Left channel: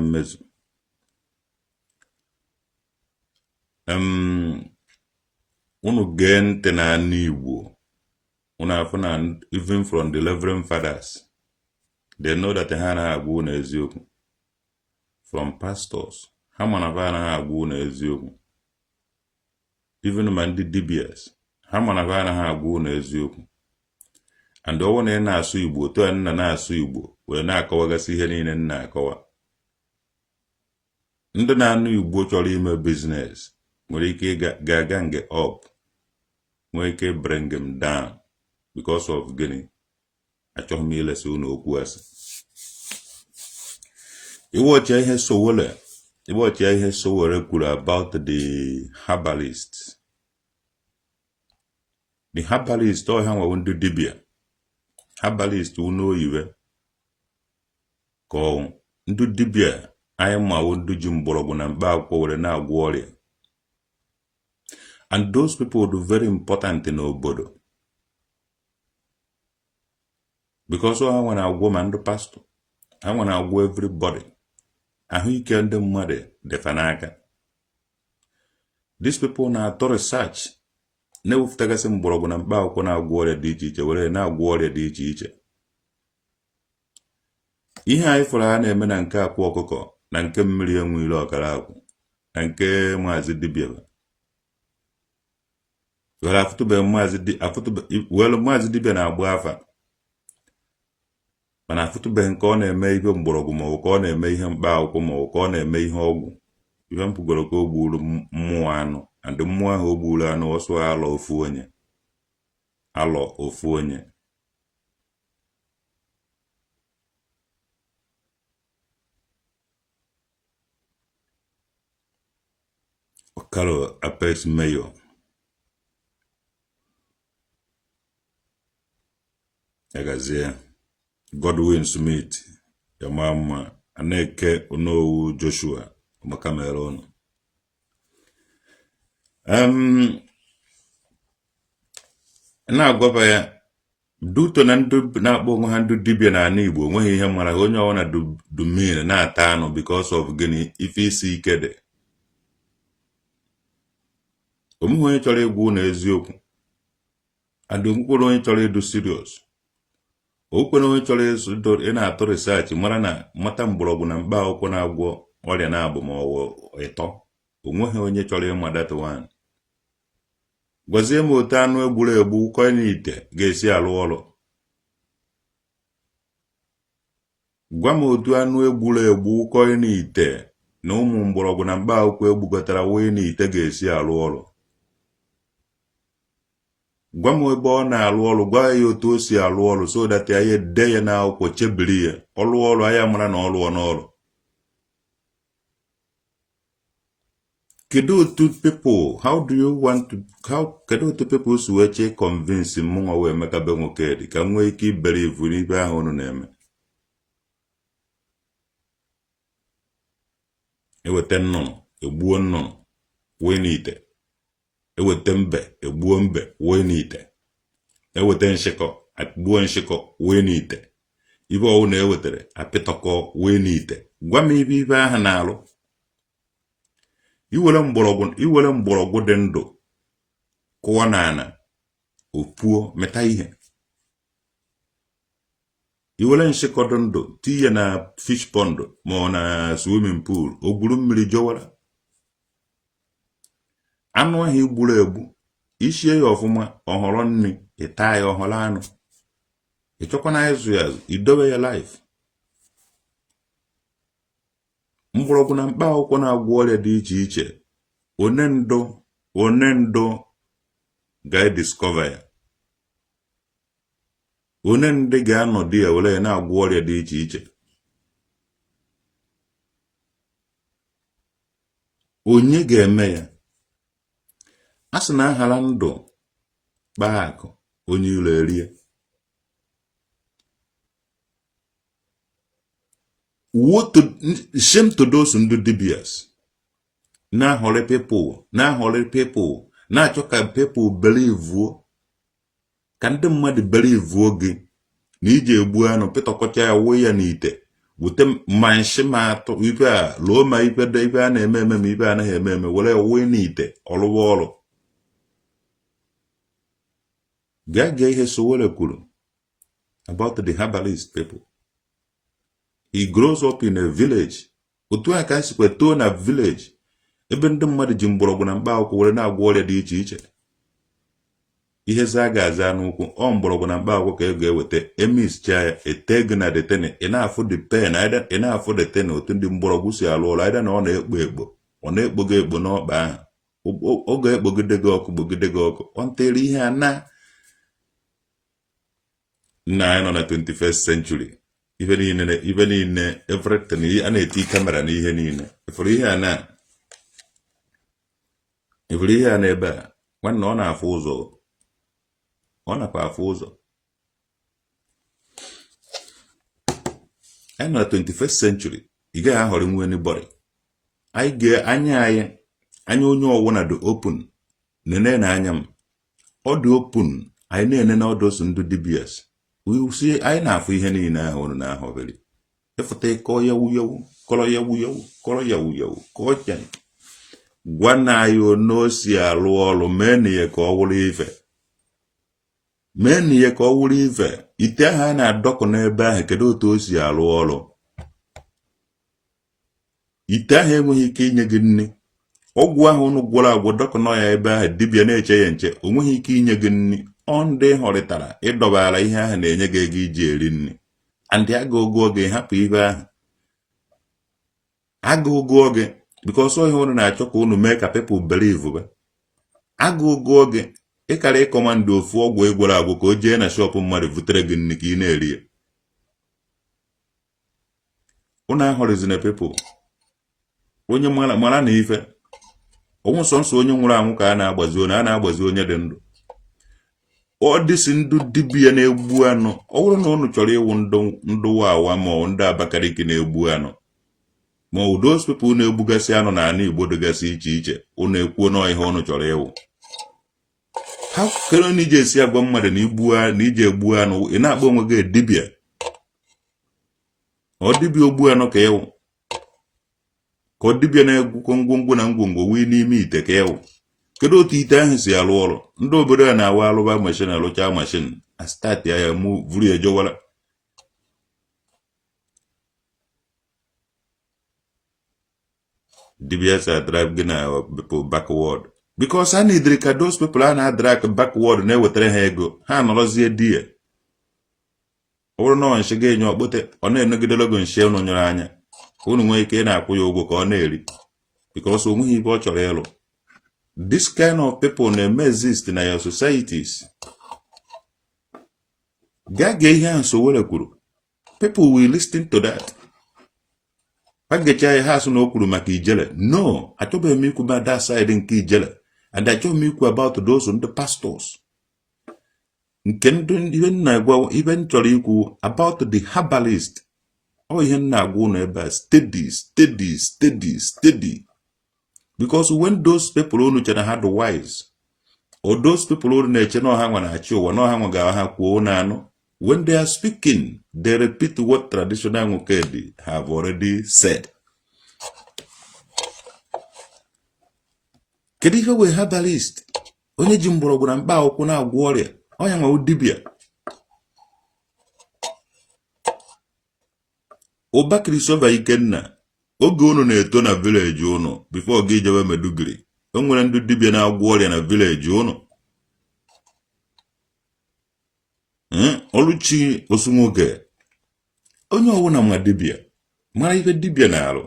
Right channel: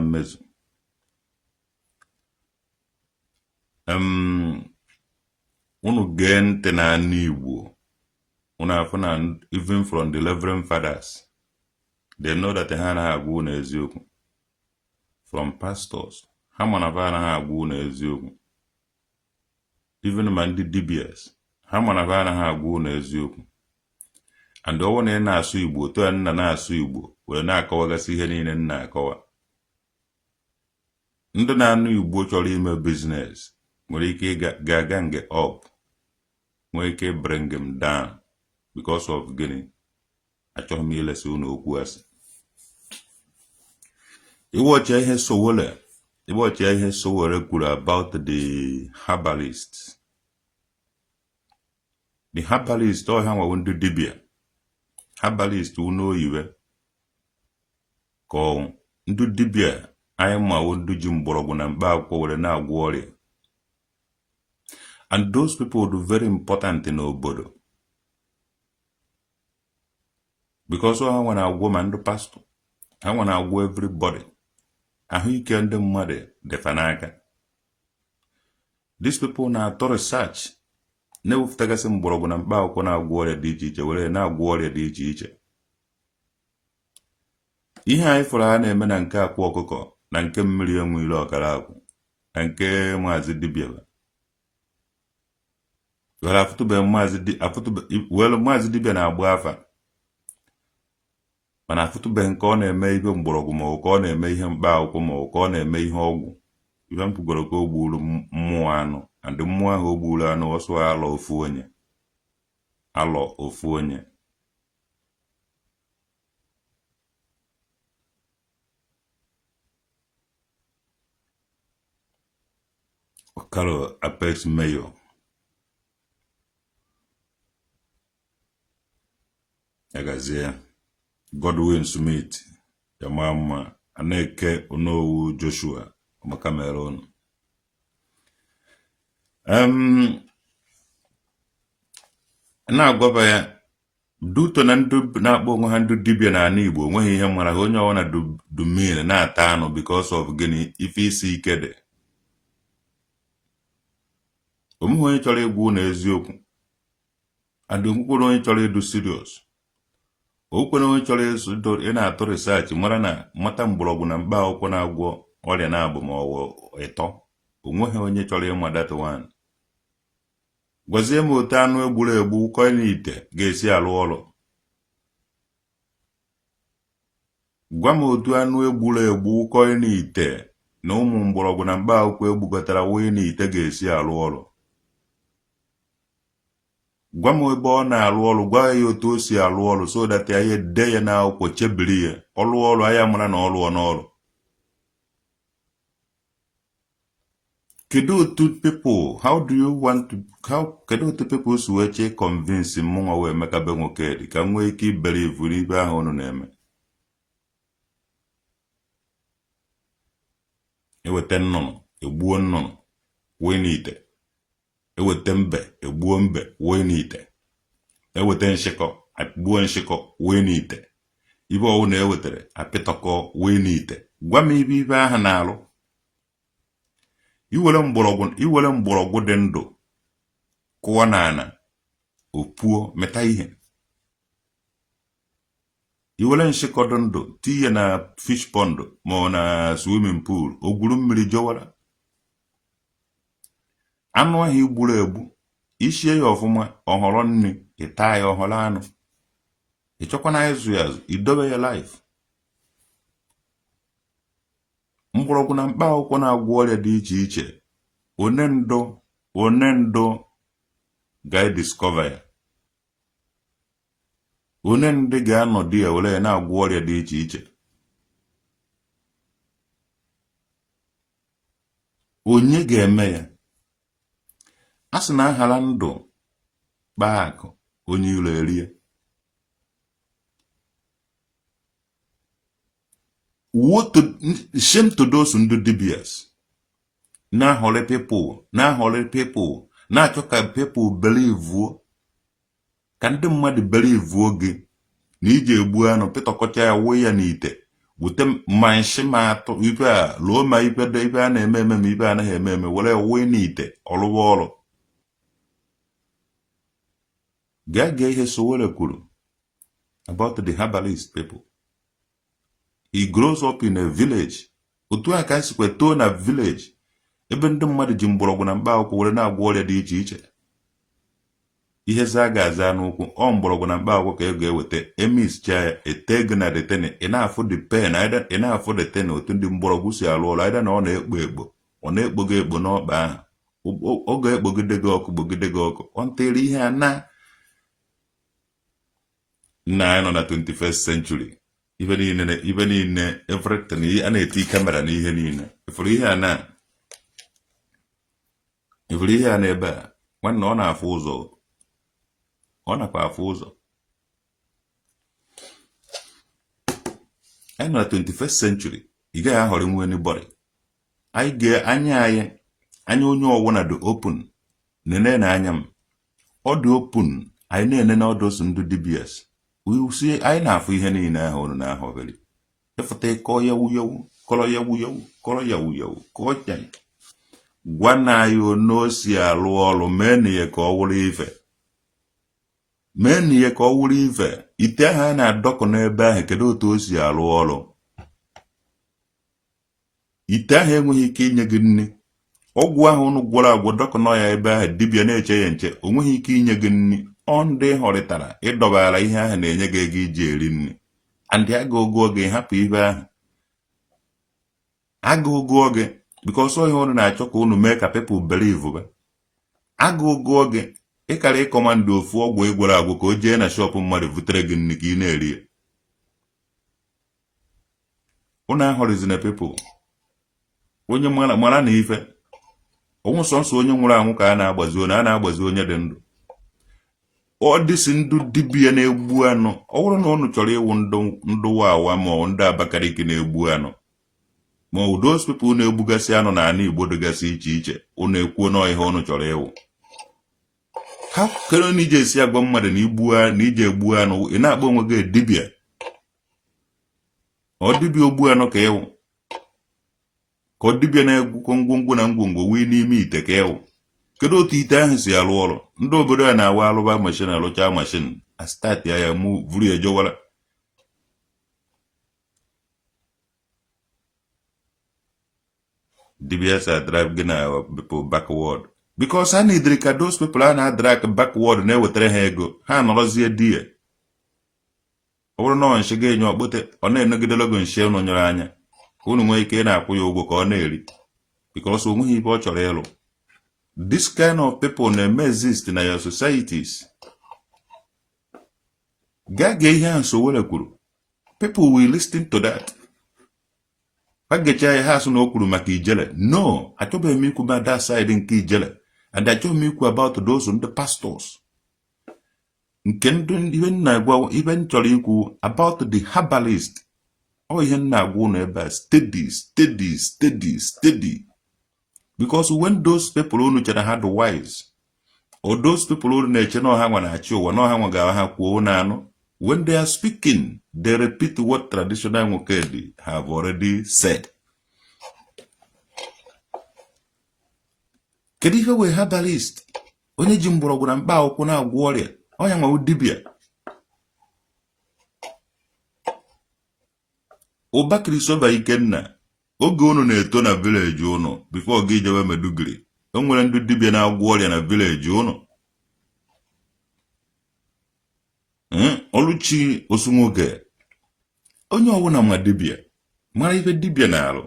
mmezu. Unu gee ntị na Igbo. Even from the Reverend Fathers, they know that ha na agwa unu eziokwu. From pastors, ha mana va na agwa unu eziokwu. Even ma ndị dibias, ha mana va na agwa unu eziokwu. And ọwụ na ị na-asụ Igbo, otu a nna na-asụ Igbo, wee na-akọwagasị ihe niile nna akọwa. Ndị na-anụ Igbo chọrọ ime business, nwere ike ga nge up, nwere ike bring them down because of gịnị. Achọghị m ilesi unu okwu asị. Iwọchị ihe Sowore kwuru about the herbalists. The herbalist ọ ha nwa ndị dibia. Herbalist unu oyiwe. Ka ndị dibia anyị ma ndị ji mgbọrọgwụ na mkpa akwụkwọ were na-agwọ ọrịa. And those people are very important in obodo. Because I want to go man the pastor. I want to go everybody. Ahụike ndị mmadụ dị fanaka. These people na-atọ research. Na-ewufutagasị mgbọrọgwụ na mkpa akwụkwọ na-agwọ ọrịa dị iche iche were na-agwọ ọrịa dị iche iche. Ihe anyị fụrụ ha na-eme na nke akwa ọkụkọ na nke mmiri enwere ọkara akwụ na nke maazị dibịa. Maazị dibịa na-agba afa. Mana afụtụbe nke ọ na-eme ihe mgbọrọgwụ ma ọ ka ọ na-eme ihe mkpa akwụkwọ ma ọ ka ọ na-eme ihe ọgwụ. Ife mpụgoro ka o gburu mmụọ anụ. And mmụọ ahụ o gburu anụ ọsọ alọ ofu onye. Okalo Apex Mayor. Egazia. Godwin Smith. Yamama. Aneke Onowu Joshua. Makamerono. Na-agwaba ya duto na ndụ na-akpọ onwe ha ndụ dibịa na ala Igbo nweghị ihe mara onye ọwụna dumine na-ata anụ because of gịnị ife isi ike dị. Omume onye chọrọ egwu na eziokwu. Adụmkwụrụ onye chọrọ ịdụ serious. Okwere onye chọrọ ị na-atọ research mara na mata mgbọrọgwụ na mkpa akwụkwọ na-agwọ ọrịa na-abụ ma ọwụ ịtọ. Onweghị onye chọrọ ịma that one. Gwazie m otu anụ egburu egbu kọị n'ite ga-esi alụ ọrụ. Gwa m otu anụ egburu egbu kọị n'ite na ụmụ mgbọrọgwụ na mkpa akwụkwọ egbugotara wee n'ite ga-esi alụ ọrụ. Gwa m ebe ọ na-alụ ọrụ, gwa ya otu o si alụ ọrụ so that ya dee ya n'akwụkwọ chebiri ya ọlụ ọrụ anya mara na ọlụọ n'ọrụ. Kedu people, kedu people si weche convince mụnwa wee mekabe nwoke dị ka nwee ike ibere ivu n'ibe ahụ unu na-eme. Eweta nnụnụ egbuo nnụnụ wee n'ite. Eweta mbe egbuo mbe wee n'ite. Eweta nshịkọ agbuo nshịkọ wee n'ite. Ibe ọwụ na ewetere apịtọkọ wee n'ite. Gwa m ibe ahụ na-alụ. Iwere mgbọrọgwụ dị ndụ kụọ n'ana opuo meta ihe. Iwere nshịkọ dị ndụ tinye na fish pond ma ọ na swimming pool o gwuru mmiri jọwara. Anụ ahụ igburu egbu ishie ya ọfụma ọhọrọ nri ịta ya ọhọrọ anụ. Ịchọkwana ịzụ ya azụ idobe ya life. Mgbọrọgwụ na mkpa akwụkwọ na-agwọ ọrịa dị iche iche. One ndụ ga-ediscover ya. One ndị ga-anọdụ ya were ya na-agwọ ọrịa dị iche iche. Onye ga-eme ya? A sị na aghara ndụ kpaa akụ onye iro erie. Shame to those ndị dibias. Na-ahọrị people, na-achọ ka people believe ka ndị mmadụ believe gị na ije egbu anụ pịtọkọcha ya wee ya n'ite wute manshi ma atụ ibe a lụọ ma ibe a na-eme eme ma ibe a naghị eme eme were wee n'ite ọlụwa ọrụ gaa ihe Sowore kwuru about the herbalist people. He grows up in a village. Otu a ka nsikwe too na village ebe ndị mmadụ ji mgbọrọgwụ na mkpa akwụkwọ were na-agwọ ọrịa dị iche iche. Ihe Zaga aza n'ụkwụ ọ mgbọrọgwụ na mkpa akwụkwọ ka ego eweta emischa ya ete gị na detene ị na-afụ the pen ị na-afụ detene otu ndị mgbọrọgwụ si alụ ọrụ aịda na ọ na-ekpo ekpo ọ na-ekpo gị ekpo n'ọkpa ahụ oge ekpogide gị ọkụ gbogide gị ọkụ ọ ntere ihe a na anyị nọ na 21st century ife niile everything a na-eti kamera na ihe niile ifuru ihe a n'ebe a nwanne ọ na-afụ ụzọ ọ nakwa afụ ụzọ anyị nọ na 21st century ị gaghị ahọrọ nwe anybody anyị ga-anya onye ọwụna dị open nene na anya m ọ dị open anyị na-ene na ọdụsụ ndụ DBS si anyị na-afụ ihe niile ahụ unu na-ahọbiri efụta ịkọ yawu yawu kọrọ yawu yawu kọrọ yawu yawu kọọ chanyị gwa na anyị onosi alụ ọrụ mee na ihe ka ọ wụrụ ife mee na ihe ka ọ wụrụ ife ite ahụ a na-adọkọ n'ebe ahụ kedu otu o si alụ ọrụ ite ahụ enweghị ike inye gị nne ọgwụ ahụ unu gwọrọ agwọ dọkọnọ ya ebe ahụ dibịa na-eche ya nche o nweghị ike inye gị nne ọ ndị họrịtara ịdọbara ihe ahụ na-enye gị ego iji eri nri andị agụgụ oge hapụ ihe ahụ agụgụ oge because ihe unu na-achọ ka unu mee ka people believe agụgụ oge ịkara ịkọmandị ofu ọgwụ egworo agwụ ka o jee na shọpụ mmadụ vutere gị nri ka ị na-eri ya unu ahọrịzina people onye mara na ife onwe sọnsọ onye nwụrụ anwụ ka a na-agbazi onye dị ndụ ọ dịsị ndụ dibịa na-egbu anụ ọ bụrụ na unu chọrọ ịwụ ndụwa awa ma ọ ndị Abakaliki na-egbu anụ ma ọ those people na-egbugasị anụ na anụ Igbo dịgasị iche iche unu ekwuo n'ihe unu chọrọ ịwụ ha kere na ije esi agwa mmadụ na ije egbu anụ ị na-akpọ onwe gị dibịa ọ dibịa ogbu anụ ka ịwụ ka ọ dibịa na-egwukọ ngwongwo na ngwongwo wee n'ime ite ka ịwụ kedu otu ite ahụ si alụ ọrụ ndị obodo a na-awa alụba mashin alụcha mashin astati ya mụ vuru ejowara DBS drive gị na people backward because I need ka those people a na-drag backward na-ewetara ha ego ha nọrọzie di ya ọ bụrụ na nshi ga-enye okpote ọ na-enegidelo go nshi unu nyere anya ka unu nwee ike na-akwụ ya ụgwọ ka ọ na-eri because o nweghị ibe ọ chọrọ ịlụ. This kind of people may exist in your societies. Gage ihe a Sowore kwuru. People will listen to that. Agecha ya ha so na okwuru maka ijele. No, achọbeghị m ikwu about that side nke ijele. And achọbeghị m ikwu about those on the pastors. Nke ndụ ihe na-agwa ihe m chọrọ ikwu about the herbalist. Ọ ihe na-agwa unu ebe a steady. Because when those people who had the wise, or those people who when they are speaking, they repeat what traditional Mukedi have already said. Kedife we had the list. Onye jimboro na mba okwu na agwọ ọrịa, onye nwa dibịa. Obakiri Sova Ikenna. Oge unu na-eto na village unu before gị jewe Meduguri o nwere ndị dibịa na-agwọ ọrịa na village unu Oluchi Osunwoke onye ọwụna ma dibịa mara ife dibịa na-arụ.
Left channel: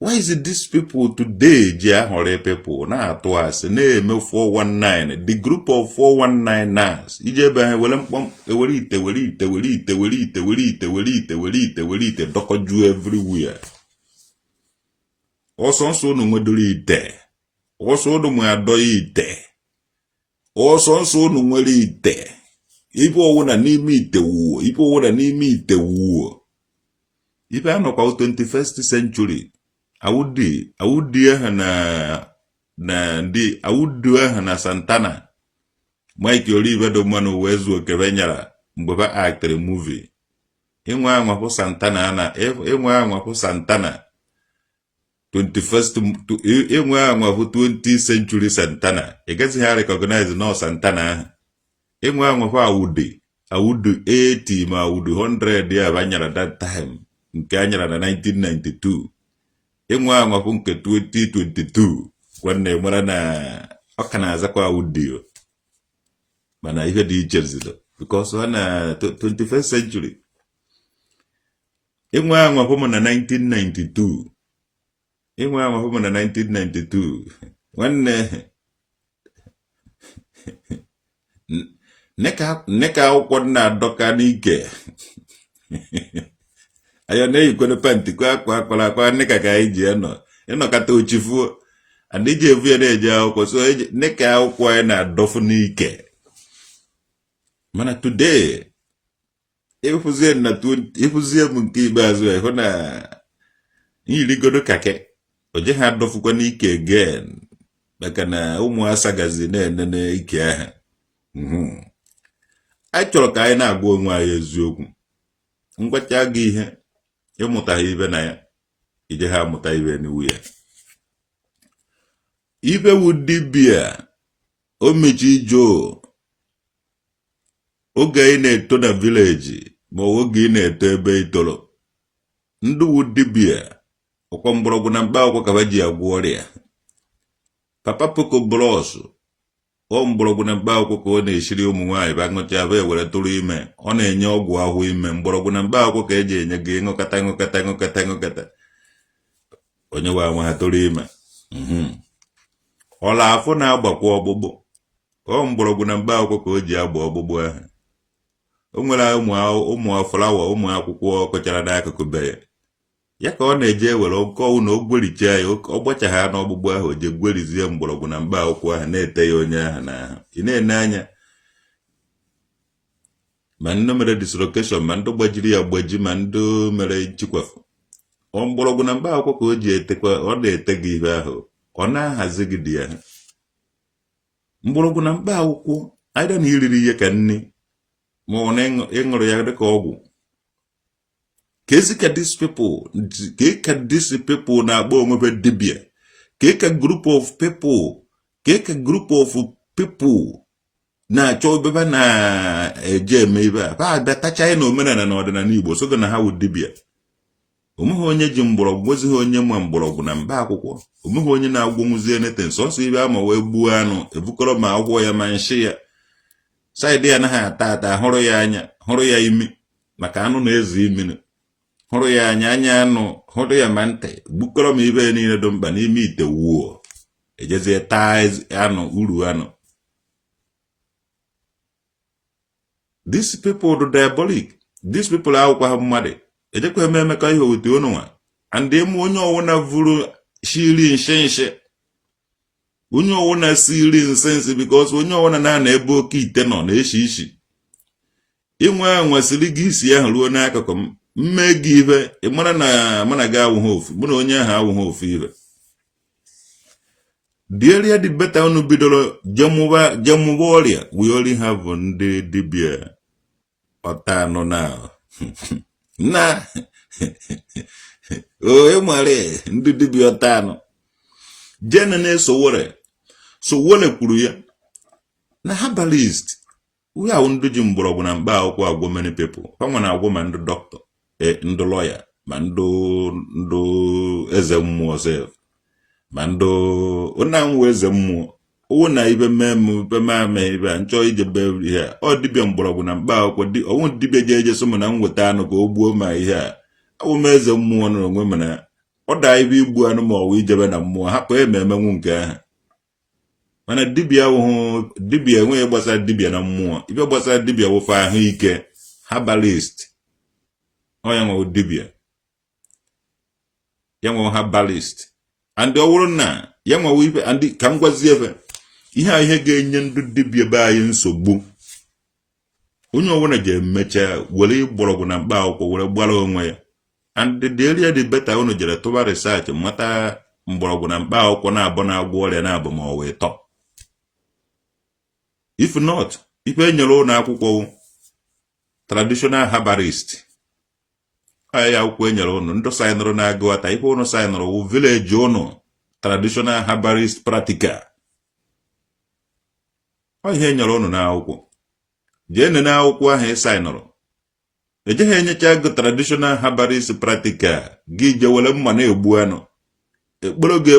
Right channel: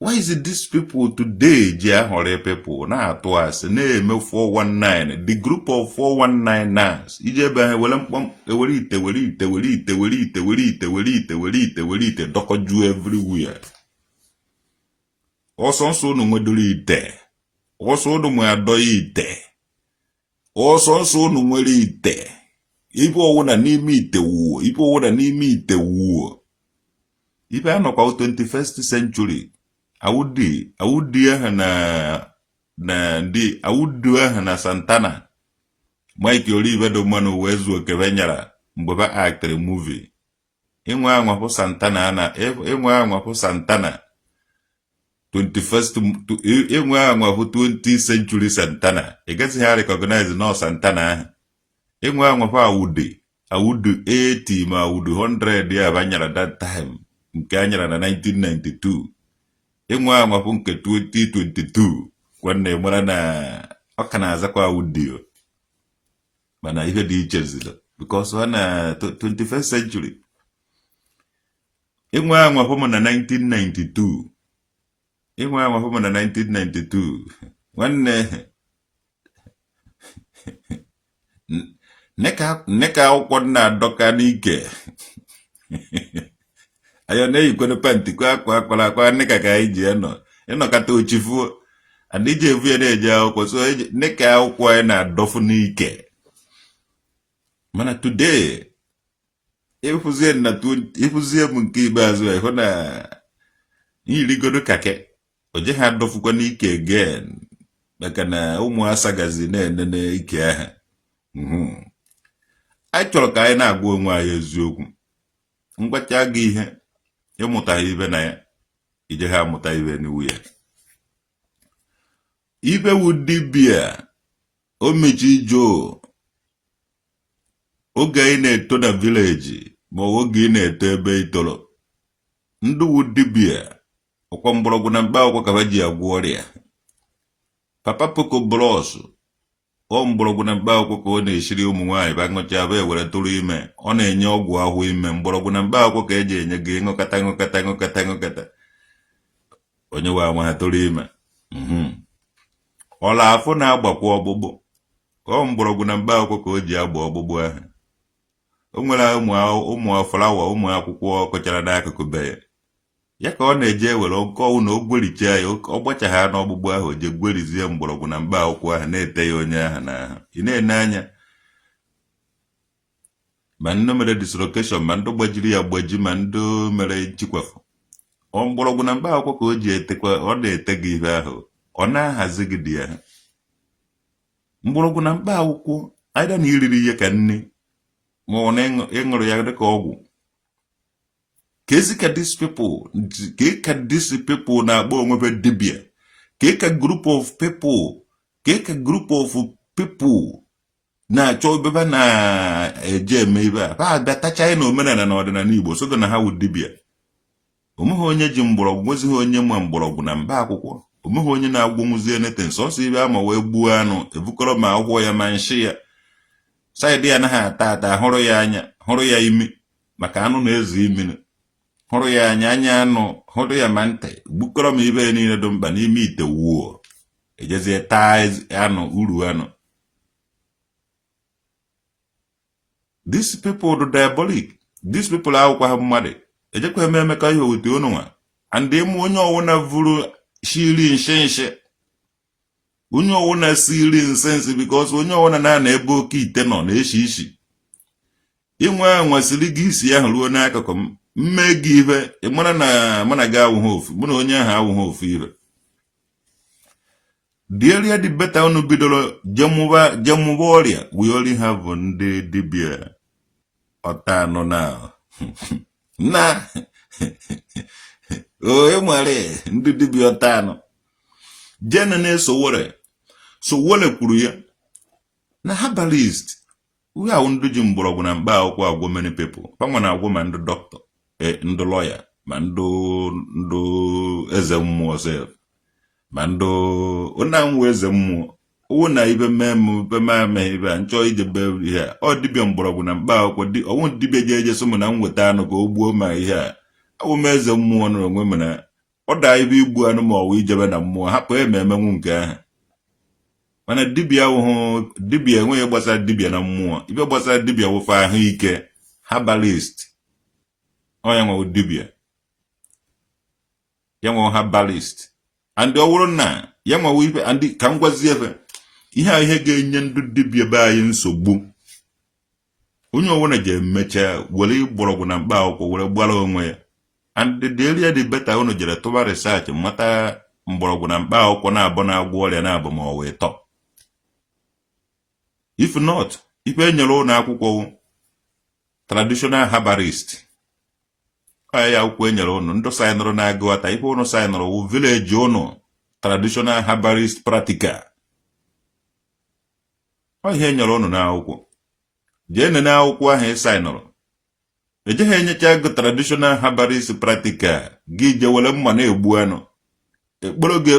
Why is it these people today ji ahọrọ people na-atụ asị na-eme 419 the group of 419ers ije ebe ha were mkpọm ewere ite dọkọju everywhere. Ọsọsọ unu nwedoro ite ọsọ unu nwe adọ ite ọsọsọ unu nwere ite ife ọwụna n'ime ite wuo ife anọkwa 21st century awudi aha na Santana Mike Olive do manu wezu okebenyara mgbe ba actor movie inwe anwa Santana na inwe anwa Santana 21st inwe anwa 20th century Santana. Against ha recognize no Santana. Inwe anwa awude 80 ma awude 100 ya banyara that time. Nke anyara na 1992. Inwe anwa nke 2022 kwanne mara na okana azakwa awude. Mana ihe dị iche zido because na 21st century. Inwe anwa fomo na 1992. Inwe anwa fomo na 1992. Wanne neka akwụkwọ na doka n'ike. Ayo na yikwene panti kwa neka ka iji eno kata ochifu. Andije evu ya na-eje akwụkwọ so neka akwụkwọ na dofu n'ike. Mana today ifuzie m nke ikpeazụ hụ na iligodo kake oje ha dofukwa n'ike again maka na ụmụ asagazi na-enene ike aha. Anyị chọrọ ka anyị na-agwa onwe anyị eziokwu. Ngwacha gị ihe ịmụtaghị ibe na ya ije ha amụta ibe n'iwu ya. Ibe wu dibịa o mechi jo oge ị na-eto na village ma oge ị na-eto ebe itoro. Ndị wu dibịa ọkwa mgbọrọgwụ na mkpa akwụkwọ ka ji agwọ ọrịa. Papa Poko Bros ọ mgbọrọgwụ na mkpa akwụkwọ ka ọ na-esiri ụmụ nwaanyị ba ṅụcha abịa were tụrụ ime. Ọ na-enye ọgwụ ahụ ime mgbọrọgwụ na mkpa akwụkwọ ka eji enye gị ṅụkata. Onye wa nwa ha tụrụ ime. Ọla afọ na-agbakwa ọgbụgbụ. Ọ mgbọrọgwụ na mkpa akwụkwọ ka o ji agba ọgbụgbụ ahụ. O nwere ụmụ flawa ụmụ akwụkwọ kọchara n'akụkụ be ya ka ọ na-eje were ọkọwụ na ogwericha ya ọ gbacha ha n'ọgbụgbụ ahụ o je gwerizie mgbọrọgwụ na mkpa akwụkwọ ahụ na-ete ya onye ahụ n'ahụ. Ị na-ene anya ma ndị mere dislocation ma ndị gbajiri ya gbaji ma ndị mere nchikwafu. Ọ mgbọrọgwụ na mkpa akwụkwọ ka o ji etekwa ọ na-ete gị ihe ahụ ọ na-ahazi gị dị ya. Mgbọrọgwụ na mkpa akwụkwọ aịda na iriri ihe ka nni ma ọ na ịṅụrụ ya dịka ọgwụ. Ka these people na-agba onwebe dibia. Ka group of people na-achọ beba na-eje eme ibe a. Ha abịatacha na omenala na ọdịnala Igbo so na ha wụ dibia. Omeghe onye ji mgbọrọgwụ nwezighị onye ma mgbọrọgwụ na mba akwụkwọ. Omeghe onye na-agwọ nwuzie neten sọsọ ibe ama wee gbuo anụ ebukọrọ ma agwọ ya ma nshi ya. Saịdị ya anaghị ata hụrụ ya anya hụrụ ya imi maka anụ na-ezu imi. Hụrụ ya anya anụ hụrụ ya ma ntị gbukọrọ ma ibe niile dị mkpa n'ime ite wuo ejezie taa anụ uru anụ. These people do diabolic. These people akwụkwọ ha mmadụ ejekwa eme ka ihe owete unu nwa and emu onye ọwụna vuru shiri nshe onye ọwụna siri nsensi because onye ọwụna na ebe oke ite nọ na-eshi ishi. Inwe anwasịrị gị isi ahụ ruo n'akụkụ m mme gị ibe ịmara na mana gị awụghị ofu mụ na onye ahụ awụghị ofu ibe. The area the better unu bidoro jemuba ọrịa we only have ndị dibịa ọta anọ na na o nwere ndị dibịa ọta anọ jene na-esowore Sowore kwuru ya na herbalist we are ndị ji mgbọrọgwụ na mkpa akwụkwọ agwọ many people. Panwa na-agwọ ma ndị dọkịta ndị lawyer ma ndị eze mmụọ sef ma ndị onye eze mmụọ owo na ibe mmemme ibe nchọ ijebe ihe ọ dibịa mgbọrọgwụ na mkpa akwụkwọ ọnwụ dibịa je so na nweta anụ ka o gbuo ma ihe a awụ m eze mmụọ nọ onwe m na ọ daa ibe igbu anụ ma ọwụ ijebe na mmụọ hapụ emenwu nke ahụ. Mana dibịa enweghị gbasara dibịa na mmụọ ibe gbasara dibịa wụfe ahụike herbalist onye nwe dibịa ya nwe herbalist and ọ bụrụ na ya nwe ibe and ka m gwazie efe ihe ga-enye ndị dibịa be anyị nsogbu. Onye ọbụla ji emecha were mgbọrọgwụ na mkpa akwụkwọ were gbara onwe ya and the area the better unu jere tụba research mata mgbọrọgwụ na mkpa akwụkwọ na-abụ na-agwọ ọrịa na-abụ ma ọ wee tọ. If not, ife enyere ụlọ akwụkwọ traditional herbalist ya akwụkwọ enyere ụnụ ndị saịnụrụ na-agụghọta ife ụnụ saịnụrụ wụ vileji ụnụ traditional herbalist practical ihe enyere ụnụ n'akwụkwọ jee nene akwụkwọ ahụ ị saịnụrụ ejeghị enyecha gị traditional herbalist practical gị je were mma na-egbu anụ ekporo gị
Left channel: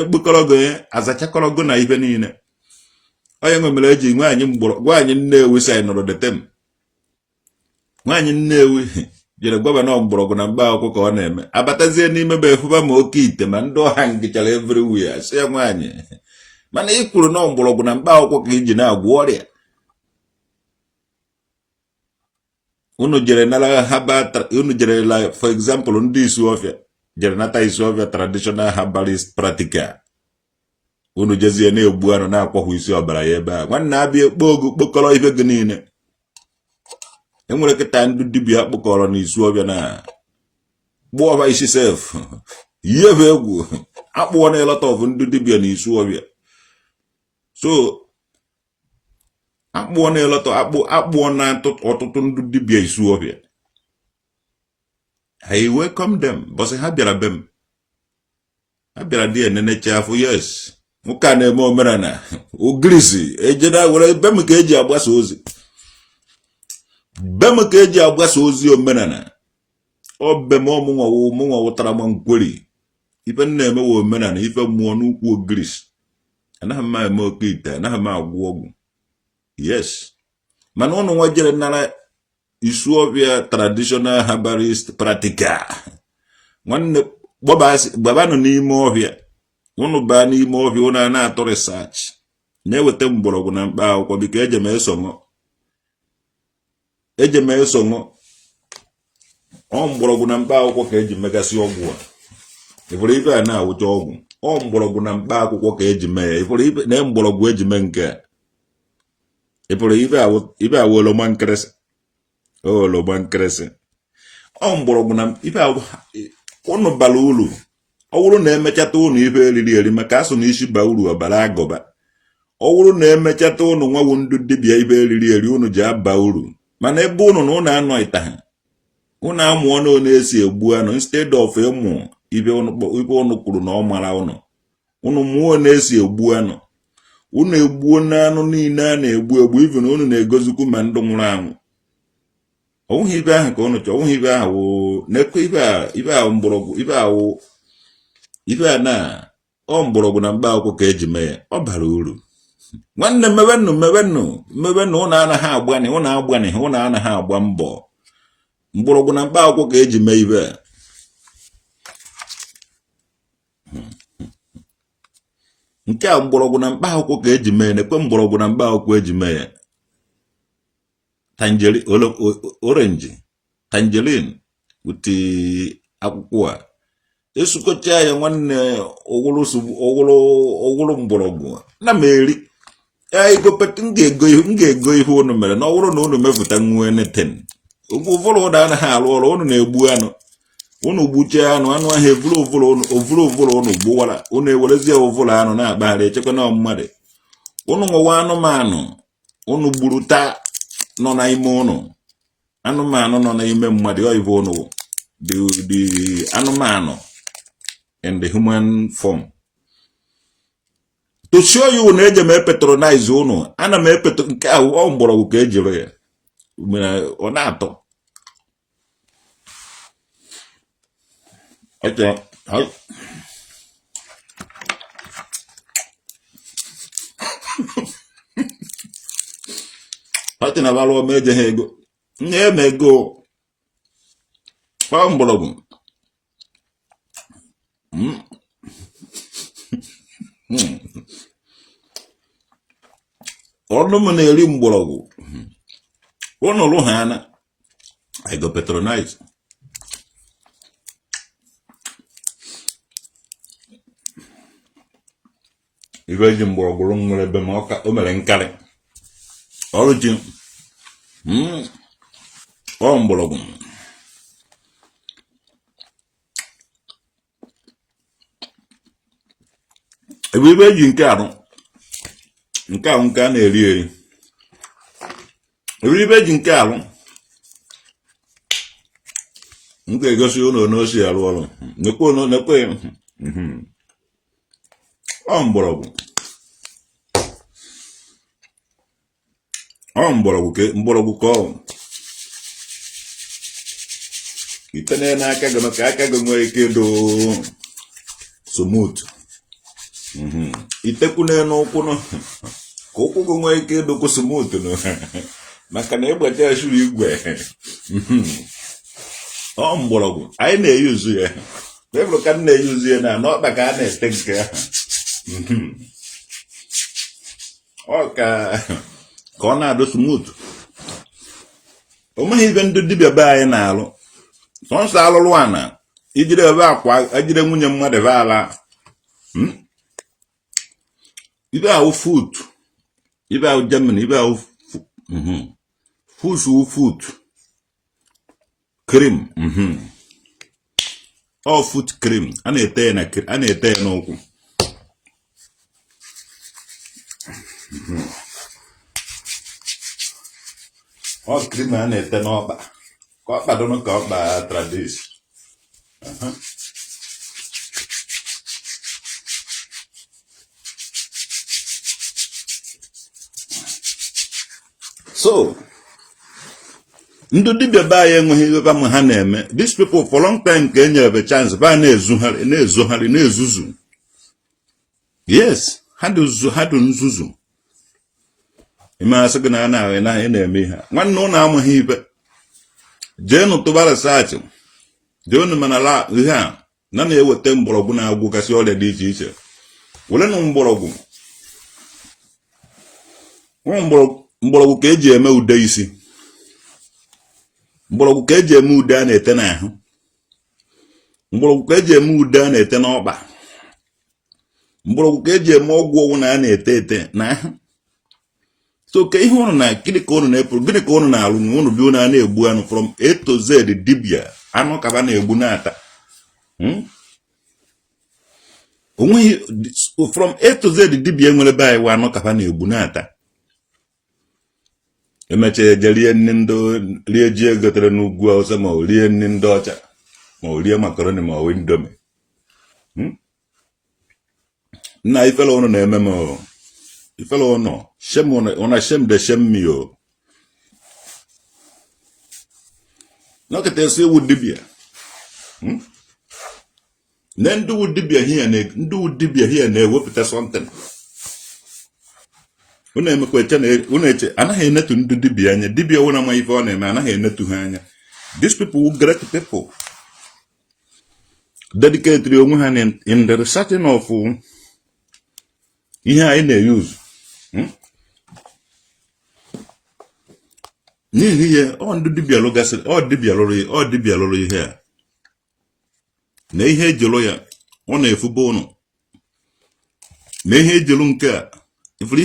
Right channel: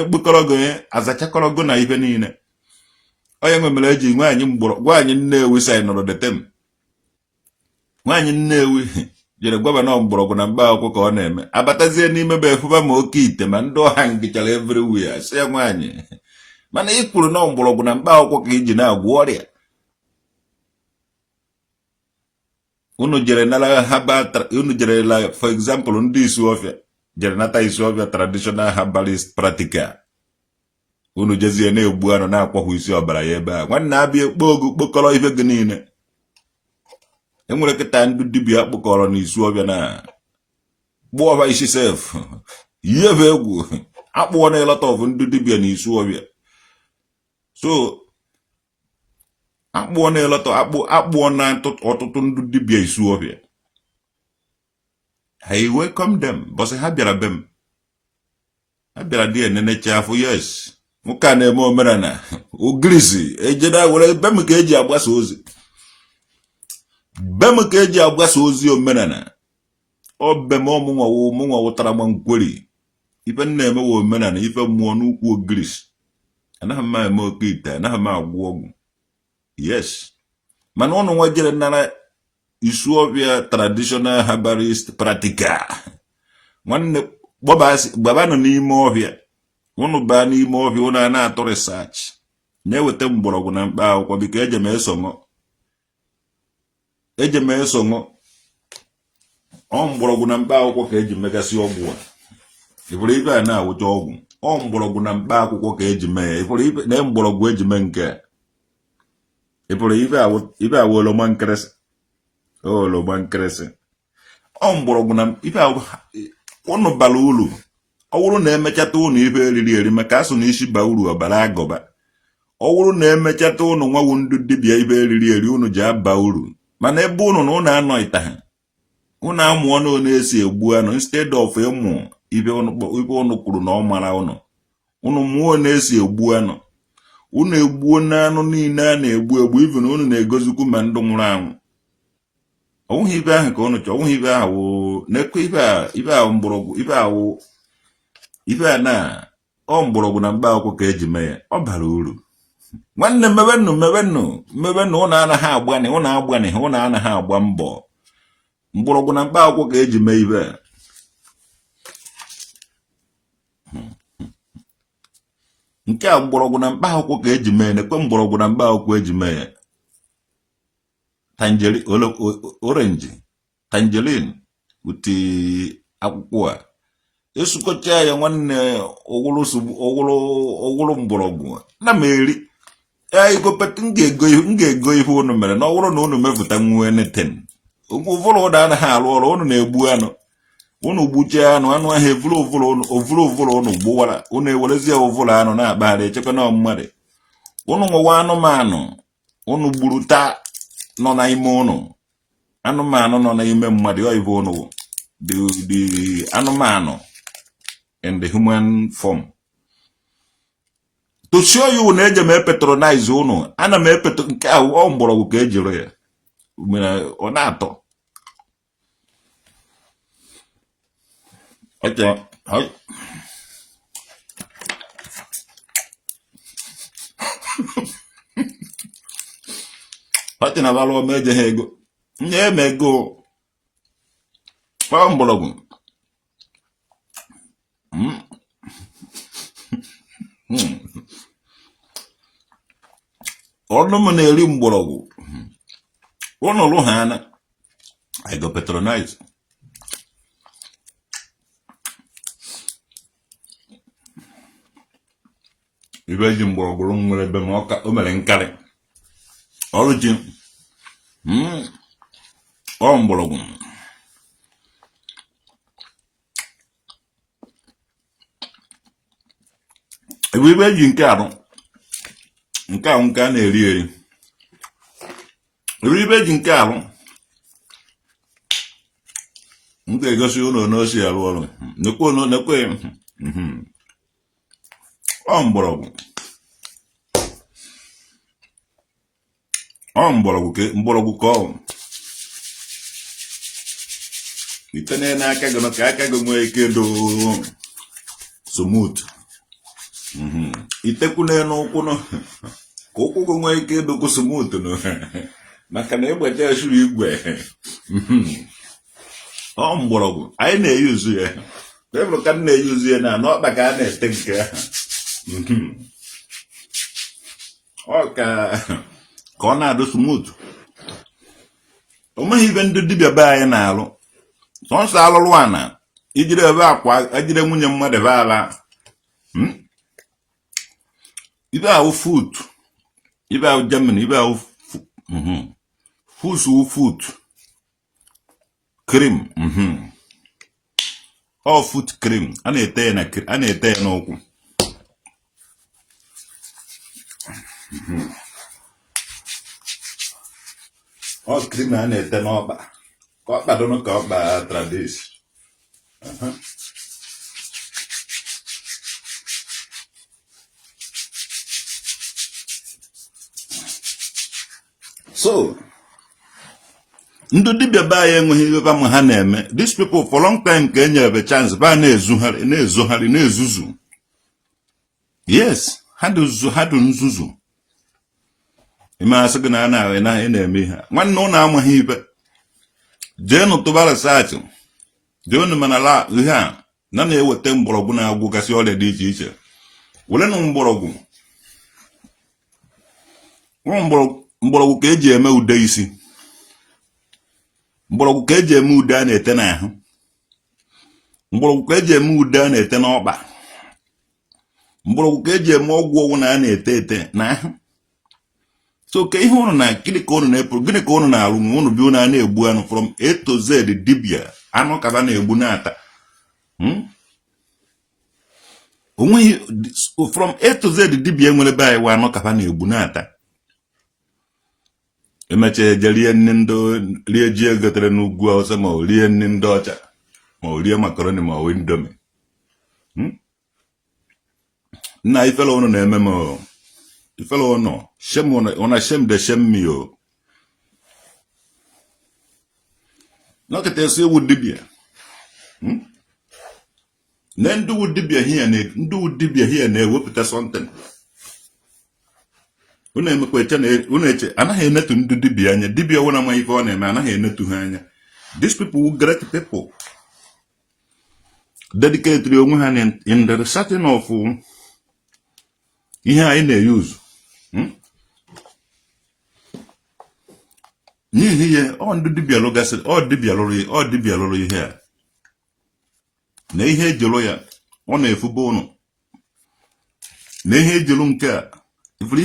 ekpekọrọ gị azachakọrọ gị na ife niile onye nwe mere eji nwaanyị Nnewi saịnụrụ detem nwaanyị Nnewi jere gọvanọ mgbọrọgwụ na mkpa akwụkwọ ka ọ na-eme abatazie n'ime be efuba ma oke ite ma ndị ọha ngịchara everywhere sị nwaanyị mana ị kwuru na mgbọrọgwụ na mkpa akwụkwọ ka iji na-agwọ ọrịa unu jere nara for example ndị Isuofia jere nata Isuofia traditional herbalist practical unu jezie na-egbu anụ na-akwọhụ isi ọbara ya ebe a nwanne abịa ekpo ogu kpokọrọ ife gị niile enwere kịta ndị dibịa akpụkọrọ na Isuofia na gbuo ọha isi sef ihe bụ egwu akpụọ na elota of ndị dibịa na Isuofia so akpụọ na elota akpụọ na ọtụtụ ndị dibịa Isuofia I welcome them bọsị ha bịara be m ha bịara dị enenecha afọ yes nwoke a na-eme omenala ogirisi ejena were be m ka eji agbasa ozi be m ka eji agbasa ozi omenala ọ be m ọmụnwa wụtara ma nkweri ife na-eme wa omenala ife mmụọ n'ukwu ogirisi anaghị m eme oke ite anaghị m agwọ ọgwụ yes mana ụnụ nwa jere nara Isuofia traditional herbalist practical nwanne gbabanụ n'ime ọhịa ụnụ baa n'ime ọhịa ụnụ a na-atọ research na-eweta mgbọrọgwụ na mkpa akwụkwọ biko eje m esonụ ọ mgbọrọgwụ na mkpa akwụkwọ ka eji megasị ọgwụ a ịfụrụ ife a na-awụcha ọgwụ ọ mgbọrọgwụ na mkpa akwụkwọ ka eji mee ya ịfụrụ ife na mgbọrọgwụ eji mee nke a ịfụrụ ife awụ oloma nkịrịsị ọ mgbọrọgwụ na ife ụnụ bara uru ọ bụrụ na emechata ụnụ ife eriri eri maka asụ na isi ba uru ọbara agụba ọ bụrụ na emechata ụnụ nwawu ndị dibịa ife eriri eri ụnụ ji aba uru mana ebe ụnụ na ụnụ anọghịta ha ụnụ amụọ na ọ na-esi egbu anụ instead of ịmụ ife ụnụ kwuru na ọ mara ụnụ mụọ na-esi egbu anụ ụnụ egbuo n'anụ niile a na-egbu ife na ụnụ na-egozikwu ma ndụ nwụrụ anwụ ọnwụghị ibe ahụ ka ụnụ chọọ ọnwụghị ibe ahụ na-ekwe ibe ahụ mgbọrọgwụ ibe a na ọ mgbọrọgwụ na mkpa akwụkwọ ka eji mee ọ bara uru nwanne mebenụ ụnụ anaghị agbani ụnụ anaghị agba mbọ mgbọrọgwụ na mkpa akwụkwọ ka eji mee ibe nke a mgbọrọgwụ na mkpa akwụkwọ ka eji mee na-ekwe mgbọrọgwụ na mkpa akwụkwọ eji mee ya tangerine uti akwụkwọ a esukọcha ya nwanne ogwụrụ mgbọrọgwụ na m eri igopet m ga-ego ihe ụnụ mere na ọ bụrụ na ụnụ mepụta nwe neten ụfụrụ ụnụ anaghị arụ ọrụ ụnụ na-egbu anụ ụnụ gbuchie anụ ahụ ovụrụ ụnụ gbuwara ụnụ ewerezie ovụrụ anụ na-akpagharị echekwa na mmadụ ụnụ nwewa anụmanụ ụnụ gburu taa nọ n'ime ụnụ anụmanụ nọ n'ime mmadụ oyibo ụnụ the anụmanụ in the human form to show you na eje m patronize ụnụ ana m nke ahụ ọ mgbọrọgwụ ka ejiri ya ọ na-atọ ọchị na balụ ọma eje ha ego nye eme ego ọ mgbọrọgwụ ọnụ m na-eri mgbọrọgwụ ụnụrụ ha ana I go patronize ibe ji mgbọrọgwụ nwere ebe ma o mere nkarị ọrụ ji ọ mgbọrọgwụ ebe eji nke ahụ nke a na-eri eri ebe eji nke ahụ nke gosi uno no si arụ ọrụ nekwe no nekwe ọ mgbọrọgwụ ka ọ itene na aka gị ka aka gị nwee ike do smooth itekwu n'ụkwụ no ka ụkwụ gị nwee ike do smooth no maka na ịgbacha ashuru igwe ọ mgbọrọgwụ anyị na-eyuzu ya tebụl ka m na-eyuzu ya na n'ọkpa ka a na-ete nke ọ ka ọ na-adụ smooth. O meghị ibe ndị dibịa be anyị na-alụ sọnsọ alụlụ ana ijiri ebe akwa ejire nwunye mmadụ ebe ala ibe ahụ foot ibe ahụ Germany ibe ahụ foot cream all foot cream a na-ete n'ụkwụ all cream a na-ete n'ọkpa ka ọkpa dọnụ ka ọkpa tradis so ndị dibịa be anyị enweghị ebe ma ha na-eme. These people for long time ka enyere chance ba na-ezogharị na-ezuzu. Yes, ha dị nzuzu. Ime asị gị na na-eme ihe nwanne ụlọ amaghị ibe jee n'ụtụba research jee unu manala ihe a na-eweta mgbọrọgwụ na-agwụgasị ọrịa dị iche iche were nụ mgbọrọgwụ ka eji eme ude isi, mgbọrọgwụ ka eji eme ude a na-ete n'ahụ, mgbọrọgwụ ka eji eme ude a na-ete n'ọkpa, mgbọrọgwụ ka eji eme ọgwụ ọgwụ na a na-ete n'ahụ. So ka ihe unu na gịnị ka unu na-alụ ma unu bi unu a na-egbu anụ from A to Z dibia anụ ka ba na-egbu na-ata onweghị from A to Z dibia nwere be anyị anụ ka ba na-egbu na-ata. Emecha eje rie ji egotere n'ugwu Awụsa ma o rie nri ndị ọcha ma o rie makaroni ma o indomi. Nna ifele unu na-eme m ifele unu shame de shame me o. Nọkịta esi ewu dibia na ndị wu dibia hie na-ewepụta something. Unu emekwa eche anaghị enetu ndị dibia anya. Dibia wụ na ama ife ọ na-eme anaghị enetu ha anya. These people were great people dedicated onwe ha in the researching of ihe anyị na-use. N'ihi ihe ọ ndị dibia lụgasị ọ dibia lụrụ ihe a na ihe ejelu ya ọ na-efuba ụnụ na ihe ejelu nke a ifuru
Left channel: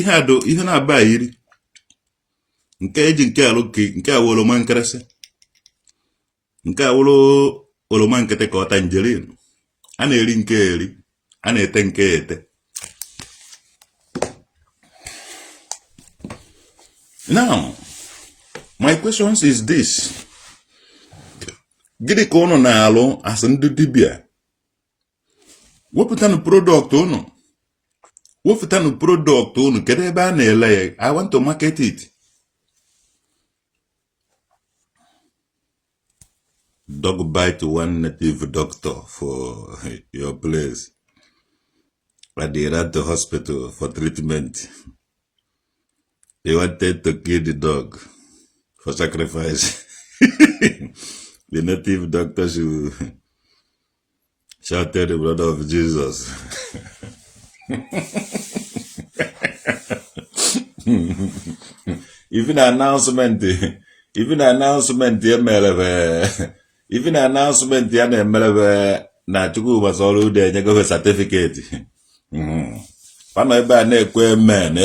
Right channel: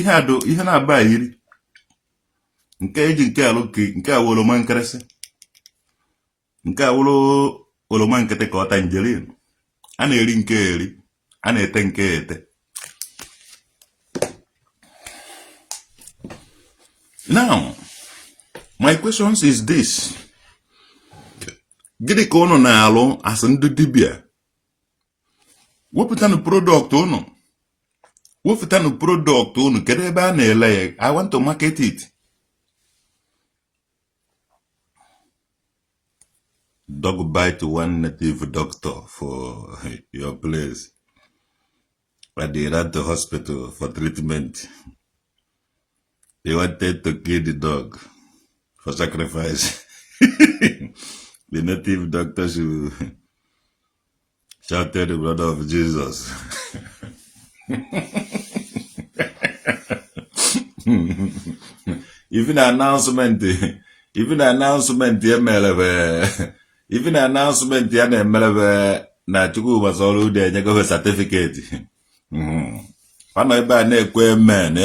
ihe na-aba yiri nke eji nke alụ nke a oroma nkịrịsị nke a wụrụ oroma nkịtị ka ọ tangerine a na-eri nke eri a na-ete nke ete. Now my question is this: gịnị ka unu na-alụ as ndị dibia? Wepụtanụ product unu kedu ebe a na-ele ya? I want to market it. Dog bite one native doctor for your place at the rat hospital for treatment. They wanted to kill the dog for sacrifice. The native doctors who shouted the blood of Jesus. Even announcement ya na-emelebe na Chukwu gbasara ude enye gove certificate. Pana ebe a na-ekwe amen.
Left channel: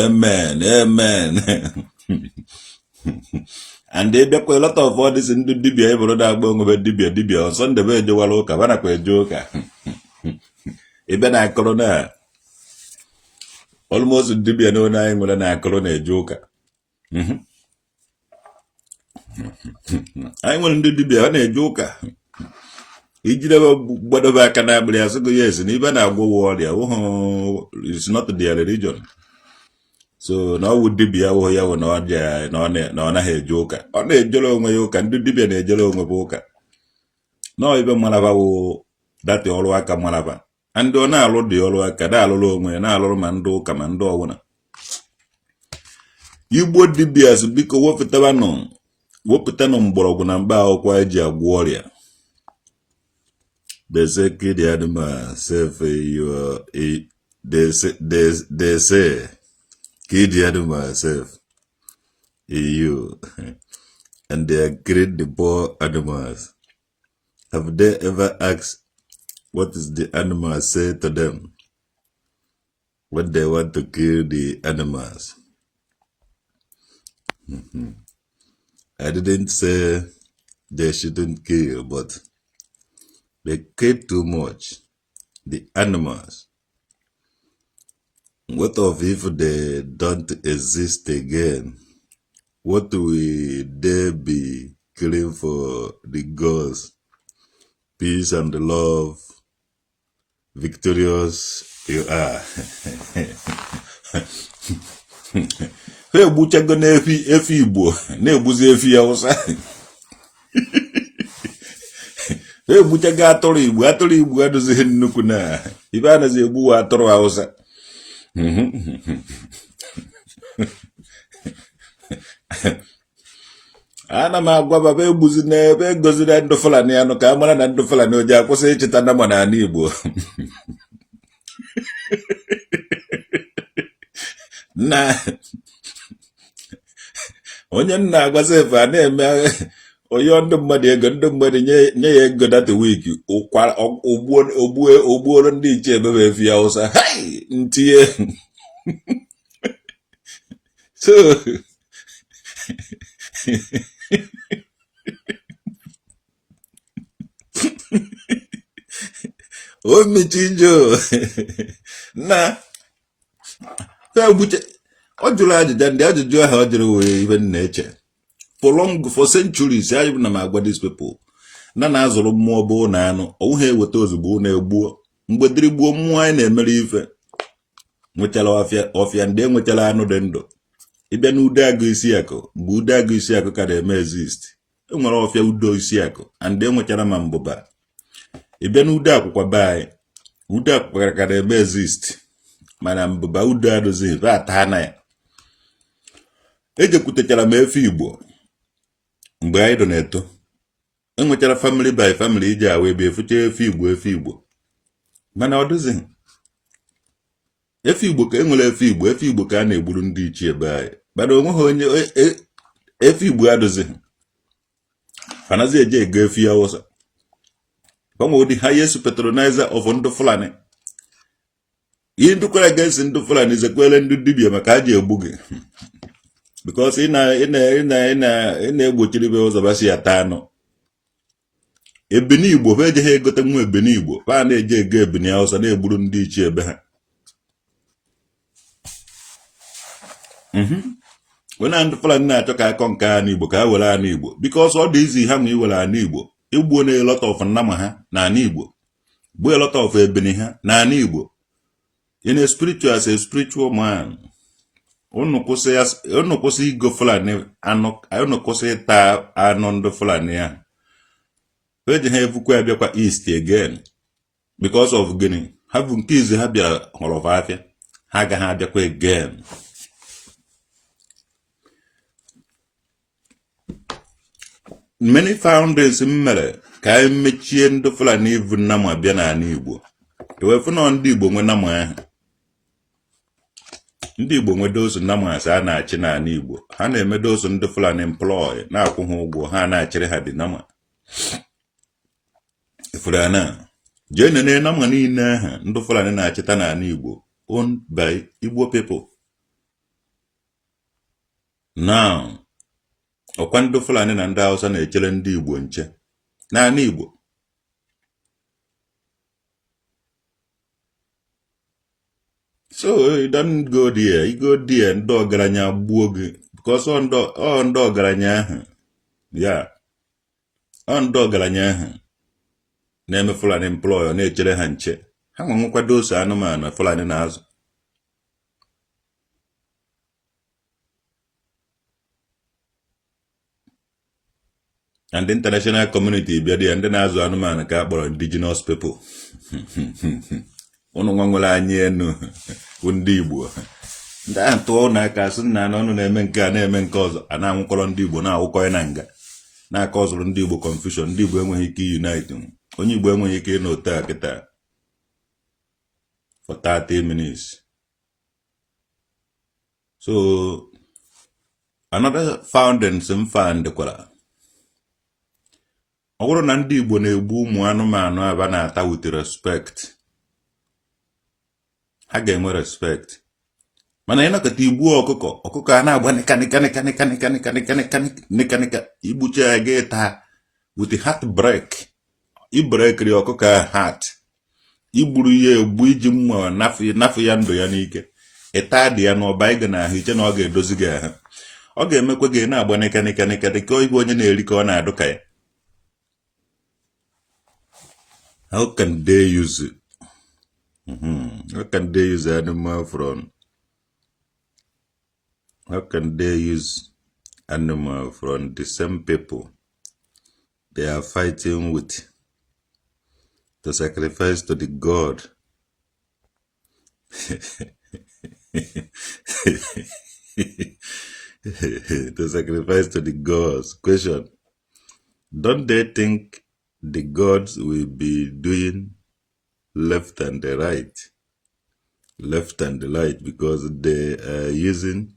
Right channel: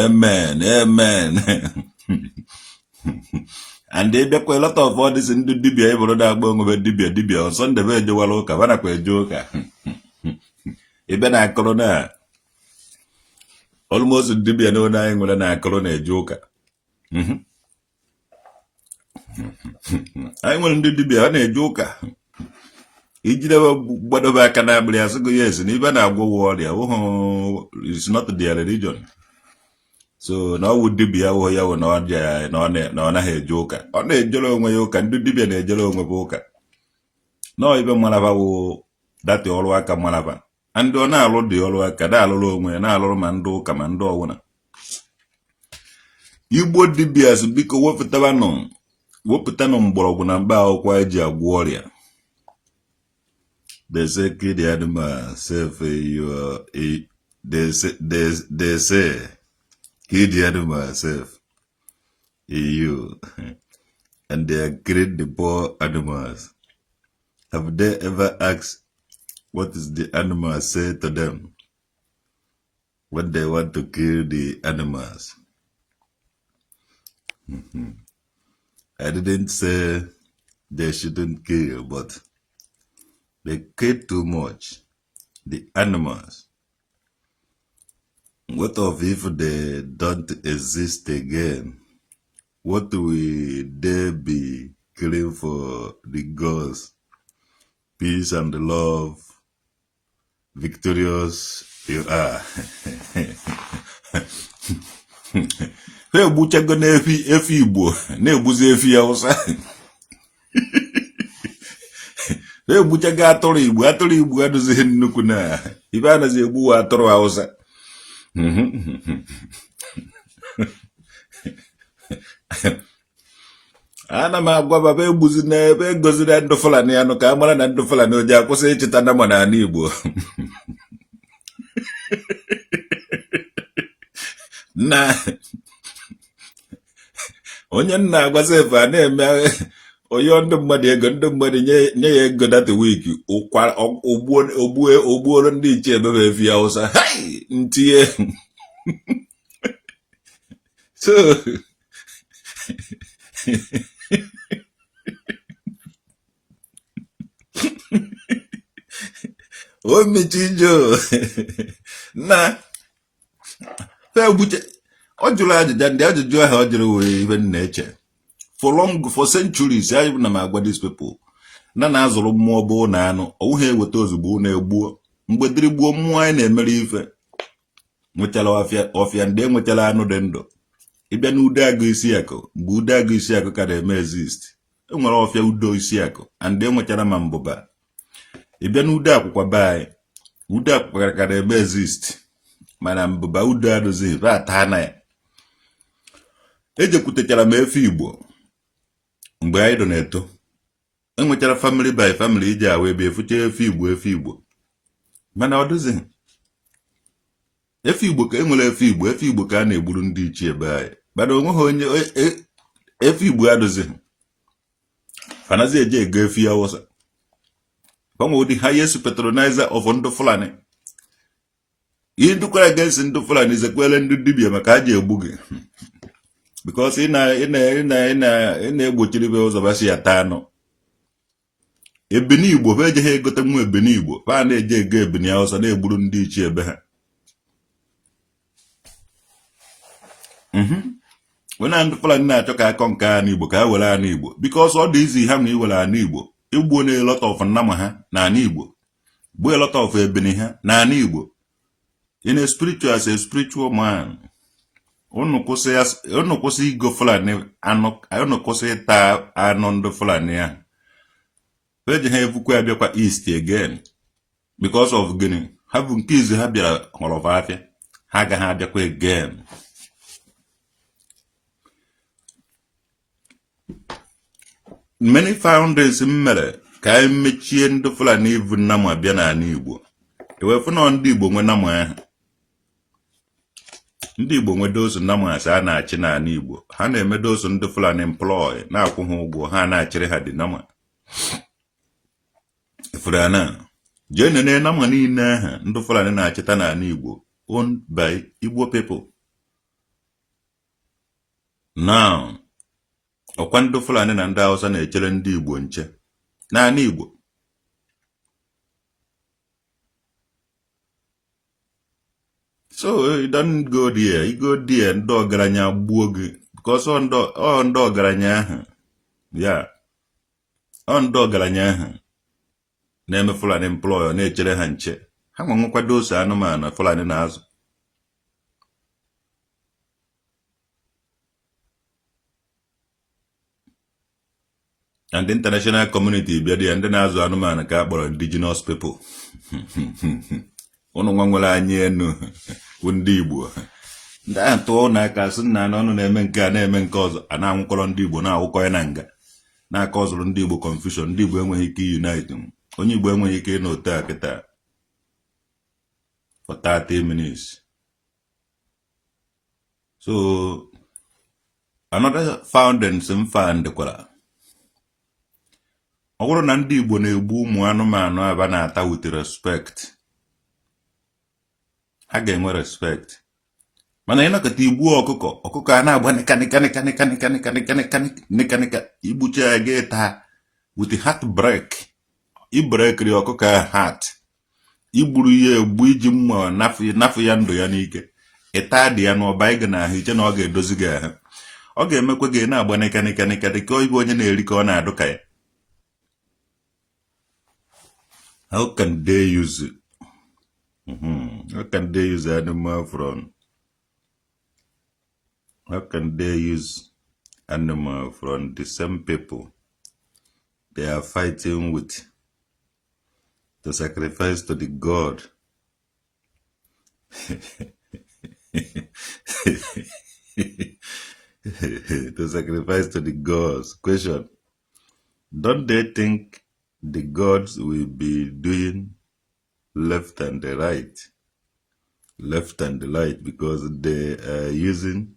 And they be a lot of all this in the dibia ebe da agba onwe dibia on Sunday be ejewala ụka bana kwa eje ụka. Ebe na akọrọ na almost dibia no na anyị nwere na akọrọ na eje ụka. Anyị nwere ndị dibia na eje ụka. Ijidaba Badoba Canabria, so yes, and even I go warrior, it's not their religion. So now would be our way or not, no, a joker. On a jolo you can do dibia a jolo boka. No, even Malava that all work a Malava. And do now load the all work a dalo, and all mando commando one. You bought dibias because what for Tavanon? What putanum boroguna or quite a warrior. They say, kid, Adama, say, you are a. They say, kid, Adama, self, you, and they are great the poor animals. Have they ever asked what is the animal say to them when they want to kill the animals? I didn't say they shouldn't kill, but they kill too much. The animals. What of if they don't exist again? What will they be killing for the gods? Peace and love, victorious you are. Hey, Buchago Nefi Igbo, Nebuzi Efi Hausa. Hey, Buchaga Atoli Igbo, does he nukuna? Ivana Zebu Atoro Hausa. Ana magwa baba ebuzi na ebe gozi na ndo fulani anu ka amara na ndo fulani oje akwụsị ichita na mo na Igbo. Na onye nna agwazi fa na eme oyo ndo mmadu ego ndo mmadu nye ya ego that week ụkwa ogbuo ndị iche ebe efi Hausa. Hai ntie. So o mechijo na o jụrụ ajụjụ ndị ajụjụ ahụ ọ jụrụ wee ibe na-eche for centuries I na m agwa these people na-azụrụ mmụọ bụ na anụ ọwụghị eweta ozugbo na egbuo mgbe dịrị gbuo mmụọ anyị na-emere ife nwechara ọfịa ndị enwechara anụ dị ndụ ịbịa na ude agụ isi akụ mgbe ude agụ isi akụ ka na-eme exist enwere ọfịa udo isi akụ and enwechara ma mbụba ịbịa na ude akwụkwọ be anyị ude akwụkwọ ka na-eme exist mana mbụba ude adụzi ata na ya ejekwutechara m efe Igbo mgbe anyị dọ na-eto enwechara family by family iji awa ebe efucha efe Igbo mana ọ dụzi efe Igbo ka enwere efe Igbo ka a na-egburu ndị ichie ebe anyị mana onweghị onye efe Igbo adụzi anaghị eje ego efe Hausa ọmụ the highest patronizer of ndị Fulani ihe ndụkwara against ndị Fulani zekwele ndị dibia maka aji egbu gị because ị na-egbochiri be ụzọ basi ya taa anụ ebini Igbo be ejeghị egote nwa ebini Igbo ha na-eje ego ebini Hausa na-egburu ndị ichie ebe ha wena ndị Fulani na-achọ ka akọ nke anụ Igbo ka ha were anụ Igbo because ọ dị izi ha ma iwere anụ Igbo igbuo na lot of nnama ha na anụ Igbo gbuo a lot of ebini ha na anụ Igbo in a spiritual as a spiritual man unu kwụsị igo Fulani anụ unu kwụsị ịta anụ ndị Fulani ya eji ha evukwa abịakwa east again because of gịnị ha bụ nke izi ha bịa họrọ afịa ha agaghị abịakwa again. Many founders mere ka anyị mechie ndị Fulani ivu nnama abịa n'ala Igbo ewefu na ndị Igbo nwe nnama ahụ ndị Igbo nwe dosu nnama asa a na-achị n'ala Igbo ha na-eme dosu ndị Fulani employ na-akwụ ha ụgwọ ha na-achịrị ha dị nnama Fulani jee nene nnama niile ahụ ndị Fulani na-achịta n'ala Igbo owned by Igbo people. Now ọkwa ndị Fulani na ndị Hausa na-echere ndị Igbo nche n'ala Igbo. So you don't go there, you go there ndị ọgaranya gbuo gị because ndị ọgaranya ahụ ya ndị ọgaranya ahụ na-eme Fulani employer na-echere ha nche ha nwe nkwado ose anụmanụ Fulani na-azụ. And the international community bịa dị ya ndị na-azụ anụmanụ ka a kpọrọ indigenous people. Ụnụ nwa nwere anyị enu bụ ndị Igbo ndị ahụ tụọ n'aka sị na ọnụ na-eme nke a na-eme nke ọzọ a na-anwụkọrọ ndị Igbo na-awụkọ ya na nga na-aka ọzụrụ ndị Igbo confusion. Ndị Igbo enweghị ike unite. Onye Igbo enweghị ike ịnọte a kịta for 30 minutes. So another founding some found kwara ọ bụrụ na ndị Igbo na-egbu ụmụ anụmanụ aba na-ata with respect, ha ga-enwe respect. Mana ịnọkọta igbu ọkụkọ a na-agba nikanika igbucha ya ga-eta with heartbreak. Ibrekiri ọkụkọ a heart, igburu ya egbu iji mma nafụ ya ndụ ya n'ike, ịta dị ya n'ọba ịga na ahụ iche na ọ ga-edozi gị ahụ. Ọ ga-emekwa gị na-agba nikanika dịka ibe onye na-eri ka ọ na-adụ ka ya. How can they use it? How can they use animal from? How can they use animal from the same people they are fighting with to sacrifice to the God? To sacrifice to the gods. Question: don't they think the gods will be doing left and the right because they are using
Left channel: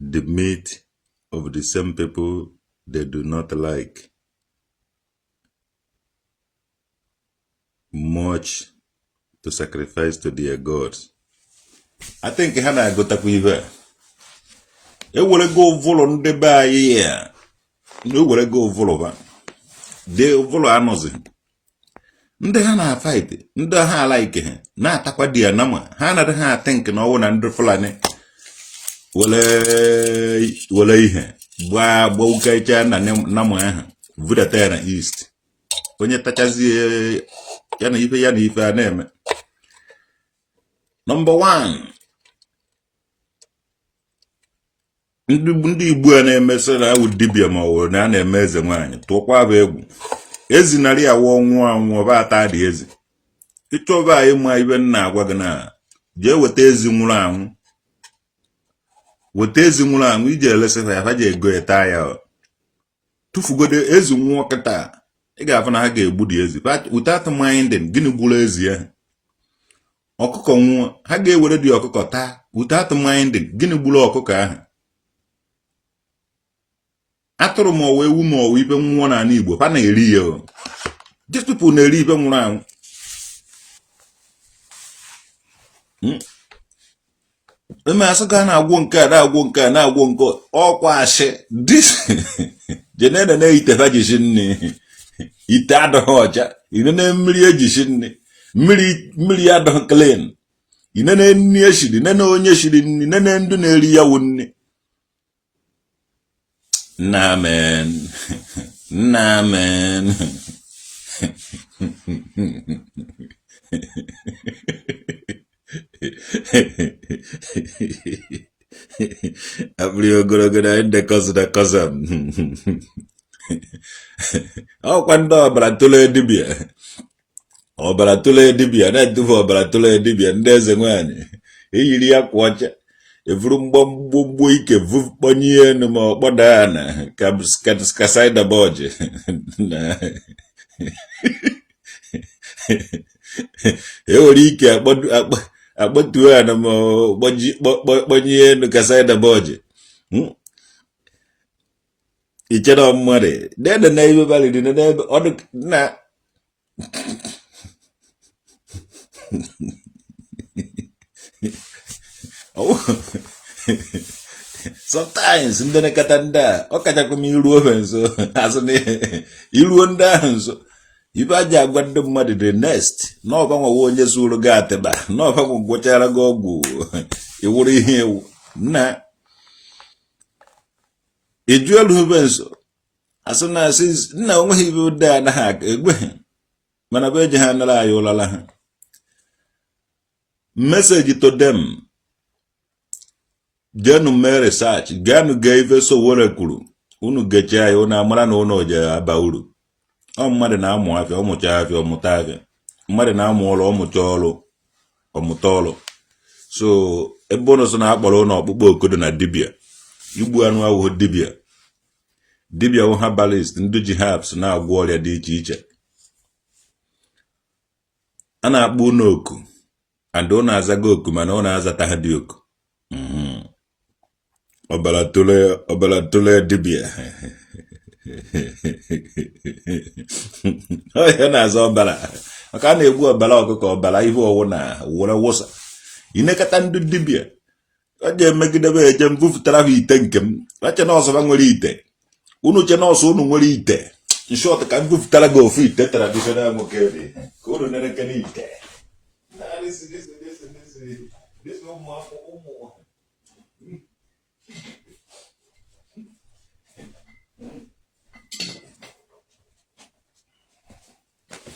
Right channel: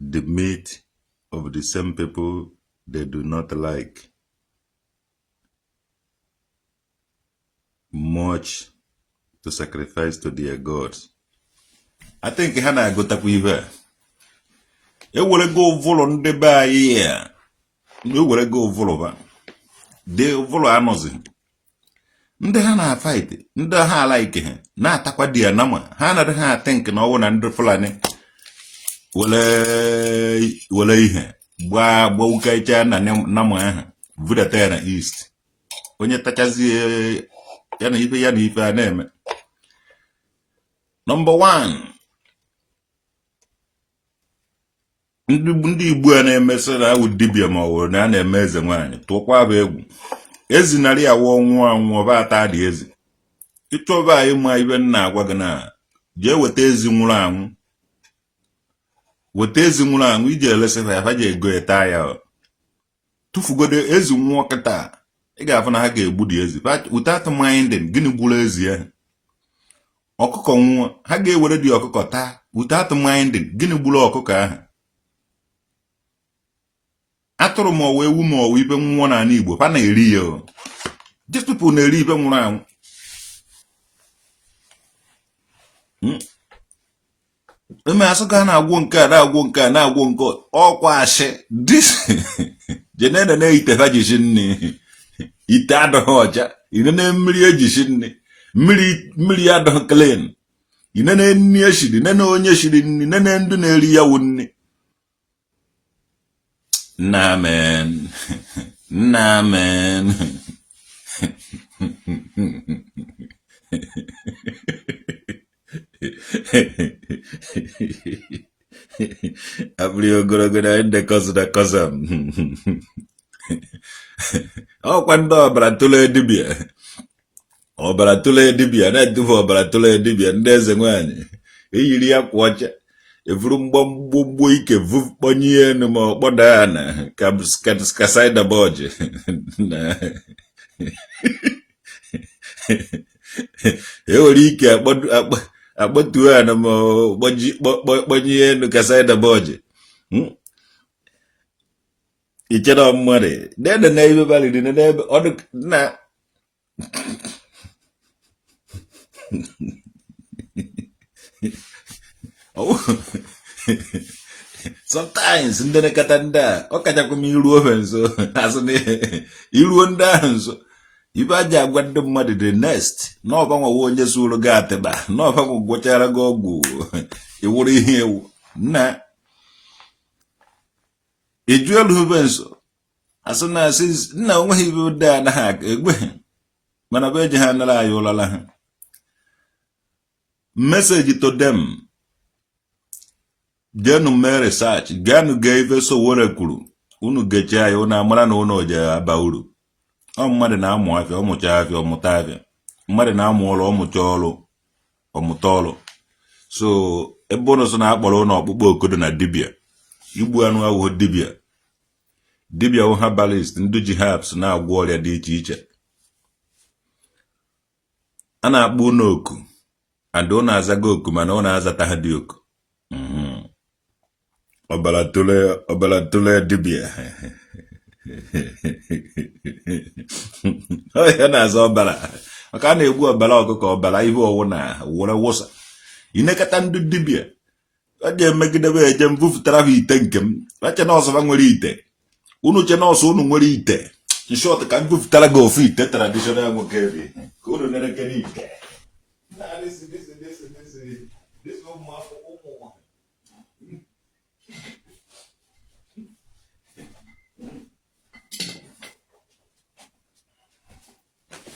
the meat of the same people they do not like much to sacrifice to their gods? I think Hana got up with her. You will go follow the by here. You will go follow. They follow Amazon. Ndị ha na-fight, ndị ha like ha na-atakwa di ya nama ha na ha think na ọwụ na ndị Fulani wele ihe gba ukecha na nama ahụ vudata ya na east. Onye tachazie ya na ife a na-eme. Number 1, ndị Igbo a na-emesa na awụ dibia ma ọ na na-eme eze nwaanyị tụkwa bụ egwu. Ezi narị awọ anwụ ọba ata dị ezi. Ịchọba ịma ibe nna agwa gị na jee weta ezi nwụrụ anwụ. Weta ezi nwụrụ anwụ iji elesịra ya ha ji ego eta ya. Tụfugode ezi nwụọ kịta ị ga-afụ na ha ga-egbu dị ezi. Without minding gịnị gburu ezi ahụ. Ọkụkọ nwụọ ha ga-ewere dị ọkụkọ taa without minding gịnị gburu ọkụkọ ahụ. Atụrụ ma ọwa ewu ma ọwa ibe nwụọ na Igbo ha na-eri ya. These people na-eri ibe nwụrụ anwụ. Eme asụ ka na-agwọ nke a na-agwọ nke a na-agwọ nke ọkwa asị. This jenene na-ite ha jisi nne ite adọghị ọcha inene mmiri ejisi nne mmiri adọghị clean inene nni eshiri nene onye shiri nni nene ndị na-eri ya wụ nne. Namen. Abri ogologo inde da kozam. Kwando ọbara dibia na-edufu ọbara tụle dibia ndị eze nwaanyị eyiri ya kwa ọcha evuru mgbọmgbọ ike vukponye enu ma ọkpọda ya na kasaida boji ewere ike akpọtuo ya na ma kponye enu kasaida boji. Ichere mmadụ dede na ebe valid na ebe ọdụ na sometimes ndị na-ekata ndị a ọ kachakwa m iruo ha nso azụ na iruo ndị ahụ nso ibe aja agwa ndị mmadụ the next n'ọbanwawa onye sụrụ gị atịba n'ọbanwa gwọchara gị ọgwụ iwuru ihe ewu na ejuelu ube nso asụ na asị nna onweghị ibe ụdị anaghị aka egwe mana be je ha nala ayo lala ha. Message to them. Genu me research, genu gave so wore kuru. Unu gecha ayo na amara na ono je aba uru. O mmade na amu afia, o mucha afia, o muta afia. Mmade na amu olo, o mucha olo, o muta olo. So, ebono so na akpolo na okpukpo okodo na dibia. Igbu anu awu dibia. Dibia wu herbalist, ndu ji herbs na agwo ọrịa dị iche iche. A na-akpọ n'oku. And ọ na-azaga oku mana ọ na-azata ha dị oku. Ọbara tole dibia. Ya na-aza ọbara. Maka a na-egbu ọbara ọkụkọ ọbara ihe ọwụ na were wụsa. Inekata ndị dibia. A ga-emegidebe eje mbufutara ha ite nke m. Ache nọọsụ ha nwere ite. Unu che nọọsụ unu nwere ite. In short, ka mbufutara gị ofu ite traditional nwoke dị. Ka unu na-eke n'ite. This one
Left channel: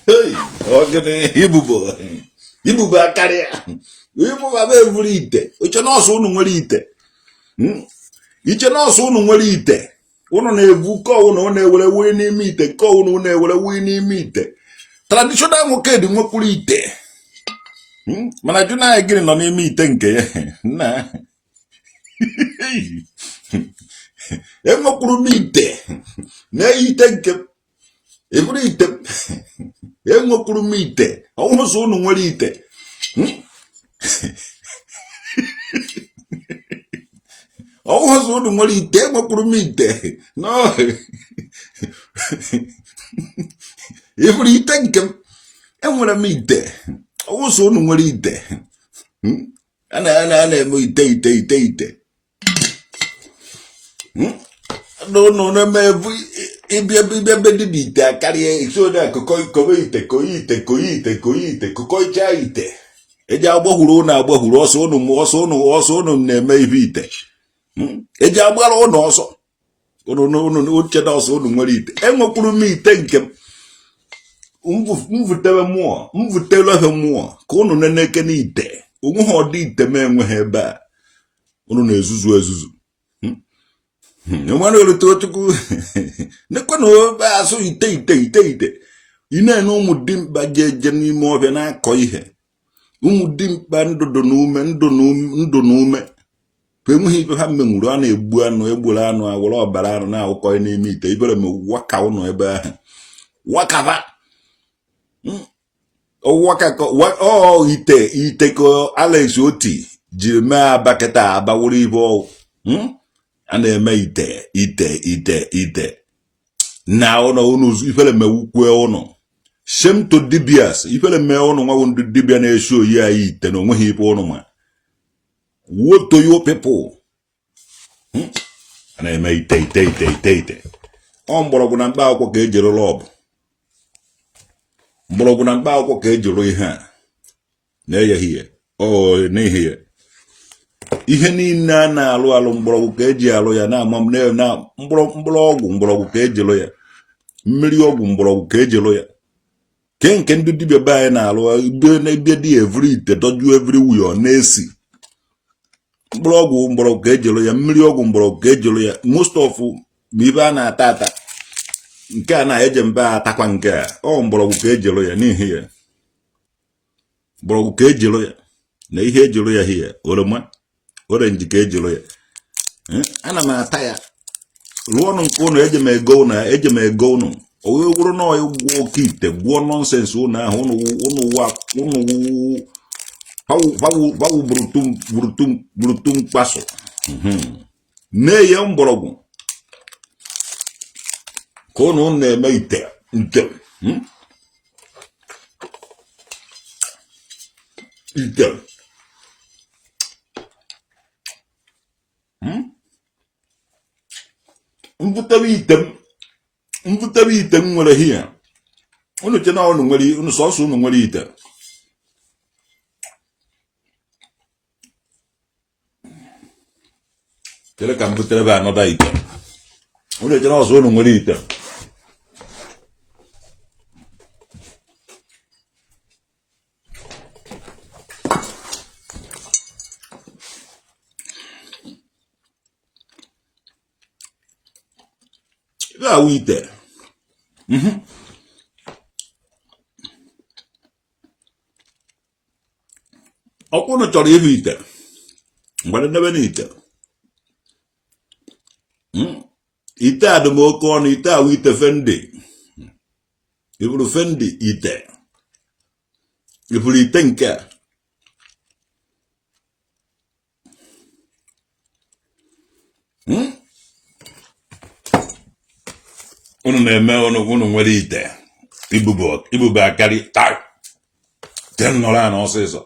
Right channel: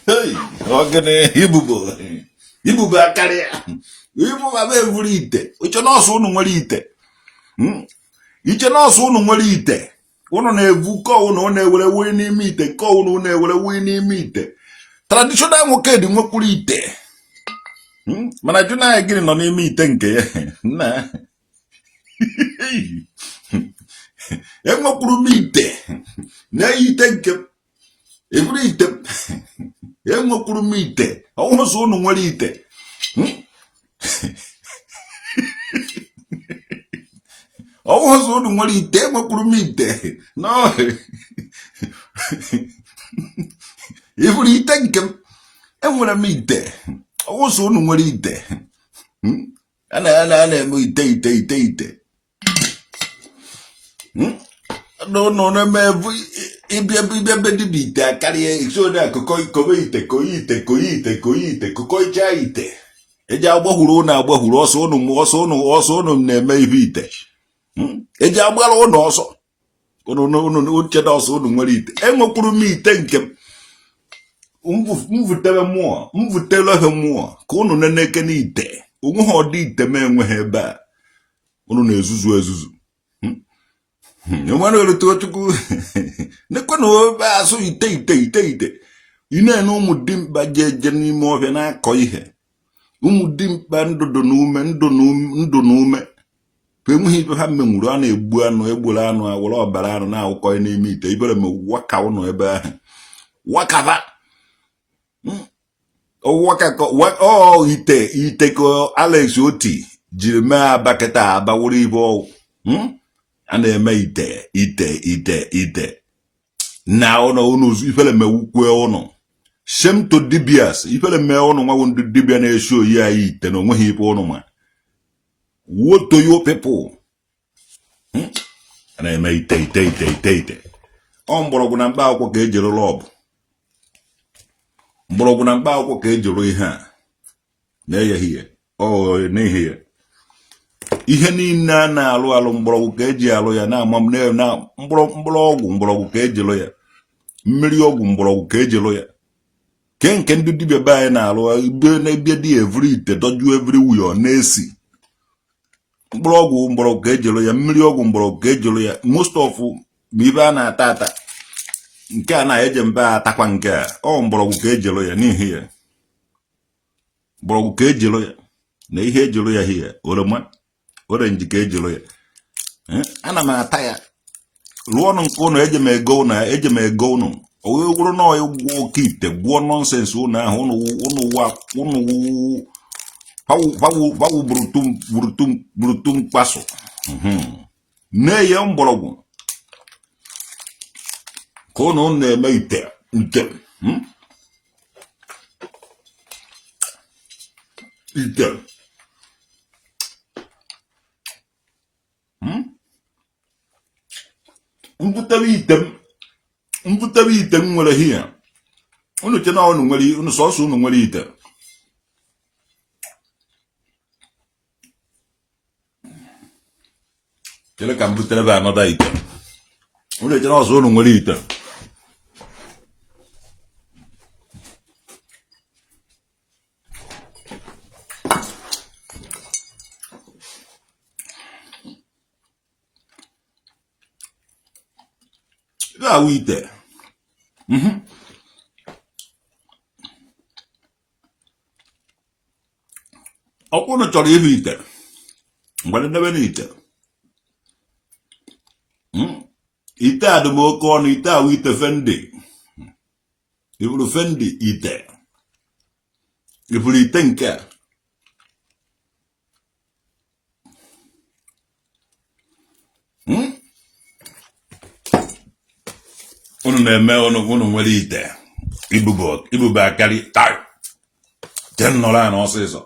hey, okay, Ibubo akaria. Ibubo abe evuri ite. Uche nọọsụ unu nwere ite. Iche nọọsụ unu nwere ite. Unu na-evu ko unu na-ewere wee n'ime ite, ko unu na-ewere wee n'ime ite. Traditional nwoke dị nwekwuru ite. Mana jụ na gịnị nọ n'ime ite nke ya. Na. Enwekwuru m ite. Na ite nke evuru ite. Enwekwuru m ite. Ọwụrụ so unu nwere ite. Ọwụrụ so unu nwere ite. Enwekwuru m ite. No. Evuru ite nke m. Enwere m ite. Ọwụrụ so unu nwere ite. Ana-eme ite. No, na-eme ibia dị ite akarịa isoda koyi ite koyicha ite. Eji agbahuru na agbahuru ọsọ unu na-eme ibe ite. Eji agbara unu ọsọ. Unu uche na ọsọ unu nwere ite. Enwekwuru m ite nke mvutere ha mmụọ ka unu na-eke n'ite. Onwe ha ọdị ite ma enweghị ebe a. Unu na-ezuzu. Nwere otu chukwu. Nekwe na obe asụ ite. Ine na ụmụ dimkpa je n'ime ọbịa na-akọ ihe. Ụmụ dimkpa ndụ n'ume. Enweghị ibe ha menwuru a na-egbu anụ egburu anụ awụrụ ọbara anụ na-awụkọ n'ime ite. Ibere m waka ụnụ ebe ahụ. Wakava. Ite ka Alex Oti jiri mee abaketa abawuru ibe ọwụ. A na-eme ite. Na unu ifele mewukwe ụnụ. Same to dibias. Ifele me ụnụ nwa ndị dibia na-eshi oyi anyị ite na onweghị ibe ụnụ ma. What do you people? A na-eme ite. Ọ mgbọrọgwụ na mkpa akwụkwọ ka ejiri lọbụ. Mgbọrọgwụ na mkpa akwụkwọ ka ejiri ihe a. Na-eyeghị n'ihi ya. Ihe niile a na-alụ mgbọrọgwụ ka eji alụ ya na-ama na mgbọrọgwụ ka ejilụ ya. Mmiri ọgwụ mgbọrọgwụ ka ejilụ ya. Nke ndị dibịa be anyị na-alụ ebe dị evri ite doju everywhere na-esi. Mgbọrọgwụ ka ejilụ ya. Mmiri ọgwụ mgbọrọgwụ ka ejilụ ya. Most of bụ ibe a na-ata. Nke a na-eje mbe atakwa nke a. Ọ mgbọrọgwụ ka ejilụ ya n'ihi ya. Mgbọrọgwụ ka ejilụ ya. Na ihe ejilụ ya hie oroma. Orange ka ejiro ya. Ana m ata ya. Rụọ ọnụ nke ụnụ eje m ego ụnụ. O wee gwụrụ na ọya gwụọ oke ite gwụọ nọnsensị ụnụ ahụ ụnụ burutum mkpaso. Nee ya mgbọrọgwụ. Ka ụnụ na-eme ite nke. Ite. Mvutere ite m nwere hie. Unu che na unu nwere unu sọsọ unu nwere ite. Chere ka mvutere ba anọda ite. Unu che na ọsọ unu nwere ite. ite. Ọkwụnụ chọrọ ịhụ ite. Mgbe ndebe n'ite. Ite a dị m oke ọnụ, ite awụ ite fendi. Ifuru fendi ite. Ifuru ite nke a. Unu na-eme unu nwere ite. Ibube akarị taa. Ten nọrọ a n'ọsịsọ.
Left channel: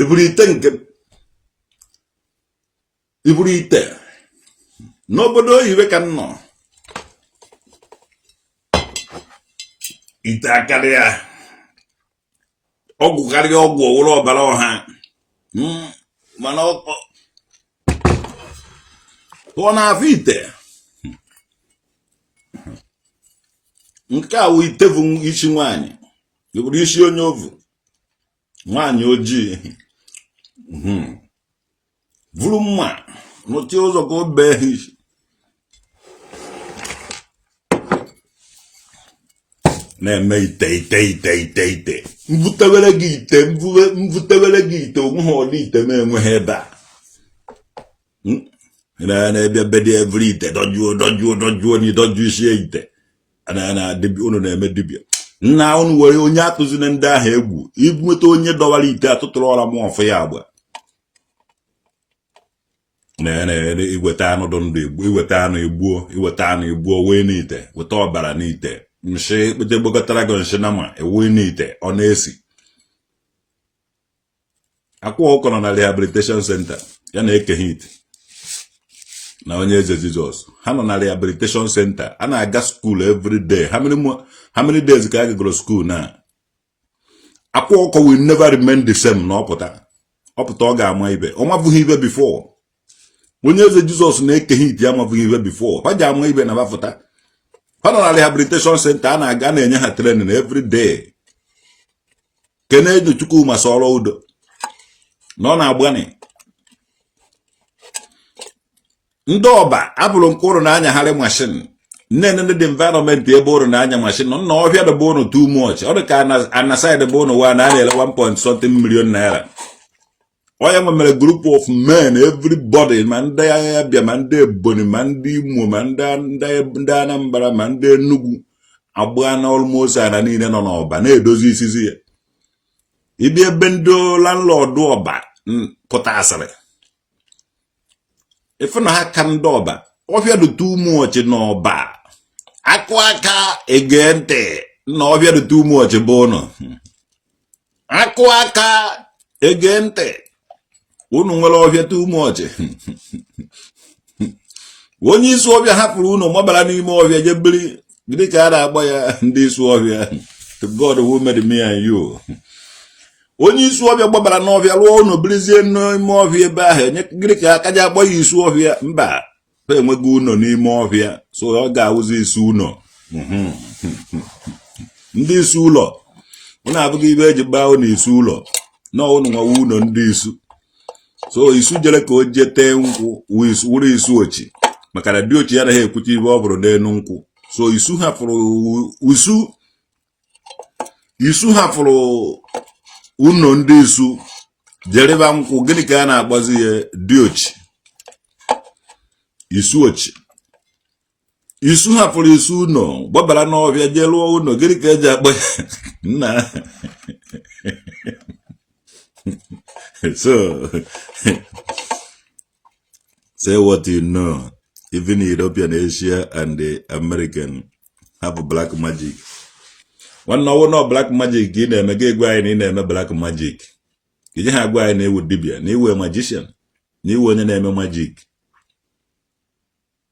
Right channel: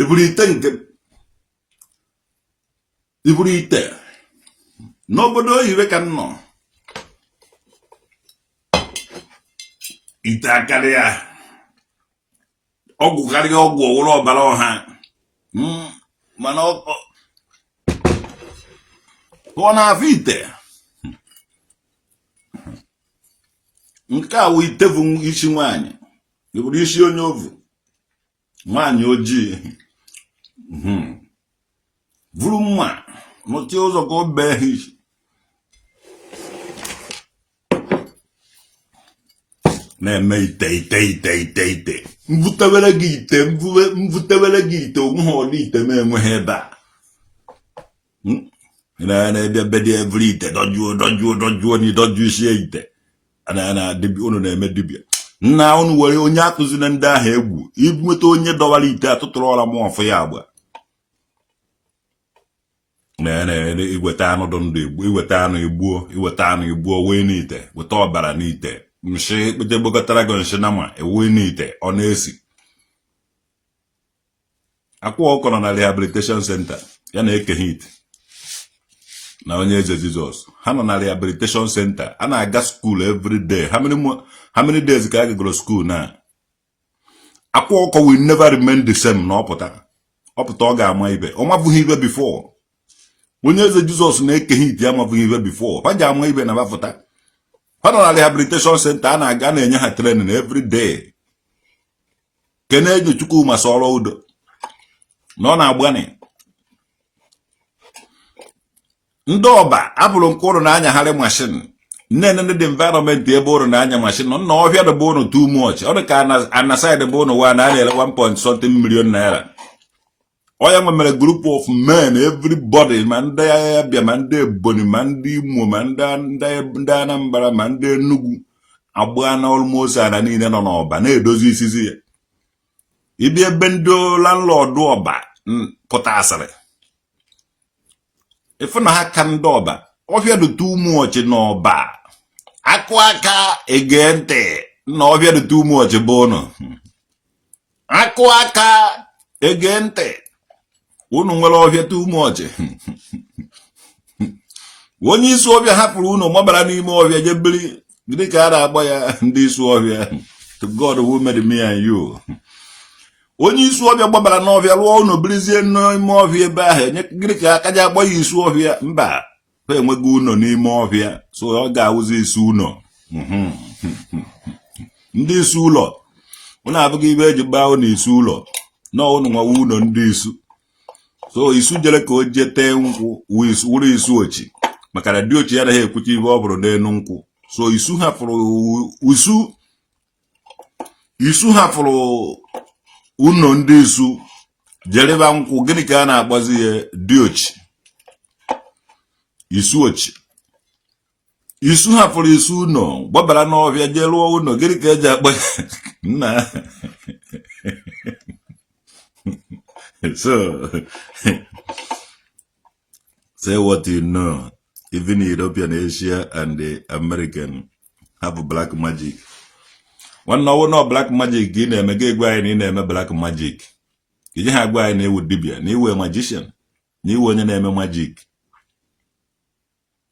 Ifuru ite nke iburu ite n'obodo oyibo ka nọ ite akarịa ọgwụ karịa ọgwụ ọwụrụ ọbara ọha mana ọ na-afụ ite nke a wụ ite bụ isi nwaanyị iburu isi onye ovu nwaanyị ojii vuru mma n'otu ụzọ ka o bee ha isi na-eme ite mvutewere gị ite onwe ha ọdị ite ma enweghị ebe a na-ebe bedi evri ite dojuo n'ịdoju isi ite unu na-eme dibịa nna unu were onye akụziri ndị ahụ egwu inweta onye dọwara ite atụtụrụ ọra m ọfụ ya agba iweta anụ dị ndụ igbo iweta anụ igbuo wee n'ite weta ọbara n'ite mshi kpete gbakọtara gị nshi na ma ewe n'ite ọ na-esi akwa ọkọ nọ na rehabilitation center ya na-ekeghe ite na onye eze Jizọs ha nọ na rehabilitation center a na-aga school every day how many days ka a gagoro school na akwa ọkọ will never remain the same na ọpụta ọ ga-ama ibe ọ mabụghị ibe before onye eze Jizọs na-ekeghe ite amabụghị ibe before ha ji ama ibe na bafụta ha nọ na rehabilitation center a na-aga na-enye ha training every day kene ejo chukwu ma sọrọ udo na ọ na-agbani ndị ọba abụrụ mkpụrụ na-anyagharị mashin nne dị environment ebe ụrụ na-anya mashin nọ ọhịa dịbe ụnụ too much ọ dị ka anasaid bụ ụnụ wa na-ele 1.something million naira onye nwe mere group of men everybody ma ndị Abịa ma ndị Ebonyi ma ndị Imo ma ndị Anambra ma ndị Enugu agba na almost ana niile nọ n'ọba na-edozi isizi ya ibi ebe ndị landlord ọba pụta asịrị ife na ha ka ndị ọba ọhịa dị too much n'ọba akụ aka ege ntị na ọhịa dị too much bụ ụnụ akụ aka ege ntị unu nwere ọhịa too much onye isi ọhịa hapụrụ unu mabara n'ime ọhịa jebiri gịnị ka a na-agba ya ndị isi ọhịa to God who made me and you onye isi ọhịa gbabara n'ọhịa rụọ unu birizie n'ime ọhịa ebe ahụ gịnị ka aka ji agba ya isi ọhịa mba ha enweghị ụlọ n'ime ọhịa so ọ ga-awụzi isi ụlọ ndị isi ụlọ unu abụghị ibe eji gbaa ụlọ isi ụlọ na unu nwewe ụlọ ndị isu so isu jere ka o jee tee nkwụ wụrụ isu ochi maka na dị ochi ya anaghị ekwucha ibe ọ bụrụ n'elu nkwụ so isu hapụrụ ụlọ ndị isu jereba nkwụ gịnị ka a na-agbazi ya dị ochi isu ochi isu hapụrụ isu ụlọ gbabara n'ọhịa jee lụọ ụlọ gịnị ka eji akpa nna so say what you know. Even European, Asia, and the American have black magic. One no black magic in a mega in a black magic. You have go in a wood dibia, you a magician. You were a name of magic.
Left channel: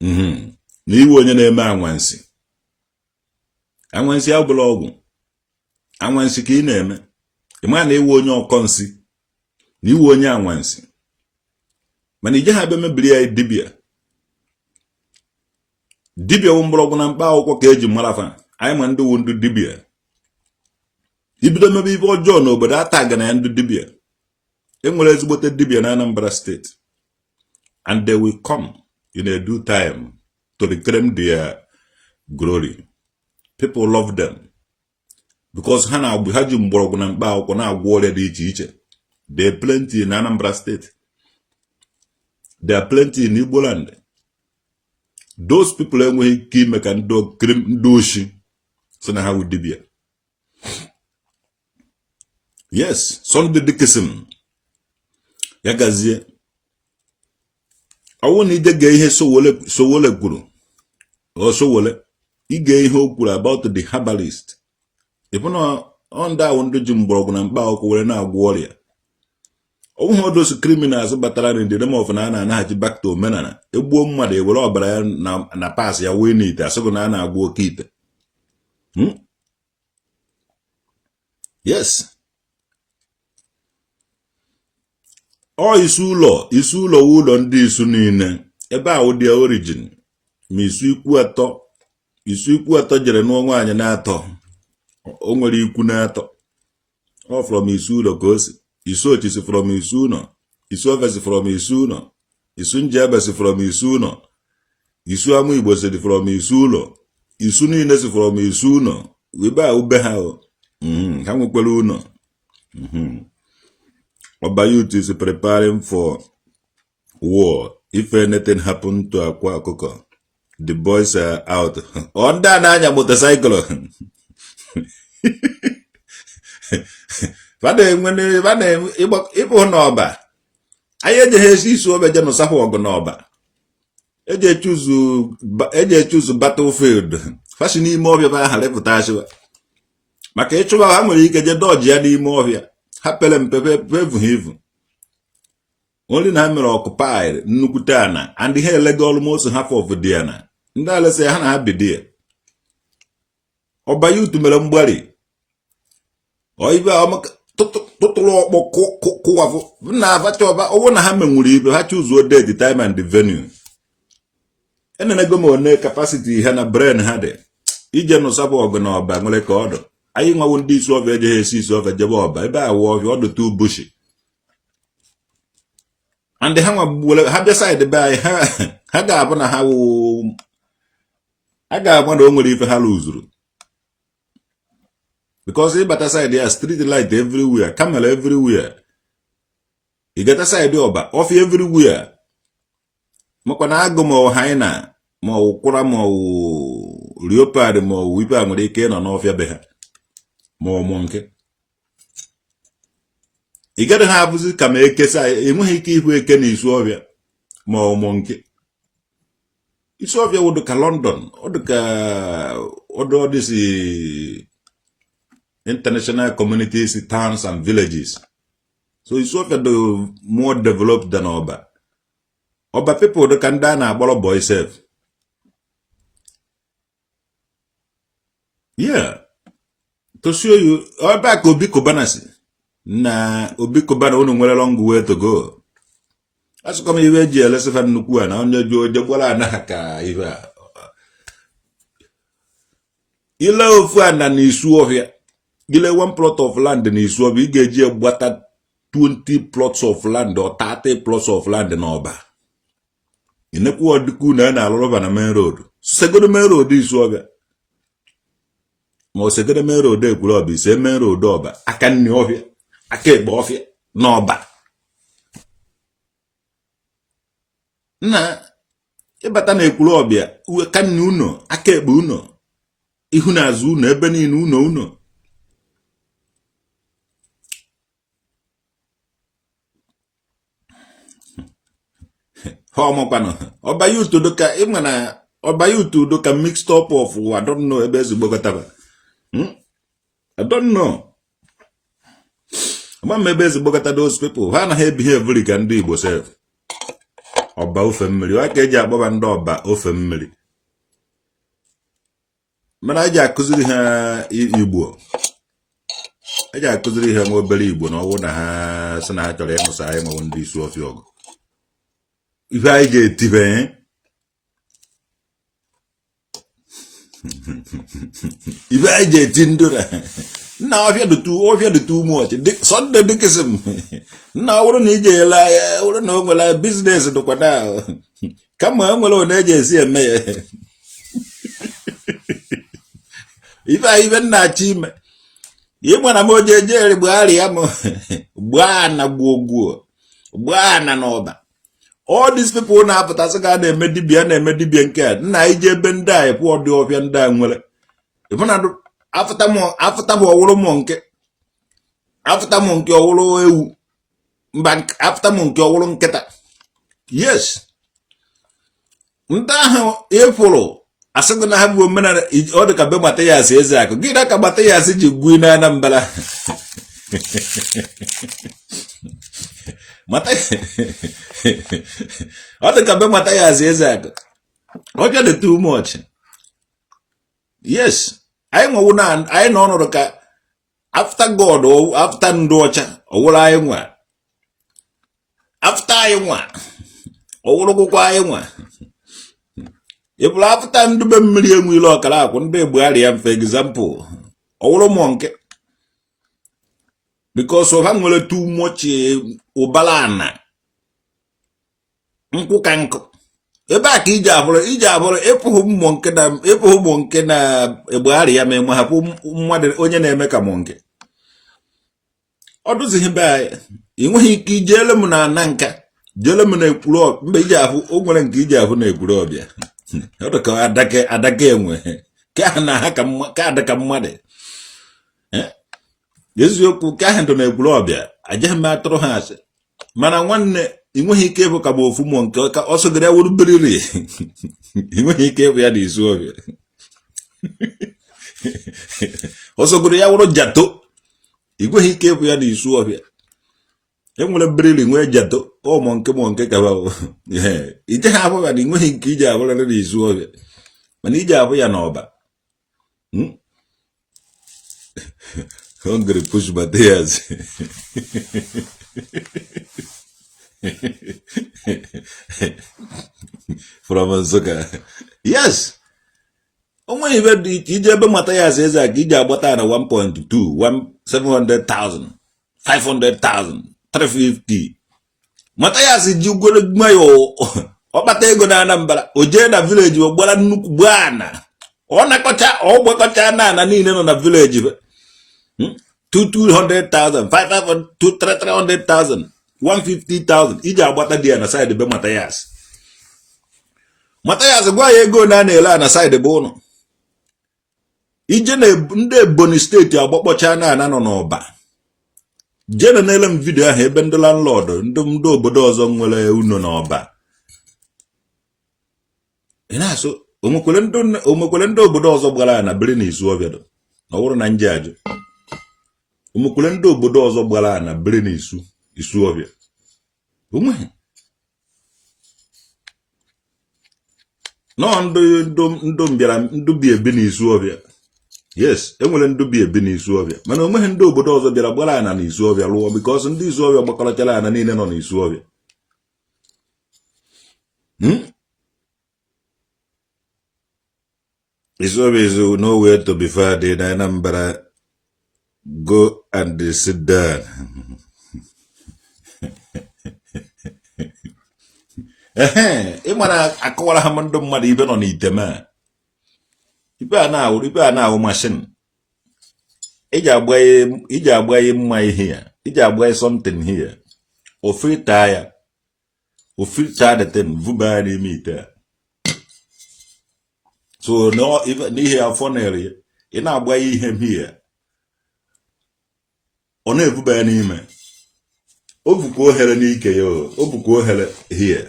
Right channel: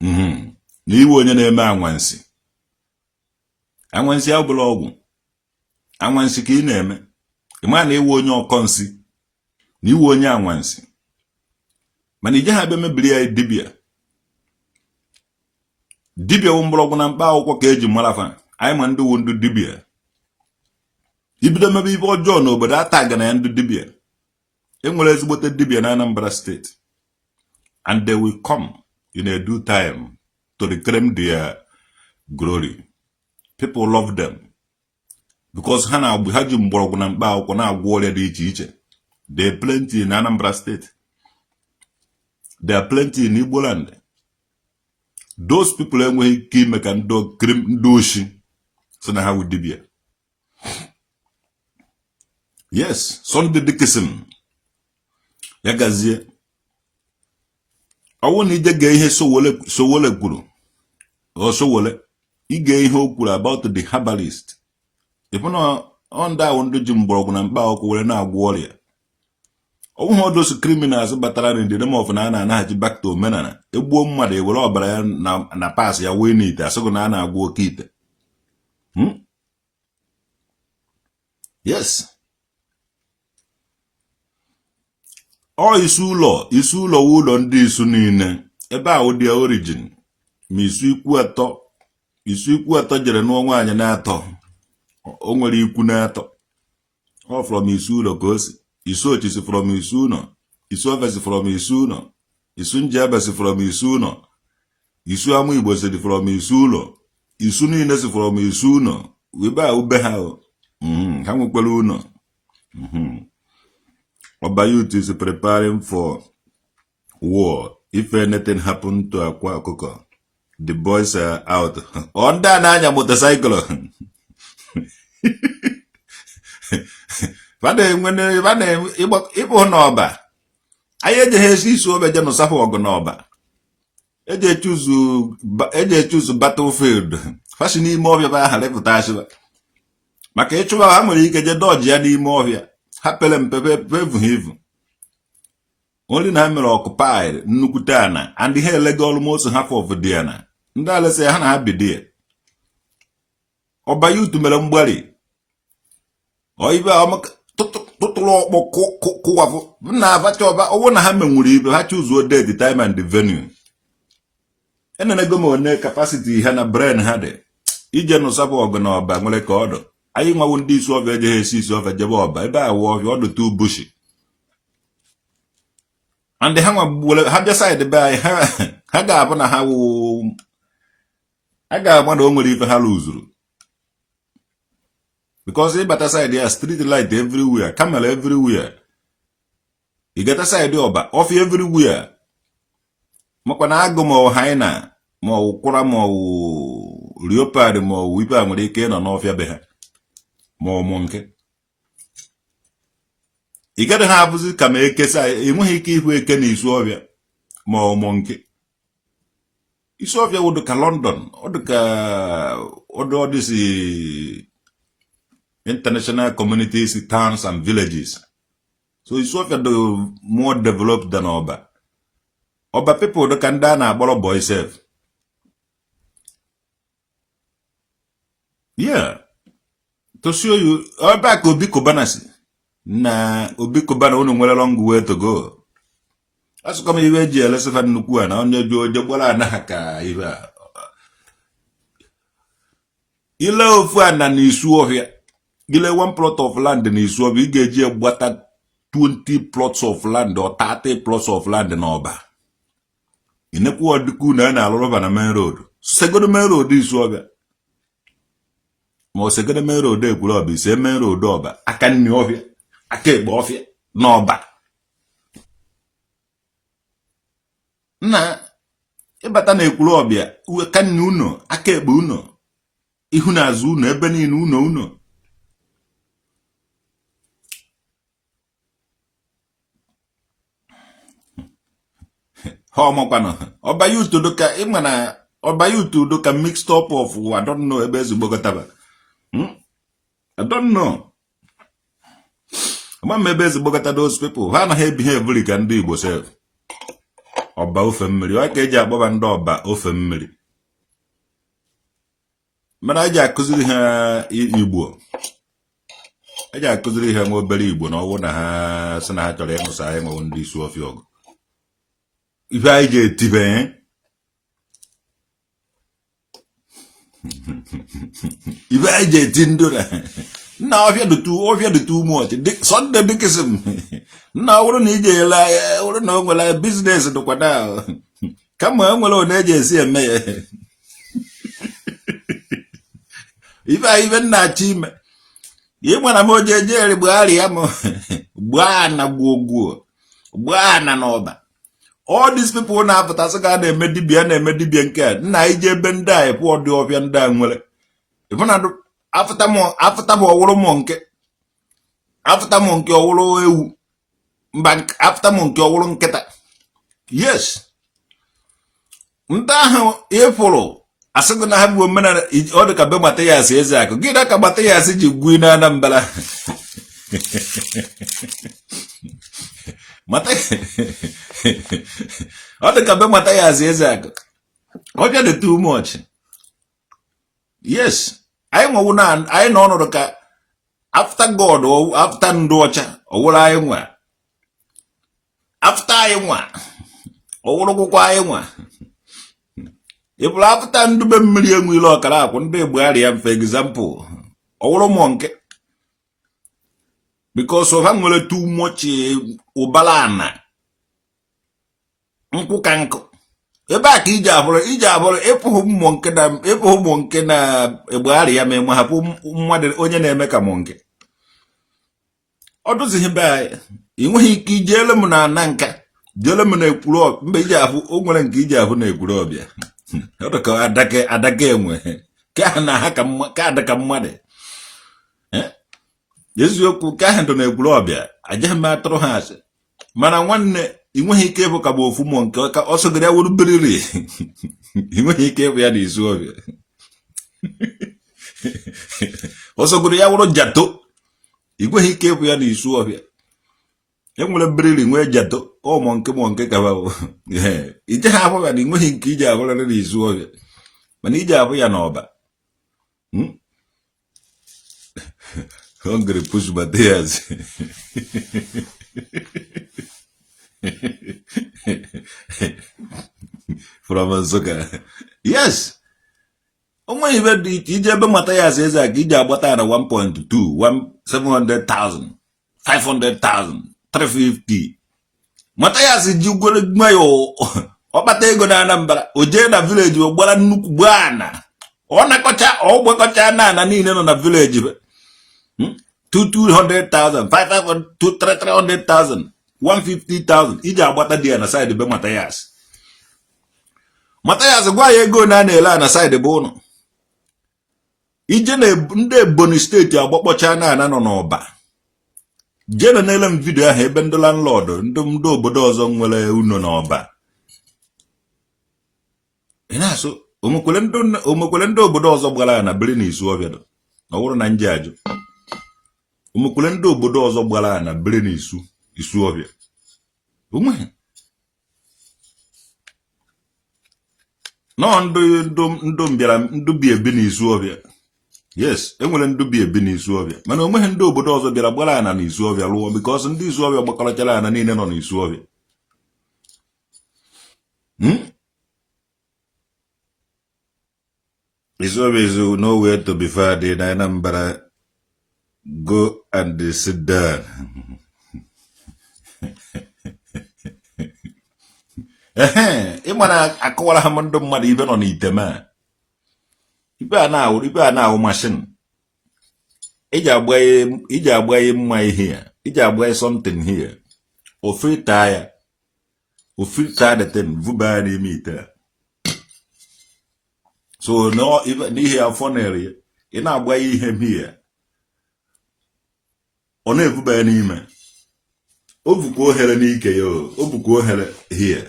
You were a name of Anwansi. Anwansi Ablogu. Anwansi key name. The man they won your consi. You won your Anwansi. Manija had them a dibia. Dibia umblogu na mpa okwa keji marafa. I man do wundu dibia. Ibida maybe for John, but that tag and end dibia. Emula's what a dibia in Anambra State. And they will come in a due time to reclaim their glory. People love them because ha ji mgbọrọgwụ na mkpa akwụkwọ na-agwọ ọrịa dị iche iche. There are plenty in Anambra State. There are plenty in Igbo land. Those people enweghị ike ime ka ndị oshi so na ha wụ dibia. Yes, Sunday Dickinson. Ya gazie. Ọwụ na ije gee ihe Sowole kwuru. O Sowole. Ige ihe o kwuru about the herbalist. If na onda ahụ ndị ji mgbọrọgwụ na mkpa akwụkwọ were na-agwọ ọrịa. Ọwụ those criminals batara in the name of na na-anaghị back to omenala. Egbuo mmadụ ewere ọbara ya na pass ya wee n'ite asịgụ na a na-agwọ oke ite. Yes. Isi ụlọ ụlọ ndị isu niile ebe ahụ dị origin ma isu ikwu atọ jere nụọ nwaanyị na-atọ o nwere ikwu na-atọ ọ from isu ụlọ ka o si isu ochisi from isu ụlọ isu ofesi from isu ụlọ isu njebe si from isu ụlọ isu amụ Igbo si from isu ụlọ isu niile si from isu ụlọ ebe ahụ be ha ha nwekwara ụlọ. Oba youth is preparing for war. If anything happened to Akwa Akoko, the boys are out. Onda na motorcycle. Vane ibo n'ọba. Aye de hesi so be no sapo ogo n'ọba. Eje choose battlefield. Fashi n'ime ọbịa ba ha lepụta asịwa. Maka ịchụba ha nwere ike je dodge ya n'ime ọbịa. Hapelem pepe only na mere occupied nnukwute ana and ihe elego almost half of the ana. Ndị alese ha na abide. Ọba youth mere mgbari. Oibe amaka tụtụrụ ọkpọ kụwafụ na abacha ọba ọwụ na ha menwuru ibe ha choose date, the time and the venue. Enenego m one capacity ha na brain ha dị. Ije nụsapụ ọgụ na ọba nwere ka ọdụ. Anyị nwawo ndị isi ọbịa eje esi isi ọbịa jebe ọba ebe awụ ọbịa ọdụ too bushy. And ha nwa ha decide be anyị ha ga-abụ na ha ga-agba na o nwere ife ha lụzuru. Because ịbata side ya street light everywhere, camera everywhere. Ị gata side ọba ọfịa everywhere. Makwa na agụ ma ọ haina ma ọ kwụra ma ọ leopard ma ọ wipe a nwere ike nọ n'ọfịa be ha. Ma nke ị gaghị ha abụzi ka ma ekesa enweghị ike ihu eke na isu ọbịa ma ọmụ nke isu ọbịa wụdụ ka London ọdịsi international communities, towns and villages. So isu ọbịa dị more developed than ọba people dị ka ndị a na-agbọrọ boy self. Yeah. To show you, back Obi Kobanasi. Na Obi Kobana unu nwere long way to go. Asu kama iwe ji elesefa nnukwu na onye jo jegwala na ka iwe. Ile ofu ana na isu ọhịa. Ile one plot of land na isu ọhịa, ị ga-eji gbata 20 plots of land or 30 plots of land na ọba. Inekwu ọdịkwu na na-alụrụba na main road. Segodo main road isu ọhịa. Ma osegede mere ode ekwuru ọba isi emere ode ọba aka nni ọfịa aka egbe ọfịa n'ọba. Nna ịbata na ekwuru ọbịa uwe ka nni uno aka egbe uno ihu na azụ uno ebe niile uno. Ha ọmọkwanụ ọba youth doka ịma na ọba youth doka mixed up of I don't know ebe ezigbo gotaba. I don't know. Maybe those people. Why not behave very can do Igbo self? Oba ofe mmiri. Why can't you ababa ndo oba ofe mmiri? Mana aja akuziri ha Igbo. Aja akuziri ha mobile Igbo na ọwụ na ha sị na ha chọrọ ịnụsa anyị ma ndị isi ọfịa ọgụ. Ife anyị ga-etibe If I get into now, if you do too much, Sunday Dickinson. Now, we don't need a business to go down. kama enwere one ji esi eme ya ife nna-achọ ime ịgba na m oje jeri gbagharị ya m gbaa na gbuo gbaa na ọba. All these people na-apụtasị ga na-eme dibịa nke a nna ije ebe ndị a ịkwụ ọdị ọbịa ndị a nwere ịfụna afụta m ọwụrụ m nke ọwụrụ ewu mba afụta m nke ọwụrụ nkịta. Yes, ndị ahụ ịfụrụ asịgị na ha bụ omenala ọ dị ka be mata ya asị eze akụ gị ka mata ya asị ji gwu na Anambra ọ dị ka be mata ya asị eze akụ ọ dị too much. Yes, anyị nwewu na anyị nọ ọnọdụ ka after God after ndị ọcha ọwụrụ anyị nwa after anyị nwa ọwụrụgwụkwa anyị nwa ịbụrụ afụta ndube mmiri enwe ile ọkara akwụ ndị Egbugharị ya for example ọwụrụ mọ nke because of ha nwere too much ụbara ana nkwụ ka nkụ ebe a ka iji abụrụ ịpụghị mmụọ nke na Egbugharị ya ma enwe hapụ mmadụ onye na-eme ka mụ nke ọ dụzighị be anyị enweghị ike ijele m na ana nka jele m na ekwuru mgbe iji ahụ o nwere nke iji ahụ na ekwuru ọbịa ọ ka adaka enwe ka na ha ka adaka mmadụ eziokwu ka ha ndụ na ekwuru ọbịa ajaghị m atụrụ ha asị mana nwanne enweghị ike ịbụ ka bụ ofu mmụọ nke ka ọ sọgara ya wuru beriri enweghị ike ịbụ ya na isu ọbịa ọ sọgoro ya wuru jato enweghị ike ịbụ ya na isu ọbịa enwere beriri nwee jato ụmụ nke ka ije ha ahụ ya na enweghị nke iji abụrịrị na isu ọbịa mana iji ahụ ya n'ọba hungry push Matthias from Nsukka. Yes, onwe ibe dị iche ije ebe Matthias eze a ka iji agbata ya na 1.2 700,000 500,000 350. Matthias ji ugwere gmayo ọkpata ego na Anambra o jee na village o gbara nnukwu gbana ọ nakọcha ọ gbakọcha na niile nọ na village 200,000 500,000 300,000 150,000 iji agbata dị ya na side be Matthias gwa ya ego na na-ele na side be ụnụ ije na ndị Ebonyi steeti agbakpọcha na nọ n'ọba jee na ele m vidio ahụ ebe ndị landlord ndị obodo ọzọ nwere uno n'ọba na-asụ omekwere ndị obodo ọzọ gbara na biri na isu ọbịa ọ bụrụ na nje ajụ omekwere ndị obodo ọzọ gbara na biri na isu ọbịa onweghị nọ ndụ mbịara ndụ bi ebi na isu ọbịa. Yes, enwere ndụ bi ebi na isu ọbịa mana onweghị ndị obodo ọzọ bịara gbara ana na isu ọbịa lụọ because ndị isu ọbịa gbakọrọchara ana niile nọ na isu ọbịa. Isu ọbịa is nowhere to be found in Anambra. Go and sit down. Ị mara akọwara ha ndị mmadụ ibe nọ n'iteme ibe a na-awụ mashin iji agba ya mma ihe ya iji agba ya something here ofilta the thing vuba ya n'ime ite so n'ihe afọ na-ere ya ị na-agba ya ihe here ọ na-evuba ya n'ime o bukwa ohere n'ike ya o bukwa ohere here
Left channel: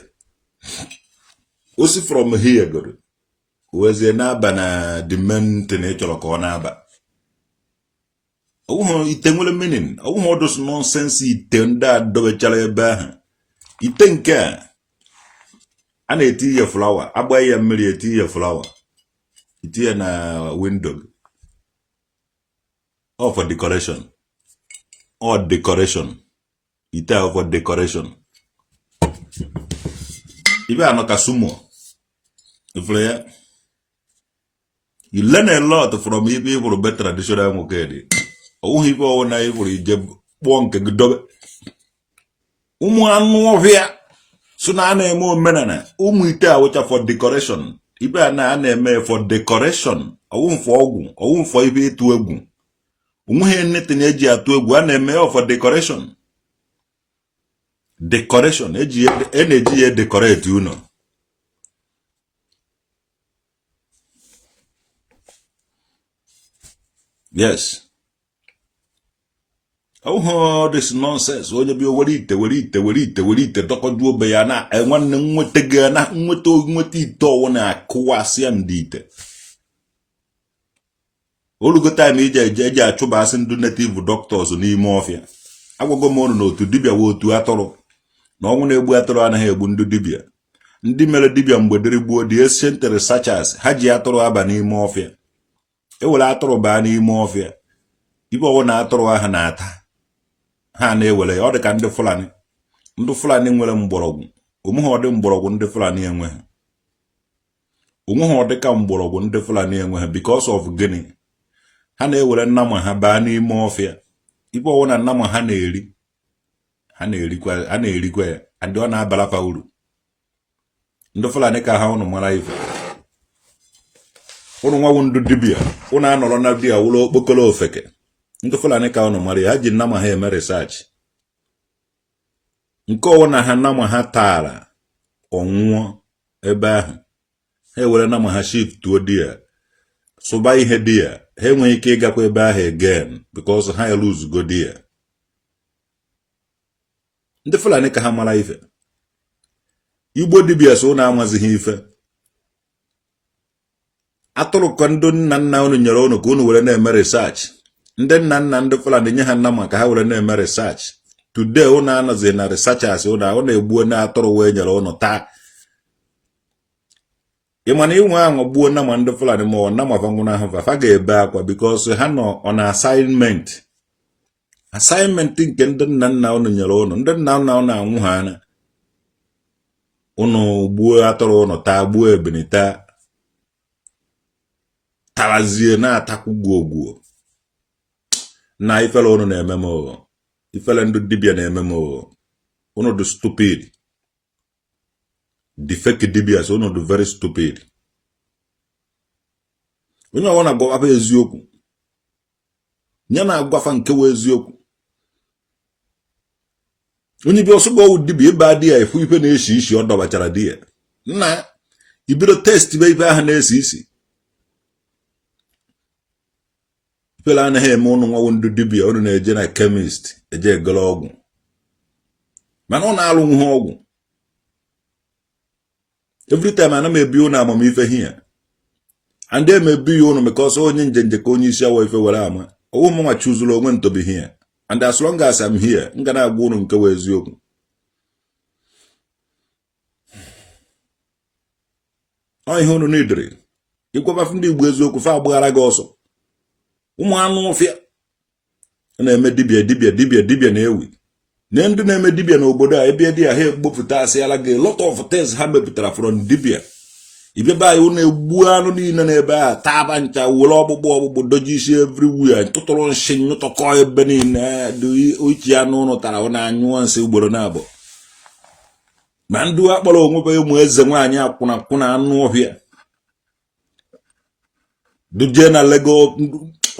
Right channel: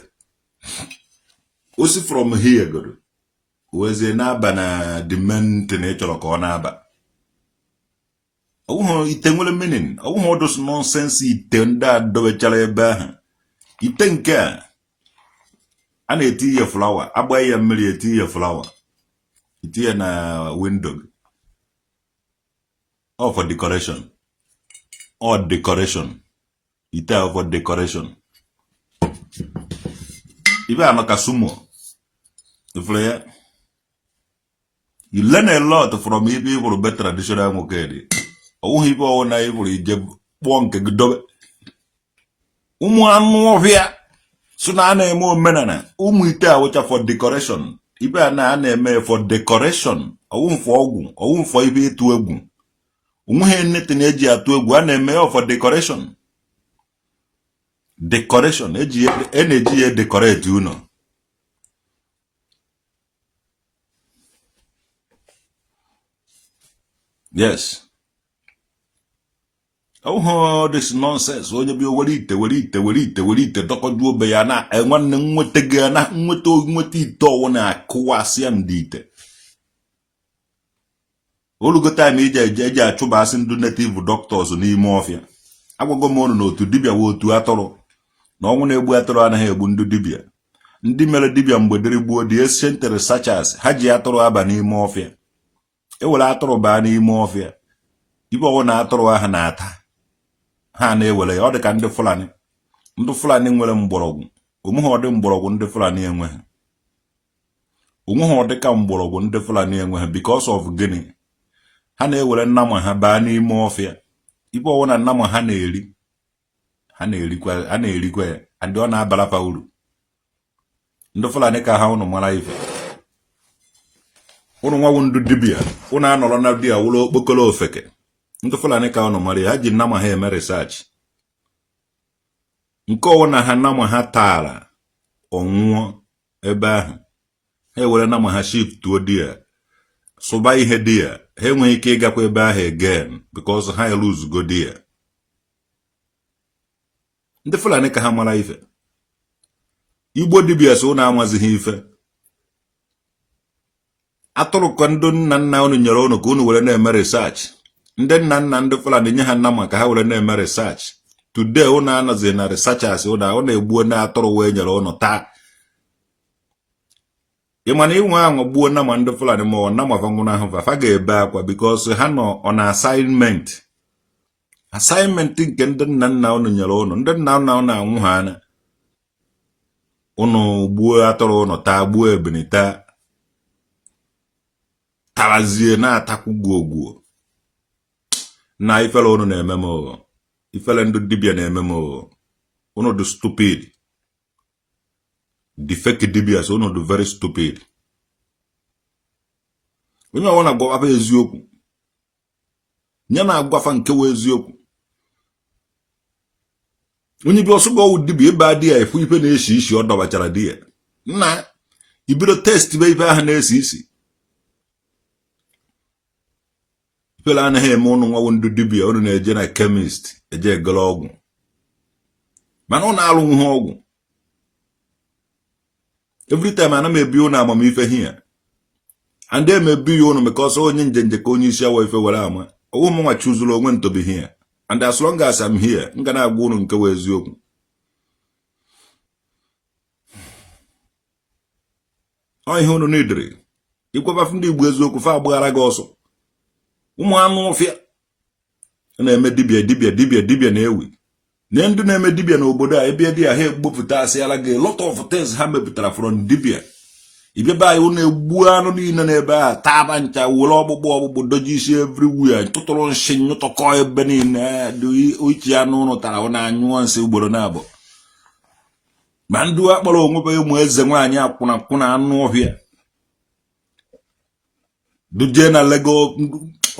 o si from here godo wezie na-aba na the main thing ị chọrọ ka ọ na-aba ọwụhụ ite nwere meaning ọwụhụ ọdụsụ nonsense ite ndị a dobechara ebe ahụ ite nke a na-eti ihe flower agbaghị ya mmiri eti ihe flower itinye na window all for decoration all decoration ite all for decoration ibe anọ ka sumo you learn a lot from people better traditional mokedi ọwụghị ibe ọwụ na ịbụrụ ije kpụọ nke gị dobe ụmụ anụ ọhịa so na na-eme omenala ụmụ ite a wụcha for decoration ibe a na-eme for decoration ọwụmfọ ọgwụ ọwụmfọ ibe ịtụ egwu onweghị nnetin eji atụ egwu a na-eme for decoration na-eji ya decorate ụlọ. Yes. Oh, this nonsense. Onye bi were ite dokọju obe ya na nwanne nwete ga na nwete ite ọwụ na akụwasị ndị ite. Olugo time eji achụbasị ndị native doctors n'ime ọfịa. Agwago m ọnụ n'otu dibịa wo otu atụrụ na ọnwụ na-egbu atụrụ anaghị egbu ndị dibịa. Ndị mere dibịa mgbe dịrị gbuo the ancient researchers ha ji atụrụ aba n'ime ọfịa. Ewere atụrụ baa n'ime ọfịa. Ibe ọwụ na atụrụ ahụ na-ata. Ha na-ewere ọ dị ka ndị Fulani nwere mgbọrọgwụ onweghị ọdị mgbọrọgwụ ndị Fulani enweghị onweghị ọdị ka mgbọrọgwụ ndị Fulani enweghị because of gịnị ha na-ewere nnama ha baa n'ime ọfịa ibe ọwụ na nnama ha na-erikwa ya adị ọ na-abalafa uru ndị Fulani ka ha ụnụ mara ife ụnụ nwawu ndị dibịa ụnụ anọrọ na di ya wụrụ okpokolo ofeke ndị Fulani ka ụnụ mara ha ji nnama ha eme research nke ọwụ na ha nnama ha taara ọnwụọ ebe ahụ ha ewere nnama ha shift tuo di ya sụba ihe di ya ha enweghị ike ịgakwa ebe ahụ again because ha eluzugo di ya ndị Fulani ka ha mara ife Igbo dibịa so ụnụ amazighị ife atụrụ ka ndị nna ụnụ nyere ụnụ ka ụnụ were na-eme research ndị nna ndị Fulani nye ha nnama ka ha were na-eme research today ụnụ anọzi na researchers ụnụ egbuo na atụrụ wee nyere ụnụ taa ịmana inwe ahụ gbuo nnama ndị Fulani ma ọ nnama fanwụrụ ahụ fa ga-ebe akwa because ha nọ on assignment nke ndị nna ụnụ nyere ụnụ ndị nna ụnụ anwụ ha anya ụnụ gbuo atụrụ ụnụ taa gbuo ebene taa tarazie na-atakwu gwuo na ifele ụnụ na-eme m ụghọ ifele ndị dibịa na-eme m ụghọ ụnụ dị stupid the fake dibias ụnụ dị very stupid onye ọwụ na-agwafa eziokwu nye na-agwafa nke wee eziokwu onye bi ọsụgo ọwụ dibịa ebe adị ya efu ife na-esi isi ọ dọbachara di ya nna ibido test be ife ahụ na-esi isi ifele anaghị eme ụnụ nwawu ndị dibịa ụnụ na-eje na chemist eje egolo ọgwụ mana ọ na-alụ nwe ọgwụ every time ana m ebi ụnụ amamife hia and em ebi ụnụ because onye njenje ka onye isi awa ife were ama ọwụ m nwa chuzuru onwe ntobi hia and as long as I'm here m ga na-agwa ụnụ nke wee eziokwu ọ ihe ụnụ n'idiri ịgwafa ndị Igbo eziokwu fa agbaghara gị ọsọ ụmụ anụ ọfịa na-eme dibịa na-ewi nye ndị na-eme dibịa n'obodo a ebe dị ya ha egbopụta asịala gị lot of things ha mepụtara from dibịa ibebe anyị ụnụ egbu anụ niile n'ebe a taaba ncha were ọgbụgbụ doji isi everywhere tụtụrụ nsị nyụtọkọ ebe niile ochi anụ ụnụ tara ọ na-anyụọ nsị ugboro na-abụ ma ndị akpọrọ onwe ụmụ eze nwaanyị akwụna anụ ọhịa duje na Lego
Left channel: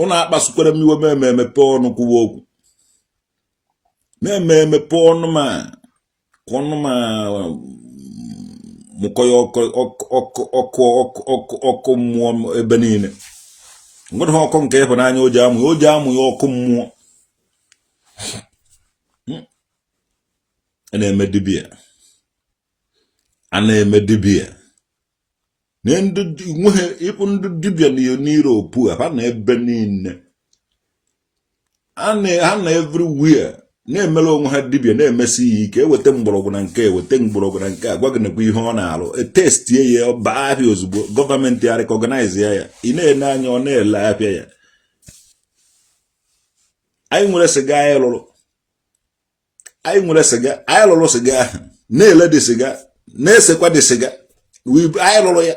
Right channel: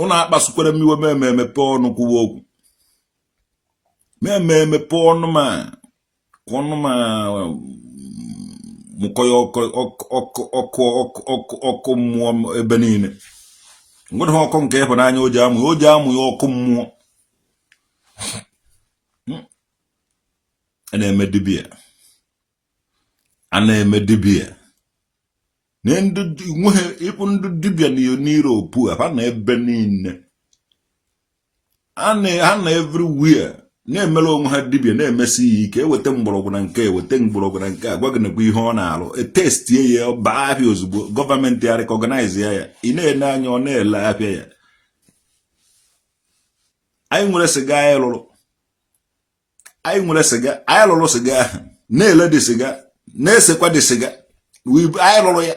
ụnụ akpasukwere m iwe meme emepe ọnụ kwuwa okwu meme emepe ọnụ ma mụkọ ya ọkụ mmụọ ebe niile nwere ha ọkụ nke ịhụnanya o ji amụ ya ọkụ mmụọ a na-eme dibịa nye ndị ịpụ ndị dibịa n'Europe ha na ebe niile ha na everywhere na-emere onwe ha dibịa na-emesi ya ike eweta mgbọrọgwụ na nke agwa gị nekwa ihe ọ na-alụ etestie ya baa ahịa ozugbo gọọmenti ya recognize ya ị na-ele anya ọ na-ele ahịa ya anyị nwere sịga anyị lụrụ sịga ahụ na-ele dị sịga na-esekwa dị sịga anyị lụrụ ya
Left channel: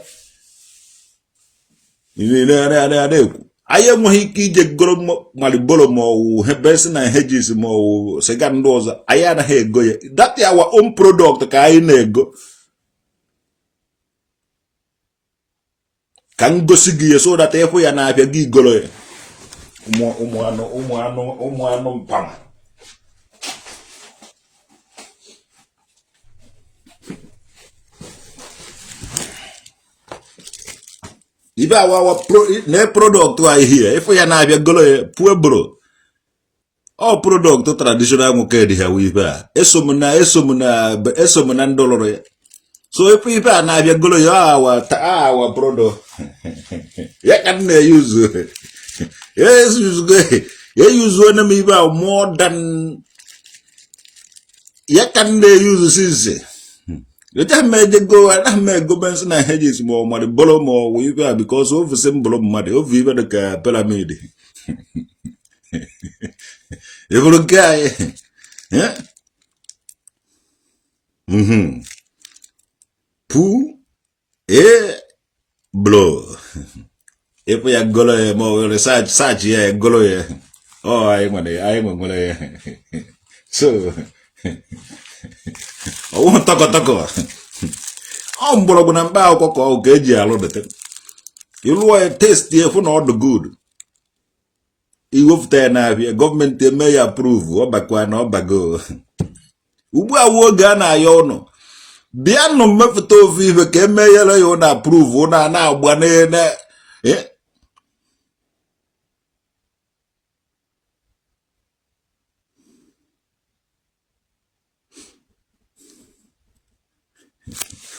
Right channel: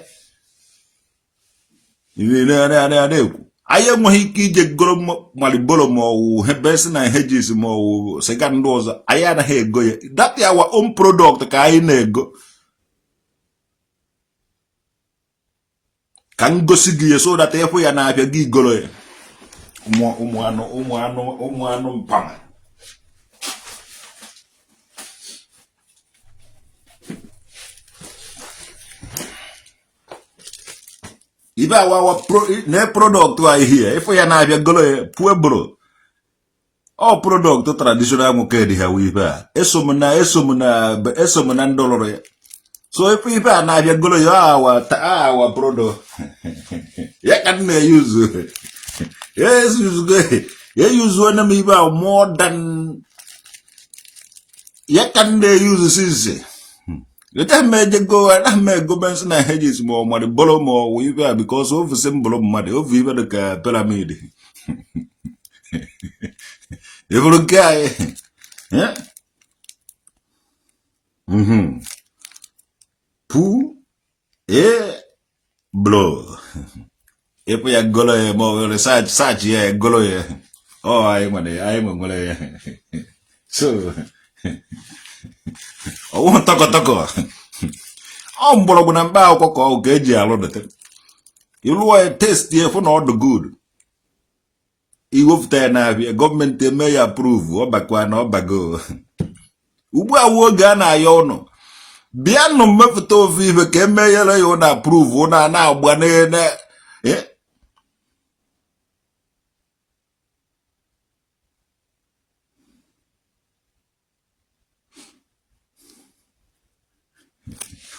na-ekwu I am Mohiki Goro Malibolo Mo, Hebeson and Hedges Mo, second doors, Ayana He go. That's our own product, Kainego. Can go see so that if we are not a gigolo. Umuano, Pang. If our product I hear, if we are not a golo, poor bro. All product traditional mukedi here we bear. Esomuna dollar. So if we are not a golo, our product. You can use it. Yes, you use one of me about more than you can use this. You can make it go and make governments and hedges more money, bolo more weaver because of the symbol of money of even the pyramid. You will guy, yeah? Poo, blow. If we are golo more research, yeah, golo. Oh, I'm a golo. So, I won't talk. I'm broken and bow cocoa, gauge a lot of it. You know, I taste here for all the good. You have a government may approve, or back one or bago. Uba wogana yono. Biano mefto vive que may approve, una now, banana. Eh?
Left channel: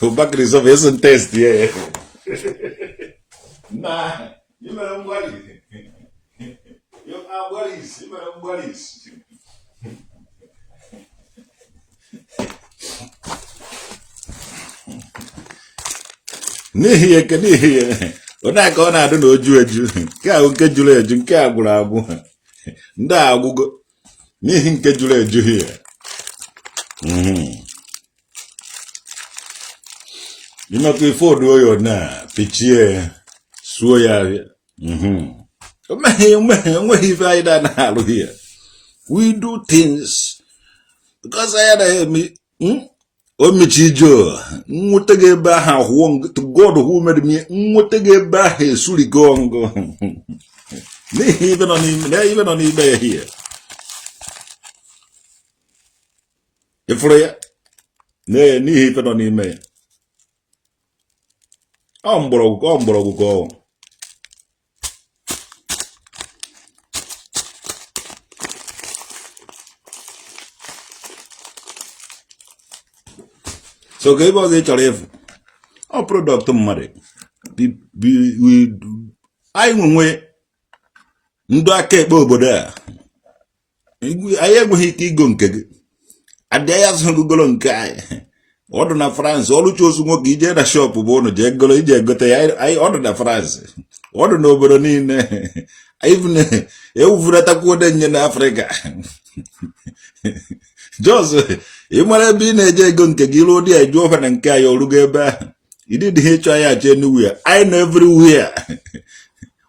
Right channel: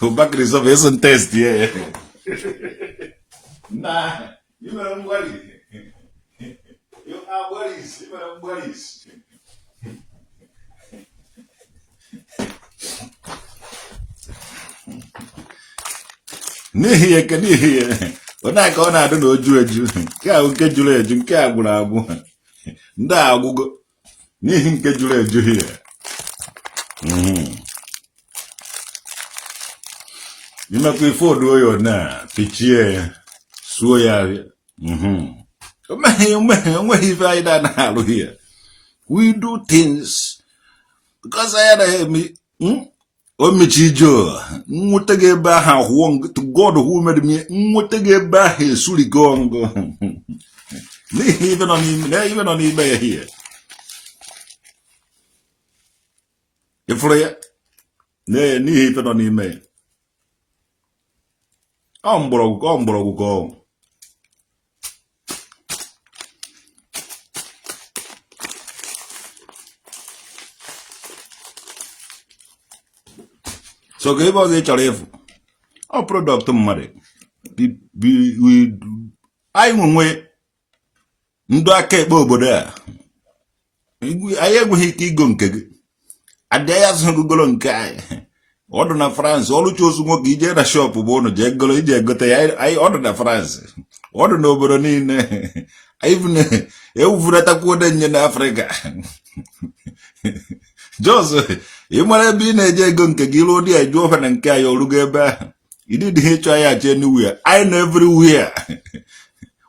O back is of isn't test, yeah. Nah, you know what it is. You are worries, you know worries. Nihi can hear. When I go, I don't know, Jew. Cow get you later, and cabula. Da will go. Nihin get you later here. You know, before do you now, pitchy, swear. Man, what if I done here? We do things because I had me. Omichijo, Mutege Baha Wong to God who made me Mutege Bahe Suligongo. Even on him here. If I nay, even on him. Umbro go. So give us a challenge. Our product money. We I won't Ndake bobo there. I am hiti gunke. Adayas Google and Kai. Order na France, all chose smoke ije shop bono jegolo ije gote. I order na France. Order no bronin. Even Euvurata Koden in Africa. Just you might have been a jagon Kegilo dear Johan and Kayo Lugeba. You did HIH anywhere. I know everywhere.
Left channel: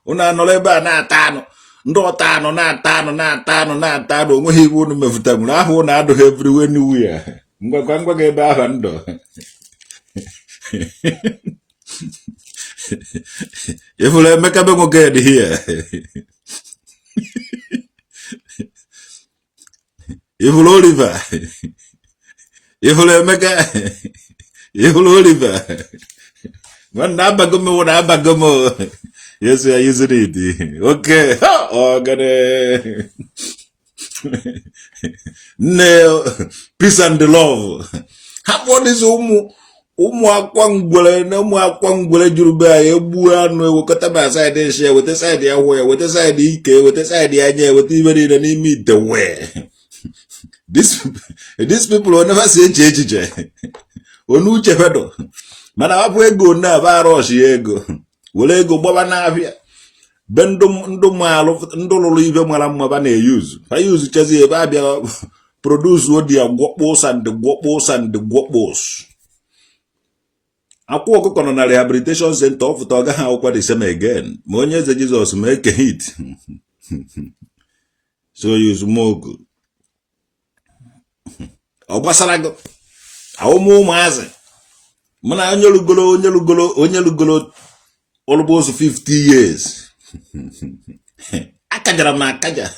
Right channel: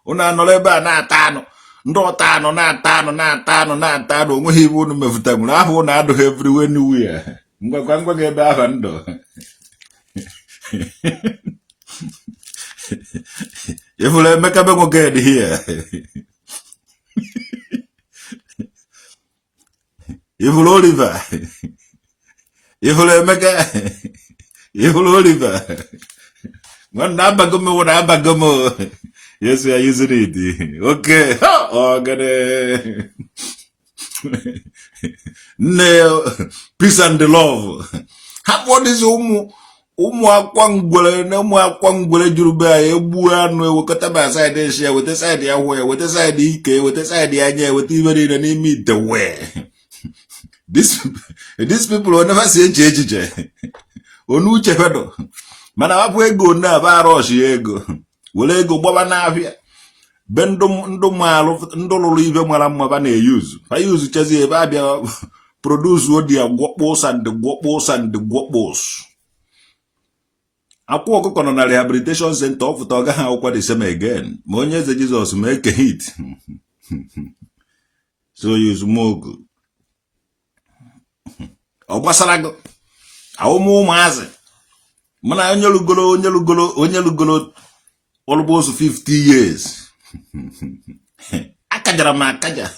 Una noleba na tano. Ndo tano na tano. When he wouldn't move them, I won't add everywhere anywhere. Ngwa geba hando. If we make a bang get here. If we Oliver. If we make a if we Oliver. One nabagomo, one abagomo. Yes, we are using it. Okay. Oh, got it. No, peace and the love. What is Aquangwele, no more Aquangwele Juruba, Buano, Wakataba side Asia, with this idea where, with this idea, with this idea, with even in an meet the way. These people will never say JJ. Onuche Fedo. Manaway go now, Varos Yego. Will I go Bobanavia? Bendum Ndomalo, Ndolo leave Maramabane use. I use Chazi Babia produce what the guapos and the guapos and the guapos. akwụ ọkụkọ nọ na rehabilitation center ọfụta ọ gaghị akwụkwa the same again ma onye eze Jizọs ma eke hit so you smoke ọ gbasara gị awụmụ ụmụazị mana onye lugolo almost 50 years akajara m akaja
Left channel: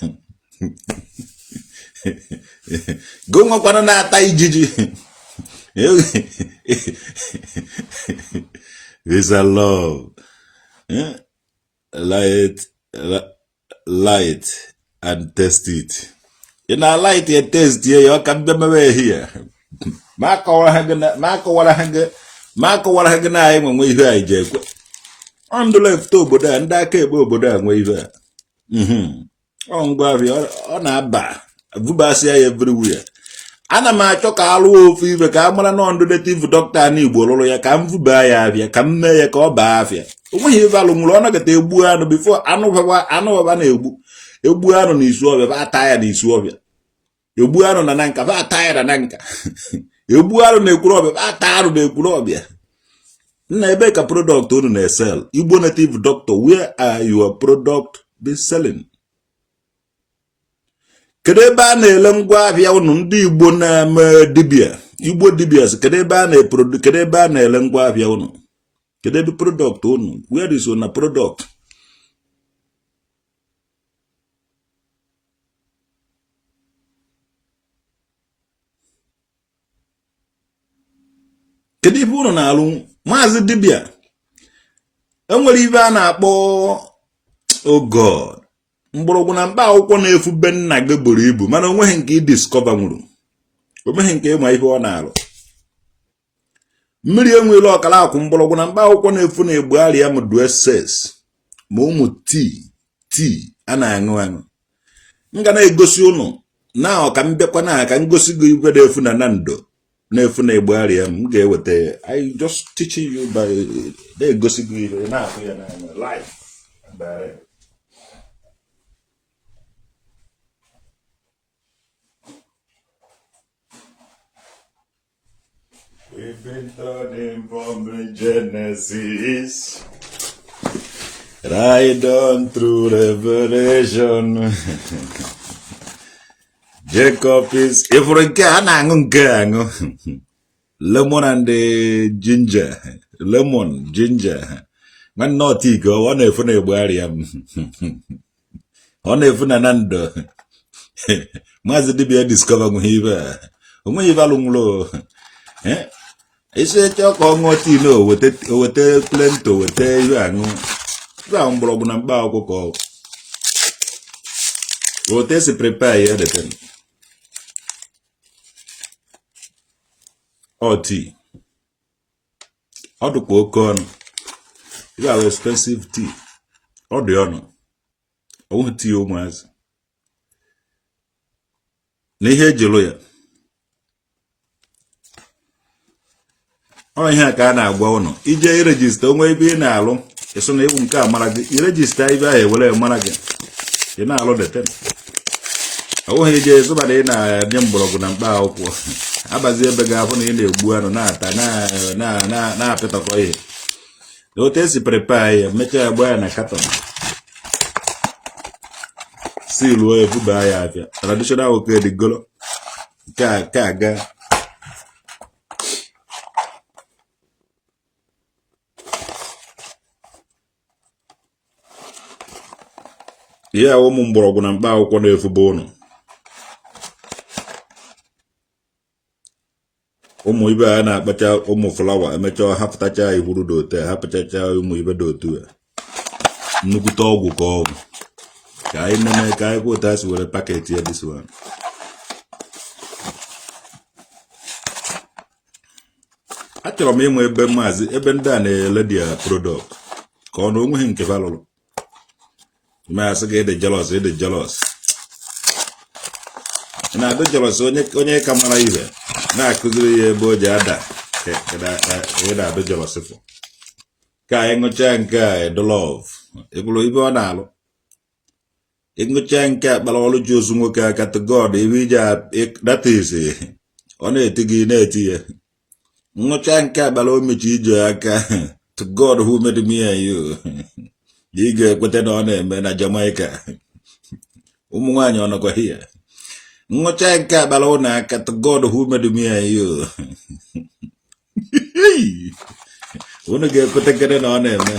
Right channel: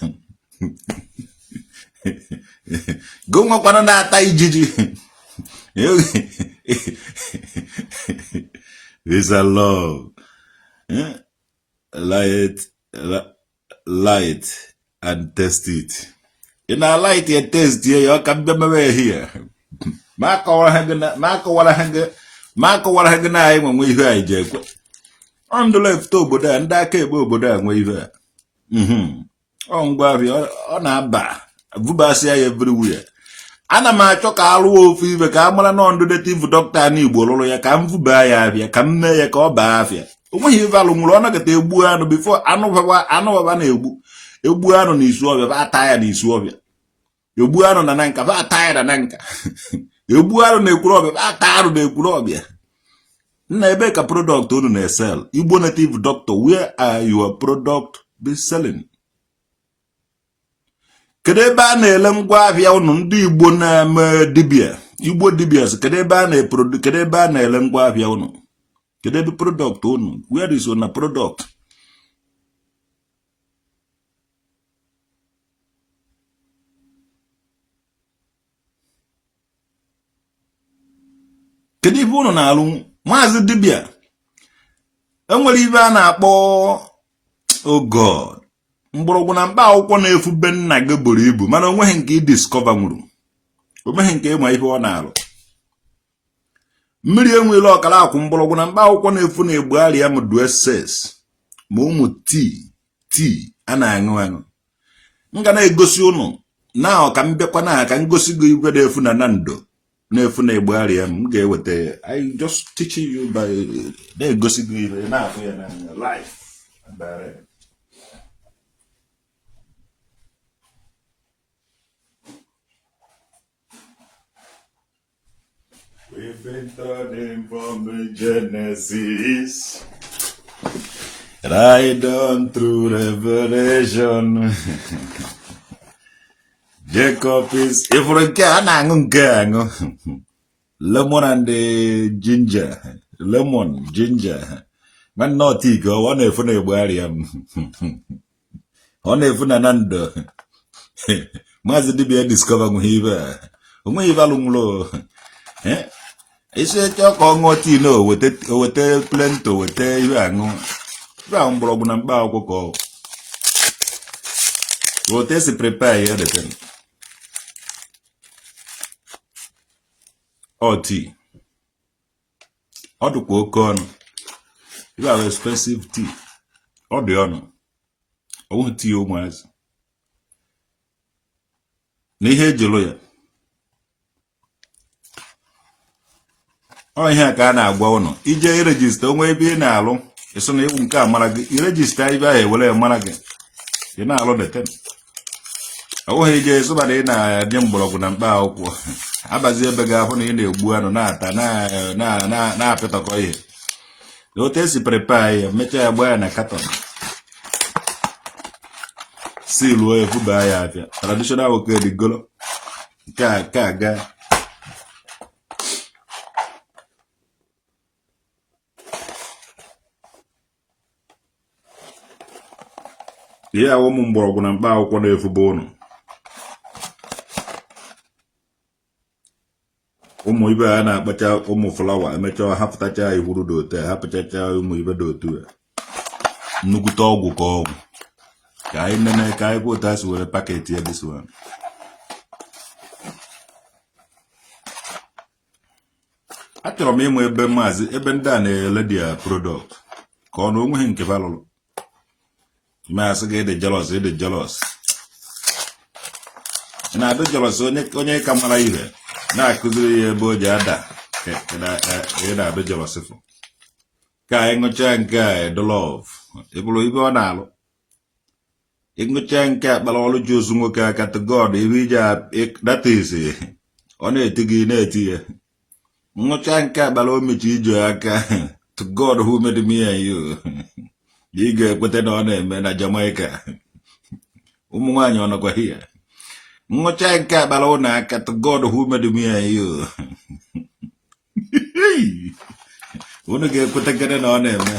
go nwakwana na-ata ijiji it's a love light and taste it in a light and taste ya ka mbịa mewe here ma akọwara ha gị na anyị nwe ihe anyị ji ekwe ndụ left obodo a ndị aka ebe obodo a nwe ihe a ọ ngwa abịa ọ na-aba vubasịa ya everywhere. Ana m achọ ka alụ ofu ife ka a mara na ndụ native doctor na Igbo lụrụ ya ka m vuba ya abịa ka m mee ya ka ọ baa afịa. O nweghị ife alụ nwụrụ ọ nagata egbu anụ before anụ baba egbu anụ na isu ọbịa ba ata ya na isu ọbịa. Egbu anụ na nka ba ata ya na nka. Egbu anụ na ekwuru ọbịa ba ata anụ na ekwuru ọbịa. Nna ebe ka product unu na-esel Igbo native doctor, where are your product be selling? Kedu ebe a na-ele ngwa ahịa unu ndị Igbo na-eme dibia Igbo dibias? Kedu ebe a na-ele ngwa ahịa unu? Kedu ebe product unu? Where is your product? Kedu ife unu na-alụ maazị dibia? Enwere ife a na-akpọ oh God mgbọrọgwụ na mkpa akwụkwọ na-efu be nna gị buru ibu mana onweghị nke discover nwụrụ, onweghị nke ịma ihe ọ na-alụ. Mmiri enwere ọkara akwụ mgbọrọgwụ na mkpa akwụkwọ na-efu na egbugharị ya m dueses ma ụmụ tii a na-aṅụ. M ga na-egosi ụnụ na ọka m bịakwa na aka ngosi gị igwe na-efu na ndo na-efu na egbugharị ya m ga-eweta. I just teaching you by na-egosi gị ibe na-afụ ya n'anya life. We've been turning from the Genesis, right on through Revelation. Jacob is lemon and ginger, man not ego, one if a barium, one if Nando. Master Dibia discover Hiva, Umayvalumlo. Ese talk on what you know with it, with a plenty, with a round broken and bow call. What is prepare the thing? Or tea. Or the corn. You are expensive tea. Or the honor. Oh, tea, almost. Nehe Jeloya. Oh, here can I go on. EJ register, maybe in alum. It's only one car, Malaga. You register, I will Malaga. You know, all the 10. Oh, he is somebody in a jumble and bow. Abazia Begavon in the Buano Nata, na Petacoy. Lotesi prepare, make a buena cotton. See, Loy Fubaya, traditional okay, the gullo. Kaga. Yeah, woman broken and bow on the Fubono. Ibe a na-akpacha ụmụ flawa emechaa hapụtacha ihuru dote hapụchacha ụmụ ibe dotu nnukwute ọgwụ ka ọgwụ ka anyị nene ka anyị kwụta si were paketi ya this one. Achọrọ m ịmụ ebe maazị ebe ndị a na-ele dia product ka ọ na onweghị nke valụrụ ime asị gị ịdị jealous na-adị jealous onye ka mara ihe na-akụziri ya ebe o ji ada na-adụ jelosifụ ka anyị ṅụchaa nke a the love ịbụrụ ibe ọ na-alụ ịṅụchaa nke a kpara ọrụ ji ozu nwoke aka to God ibe iji that is ọ na-eti gị na-eti ya Ngocha nke abala o mechi ije aka. To God who made me and you. Ị ga-ekweta na ọ na-eme na Jamaica. Ụmụ nwaanyị ọ nọkwa here. Ngocha nke abala ụnụ aka. To God who made me and you. Unu ga-ekweta kede na ọ na-eme.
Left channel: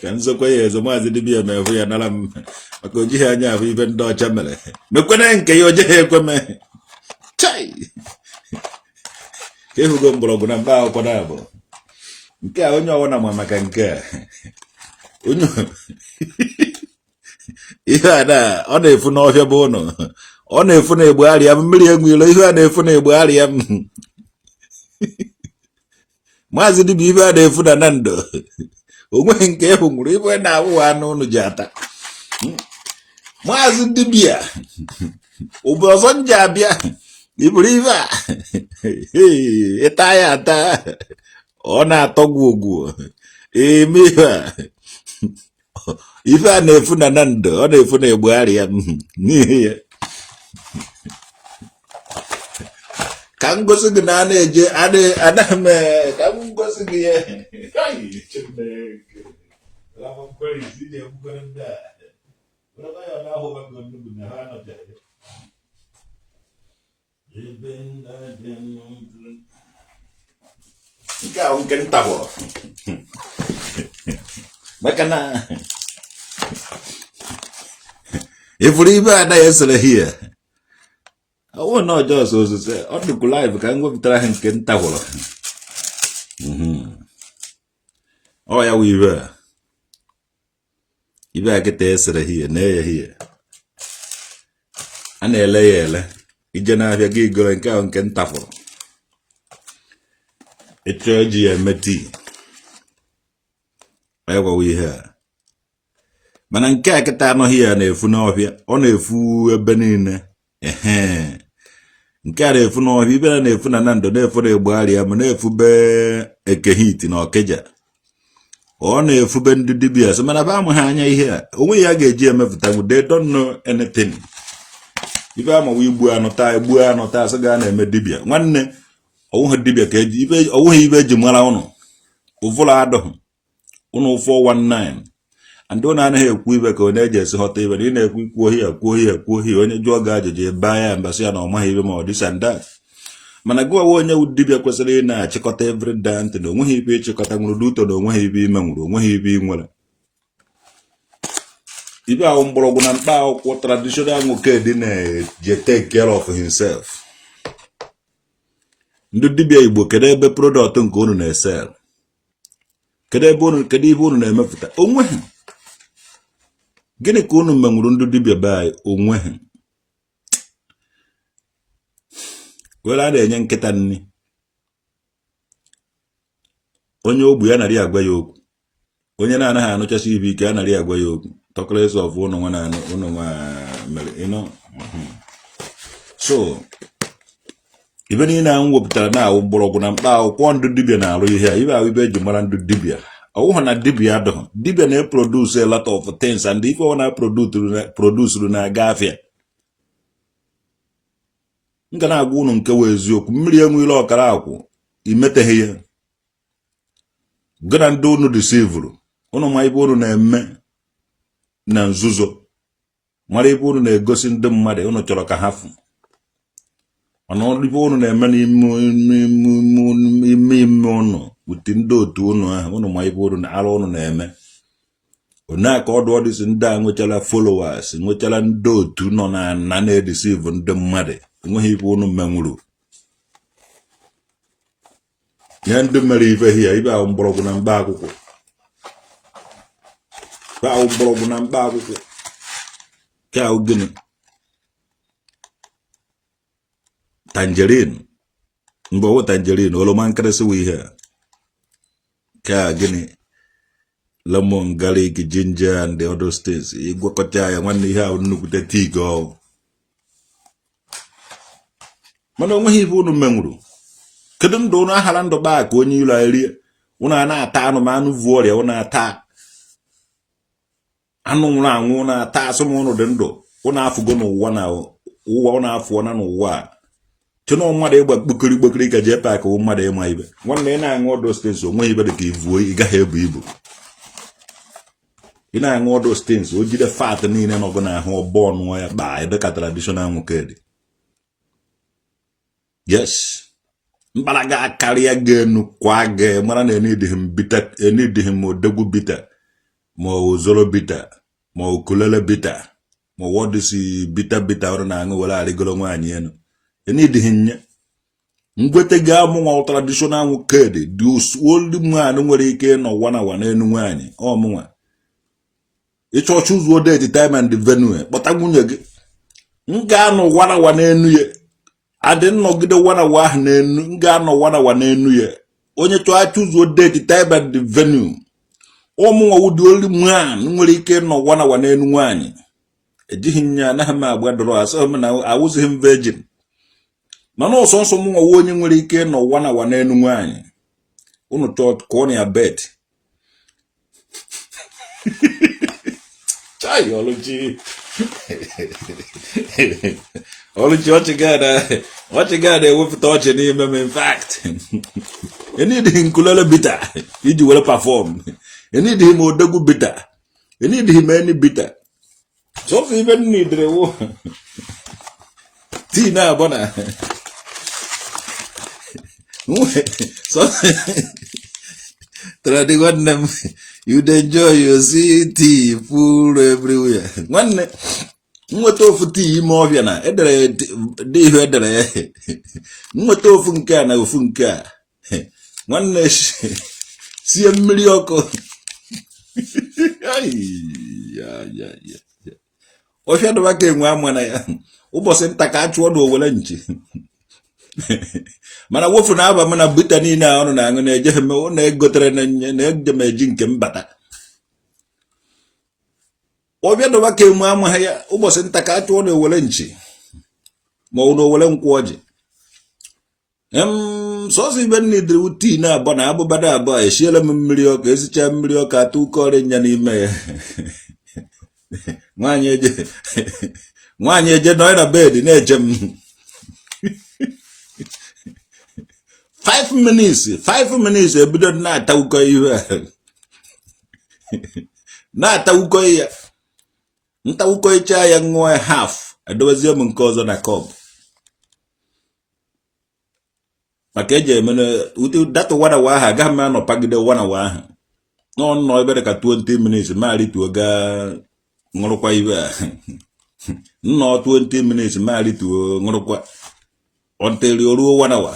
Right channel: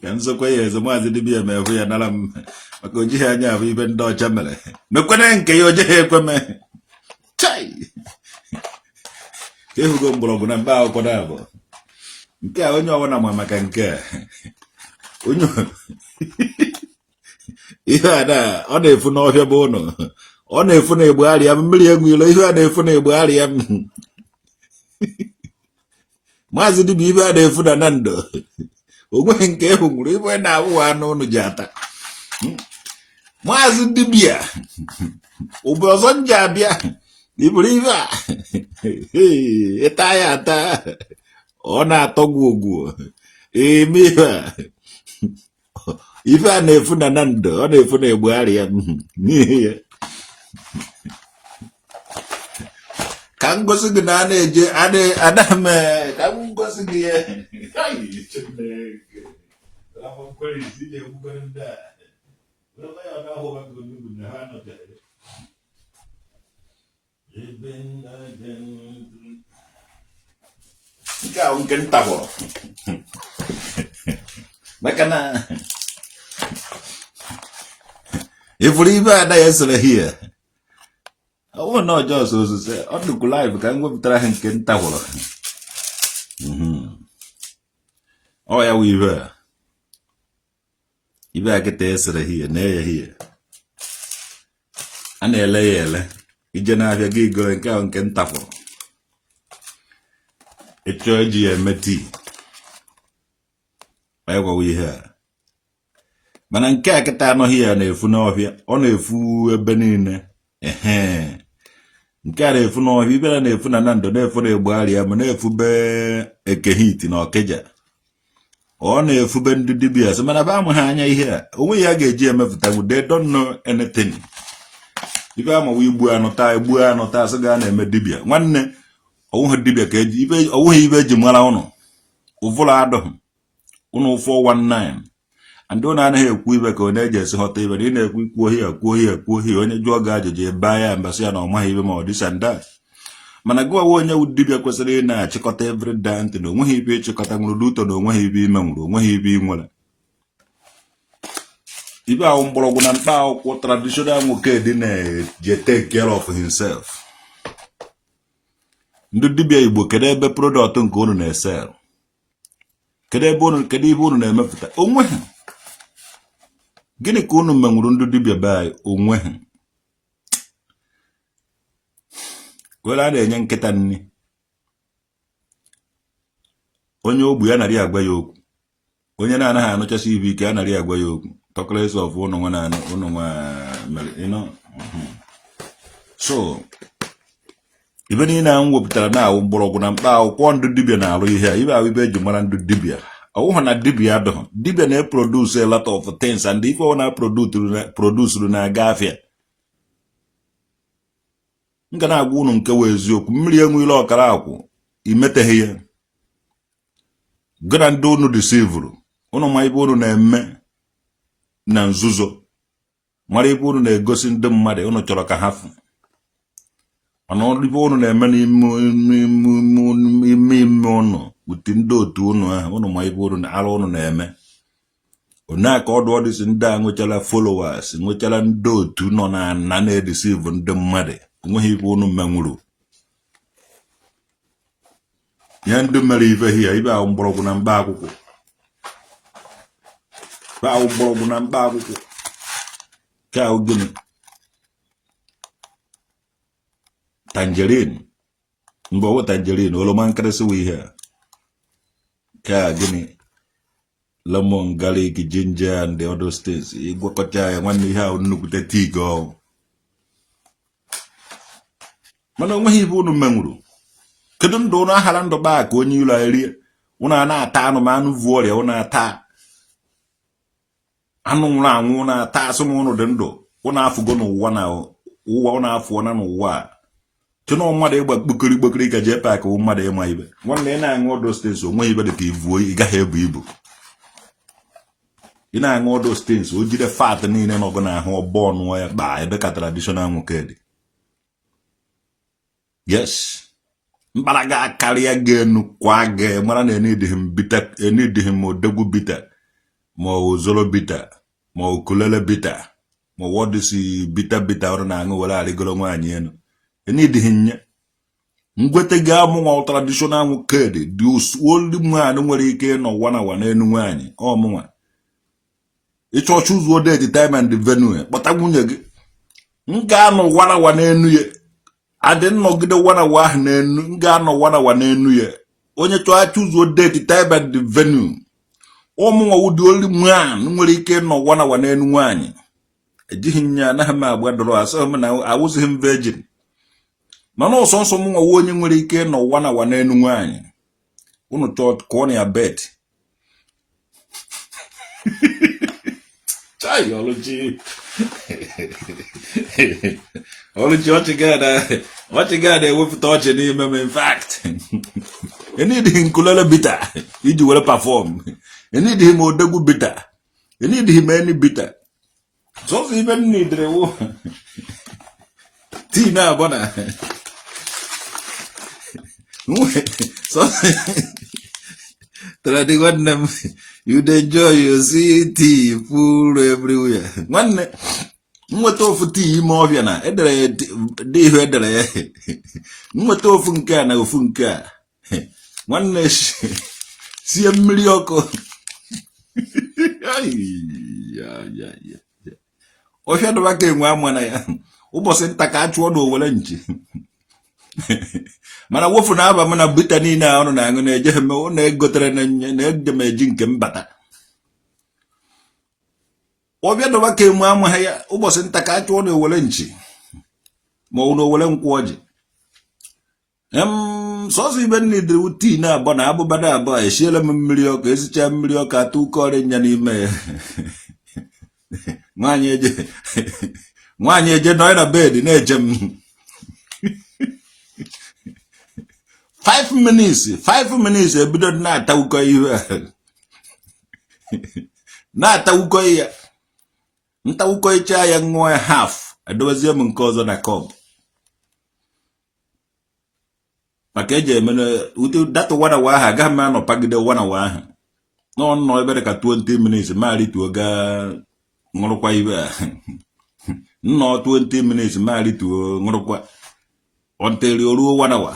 Ka nzokwa ya eze maazị dibịa mefu ya nara m maka o jighị anya ahụ ibe ndị ọcha mere. Mekwene nke ya o jeghị ekweme. Chai! Ka ịhụgo mgbọrọgwụ na mkpa akwụkwọ na-abụ. Nke a onye ọwụna ma maka nke a. Onye ihe a na ọ na-efu n'ọhịa bụ ụnụ. Ọ na-efu na egbugharịa m mmiri enwilo ihe a na-efu na egbugharịa m. Maazị dibịa ibe a na-efu na na ndụ. Onweghị nke ịhụ nwụrụ ibe na-awụwa anụ ụnụ ji ata. Maazị dibịa ụbọ ọzọ nji abịa iburu ibe a ịta ya ata ọ na-atọ gwogwo eme ife a na-efu na ndụ ọ na-efu na egbugharị ya n'ihi ya ka m gosi gị na a na-eje adame ka m gosi gị ya nke ahụ nke nta hụrụ maka na ifuru ibe anaghị esere hie ọwụ na ọjọọ osose ọ dịkwu live ka m wepụtara ha nke nta hụrụ ọ ya wụ ibe a kịta esere hie na-eye hie a na-ele ya ele ije na-abịa gị igoro nke ahụ nke nta hụrụ ịchọ ji ya eme tii egwawa ihe a mana nke a kịta anọghị ya na-efu n'ọhịa ọ na-efu ebe niile nke a na-efu n'ọhịa ibe na-efu na ndụ na-efu na egbugharị ya ma na-efube ekehiti na ọkịja ọ na-efube ndị dibịa sị mana ba amụghị anya ihe a onwe ya ga-eji emepụta bụ they don't know anything ibe amawa igbu anụ taa sị ga na-eme dibịa nwanne ọwụghị dibịa ka ọwụghị ibe eji mara ụnụ ụvụrụ adụghị ụnụ 419 ndị ụnụ anaghị ekwu ibe ka onye eji esi ghọta ibe na ị na-ekwu kwuo ihe onye jụọ gị ajụjụ ebe ya mbasị ya na ọ maghị ibe ma ọ dịsa nda mana gị ọwa onye wu dibịa kwesịrị ị na-achịkọta everyday ntị na onweghị ibe ịchịkọta nwụrụ duto na onweghị ibe ime nwụrụ onweghị ibe ị nwere ibe ahụ mgbọrọgwụ na mkpa akwụkwọ traditional nwoke dị na-eje take care of himself. Ndị dibịa Igbo kedu ebe product nke unu na-esel kedu ihe unu na-emepụta onweghị gịnị ka unu menwuru ndị dibịa be onweghị were a na-enye nkịta nri onye ogbu ya narị agwa ya okwu onye na-anaghị anụchasị ibe ike a narị agwa ya okwu talkless of unu nwa mere so ibe niile a m wepụtara na-awụ mgbọrọgwụ na mkpa akwụkwọ ndị dibịa na-arụ ihe a ibe ahụ ibe eji mara ndị dibịa ọwụghị na dibịa adụghị dibịa na-eproduce a lot of things and ife ọ na-produsuru na-aga afịa m ga na-agwa unu nke wee eziokwu mmiri enwere ọkara akwụ imeteghị ya gị na ndị unu disivuru unu ma ibe unu na-eme na nzuzo mara ibe unu na-egosi ndị mmadụ unu chọrọ ka ha fụ mana ibe unu na-eme n'ime unu uti ndị otu unu ahụ unu ma ibe unu na-arụ unu na-eme onaka ọdụ ọdịsị ndị a nwechara followers nwechara ndị otu nọ na na-edisivu ndị mmadụ enweghị ibe unu menwuru ihe ndị mere ife hia ibe ahụ mgbọrọgwụ na mkpa akwụkwọ ka ahụ gịnị tangerine mgbe ọwụ tangerine oroma nkịrịsị wụ ihe a ka gịnị lemon garlic ginger and the other things ịgwakọta ya nwanne ihe ahụ nnukwute tii gị ọwụ mana onweghị ife unu menwuru kedu ndụ ụnụ ahara ndụ baa ka onye ilo erie ụnụ a na-ata anụmanụ vu ọrịa ụnụ ata anụ nwụrụ anwụ ụnụ ata asụm ụnụ dị ndụ ụnụ afụgo n'ụwa na ụwa ụnụ afụọ na n'ụwa Chino mmadụ ịgba kpokiri ka jee paakị wụ mmadụ ịma ibe. Nwanne ị na-aṅụ ọdụ stens onwe ibe dị ka ivuo ị gaghị ebu ibu. Ị na-aṅụ ọdụ stens o jide fat niile n'ọgụ n'ahụ ọbọ ọnụọ ya kpaa ebe ka traditional nwoke dị. Yes. Mbaraga karịa ga-enu kwa ga mara na enidịghị m odegwu bita ma ozoro bita ma okulele bita ma wọdịsi bita ọrụ na-aṅụ were arịgoro nwaanyị enu. Enidịghị nye ngwete ga-amụ nwa traditional nwoke dị olu nwaanyị nwere ike nọ wana n'enu nwaanyị ọmụnwa ịchọchụ ụzọ date time and venue kpọta nwunye gị m ga-anọ wana n'enu ya adị nnọgide wanawa ahụ n'enu m ga-anọ wanawa n'enu ya onye chọọ achụ ụzọ date time and venue ụmụnwa ụdị olu nwaanyị nwere ike nọ wanawa n'enu nwaanyị ejighị nya anaghị m agba dọrọ asọ m na awụzighị m virgin mana ọsọ nsọ mụnwa onye nwere ike nọ wanawa n'enu nwaanyị unu chọọ kụọ ya bet chai oluchi ọchị gada ewepụta ọchị n'ime m in fact enidịghị nkulele bita iji were perform enidịghị m odegwu bita enidịghị m eni bita sọsọ ibe nidere wo tii na-abọ na Tradi nwanne m you'd enjoy your tea full everywhere. Nwanne nweta ofu tii ime ọbịa na edere dị ihe edere nweta ofu nke a na ofu nke a nwanne sie mmiri ọkụ ọfịa dọba ka enwe ama na ya ụbọchị nta ka a chụọ na owere nchi mana wofu na aba m na bita niile a ọnụ na-aṅụ na-ejeghị m na-egotere na-eje m eji nke mbata ọbịa dọba ka enwe amaghị ya ụbọchị nta ka a chụọ na owere nchi ma ọ na owere nkwụ ọjị sọsọ ibe nna idiri tii na-abọ na abụbada abụọ esiela m mmiri ọkụ esicha mmiri ọkụ atụ ụkọ ọrịa nya n'ime ya nwaanyị eje nọ na bed na-eje m 5 minutes ebido na-atawụkọ ihe na-atawụkọ ya ntawụkọ icha ya ṅụọ ya half edowezie m nke ọzọ na kọp maka eji emene ute data wanawa ahụ agaghị m anọpagide wanawa ahụ n'ọnọ ebe dị ka 20 minutes ma rituo gaa ṅụrụkwa ihe a nnọọ 20 minutes ma rituo ṅụrụkwa until o ruo wanawa.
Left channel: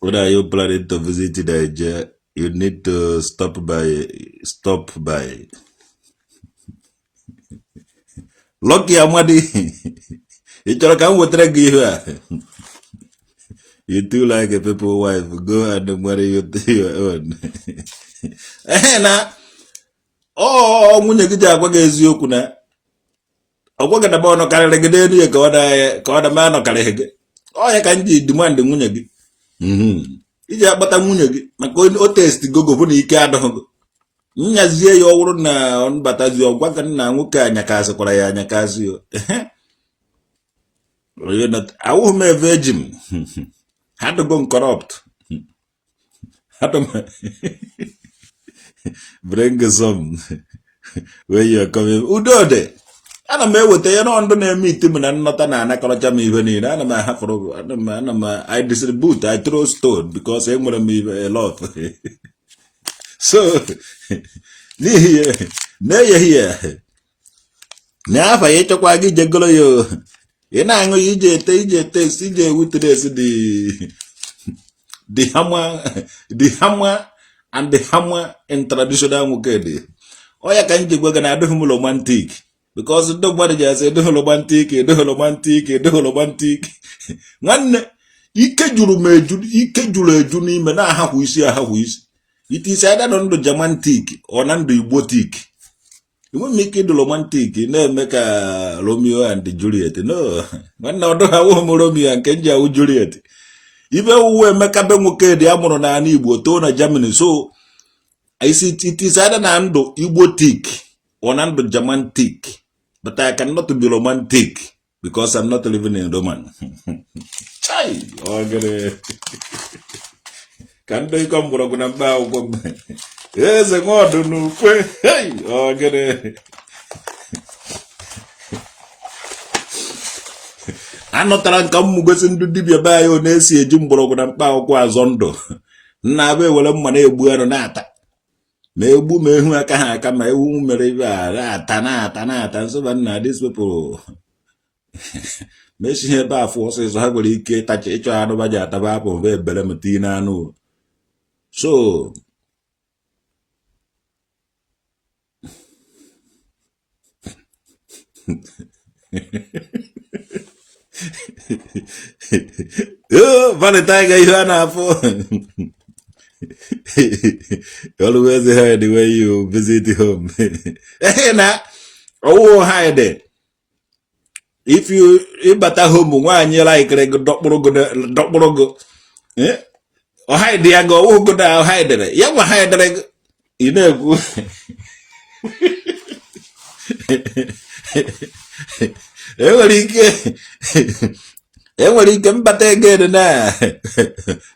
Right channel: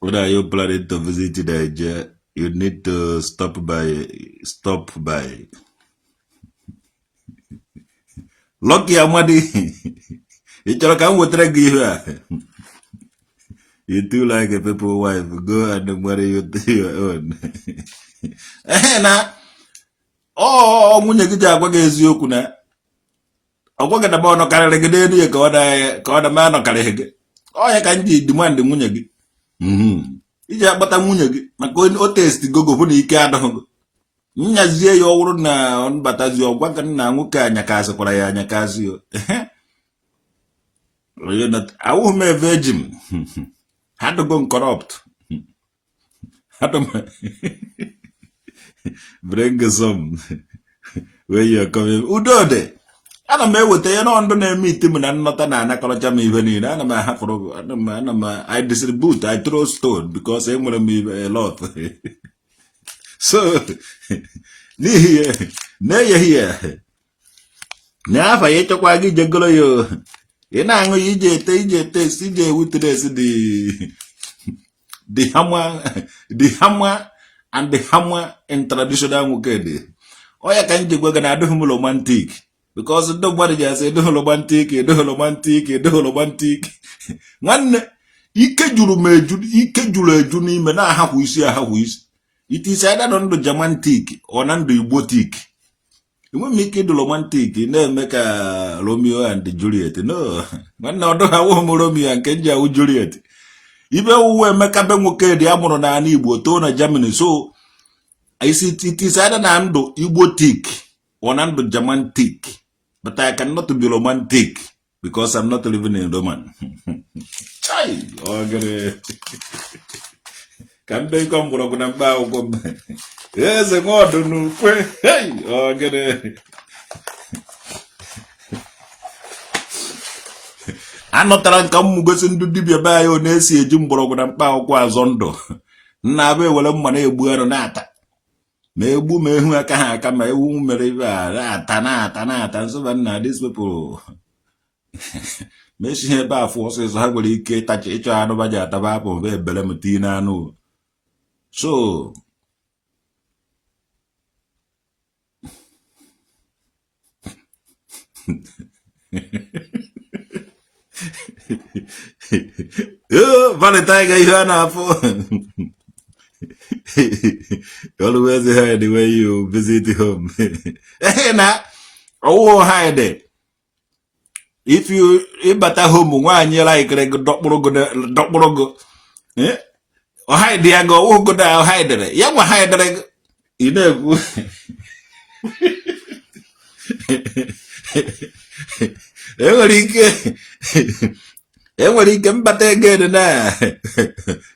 When are you planning to visit Nigeria? You need to stop by. Lucky Amadi. You too like a people wife. Go and marry your own. Oh, when you get a wag is you kuna. A wag at the bone of Carragade, you got a man of Carragade. Oh, I can't demand the Munyagi. Iji akpata nwunye gị maka o test gogo bụ na ike adọghị nyazie ya ọwụrụ na nbatazi ọgwa ka nna nwoke anyakasịkwara ya anyakasị awụghị m virgin had go corrupt bring some where you are coming udode ana m eweta ya na ndụ na-eme ite m na nnọta na anakọrọcha m ihe niile ana m ahapụrụ ana m I distribute I throw stone because enwere m a lot so n'ihi na-eyeghị ya n'afọ ya ịchọkwa gị jegoro ya ị na-aṅụ ya ije ete ije ewutres the hammer and the hammer in traditional nwoke dị ọ ya ka m ji gwa gị na adịghị m romantic because nobody just say do romantic nwanne ike juru eju n'ime na ahapụ isi it is either na ndụ Germantic or na ndụ Igbotic enwe m ike ịdụ romantic na-eme ka Romeo and Juliet no nwanne ọdụ ha wụ m Romeo nke nji awụ Juliet ibe uwe Emeka be nwoke dị amụrụ na ala Igbo too na Germany so it is either na ndụ Igbotic or na ndụ Germantic. But I cannot be romantic because I'm not living in Roman. Chai, okay. Can they come from a bow? There's a god no hey, okay. I'm not trying to come into Dibia Bio, Nessie, Jumbo, and Pao Quazondo. Nabe will money a bueno nata. Nebu me who I can't come my woman, Tanata, and so on. These people. Messi ba forces ha gwere ike tacha ịchọ anụ baja ataba apụ ve bele meti na anụ. So Valentine ga ihe na afọ. Always hide the way you visit home. Na owo hide. If you bata home nwanyị like dokporogo o hide ya go wo go da hide ya wa hide you know enwere ike mbata ego na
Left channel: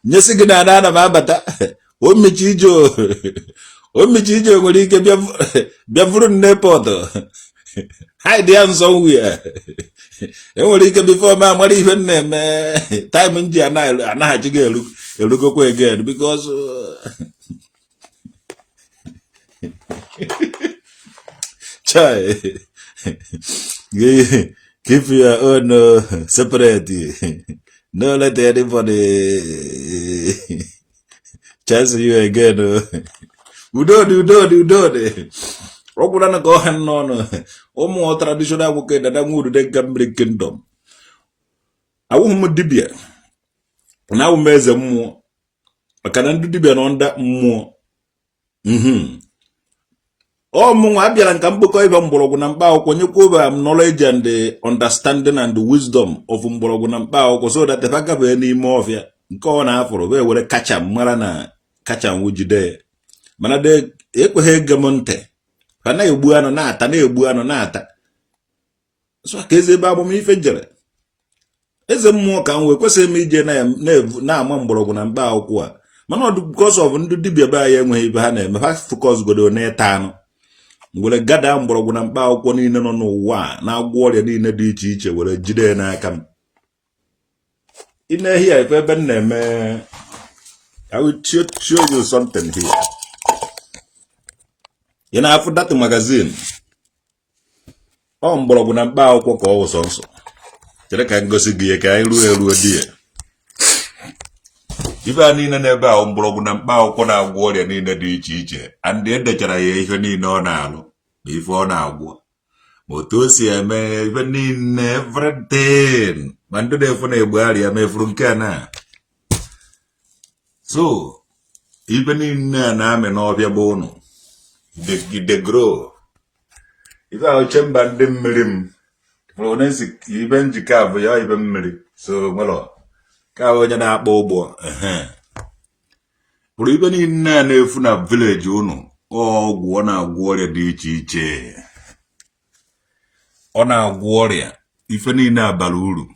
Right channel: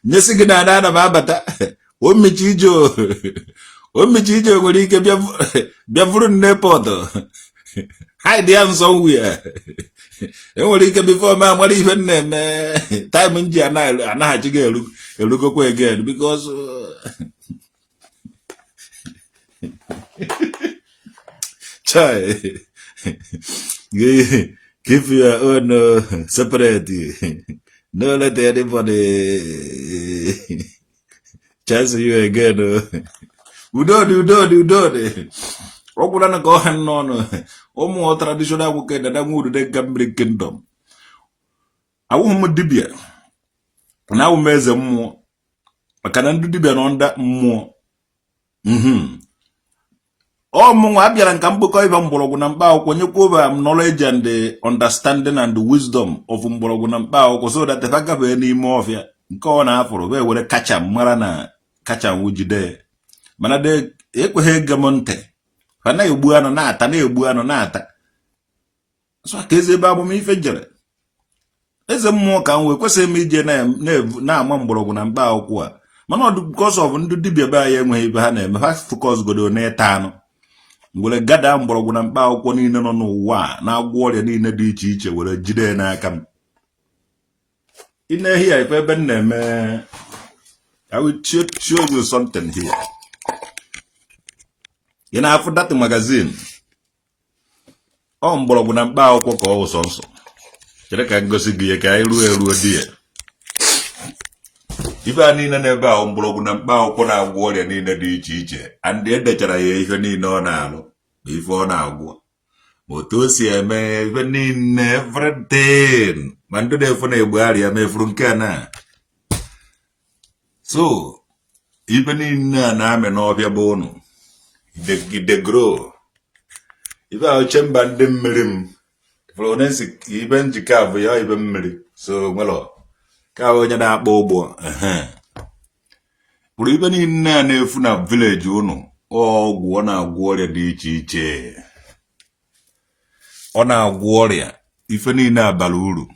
nyesi gị na na bata o michi ijo nwere ike bịa vuru n'airport hide ya somewhere. Enwere ike before ma amara ihe na-eme time nji anaghị gị erugokwa again because chai keep your own separate. No let anybody chance you again. Udo. Okwula na go han no omo traditional woke da mu de Gambri kingdom. Awu mu dibia. Na wu meze mu. Makana ndu dibia no nda mu. O mu abịara nka mkpokọ ibe mgbọrọgwụ na mkpa akwụkwọ nyekwa ba knowledge and the understanding and the wisdom of mgbọrọgwụ na mkpa akwụkwọ so that if agabe n'ime ọfịa nke ọ na-afụrụ be were kacha mara na kacha nwujide. Mana de ekweghị ege m ntị. Kana egbu anụ na-ata so ka eze ebe agbam ife jere eze mmụọ ka m wee kwesịrị m ije na-ama mgbọrọgwụ na mkpa akwụkwọ a mana ọ because of ndị dibịa be anyị enweghị ibe ha na-eme ha focus godo na-eta anụ were gada mgbọrọgwụ na mkpa akwụkwọ niile nọ n'ụwa na-agwọ ọrịa niile dị iche iche were jide n'aka m ine here ife ebe m na-eme I will show you something here. You know, after that magazine, mgbọrọgwụ na mkpa akwụkwọ ka ọ wụsọ nsọ. Chere ka ngosi gị ka anyị ruo die. Ife a niile n'ebe a mgbọrọgwụ na mkpa akwụkwọ na-agwọ ọrịa niile dị iche iche. And edechara ya ihe niile ọ na-alụ na ife ọ na-agwọ. Ma otu o si eme ife niile everything. Ma ndị na-efu na-egbugharị ya mefuru nke a na. So, ife niile a na-amị n'ọbịa bụ ụnụ. They grow. If I chamber them mirim, Florence, even Chicago, ya even miri. So, well, Kawajana Bobo, but even in a Funa village, Guana warrior dichiche. On our warrior, if any na baluru,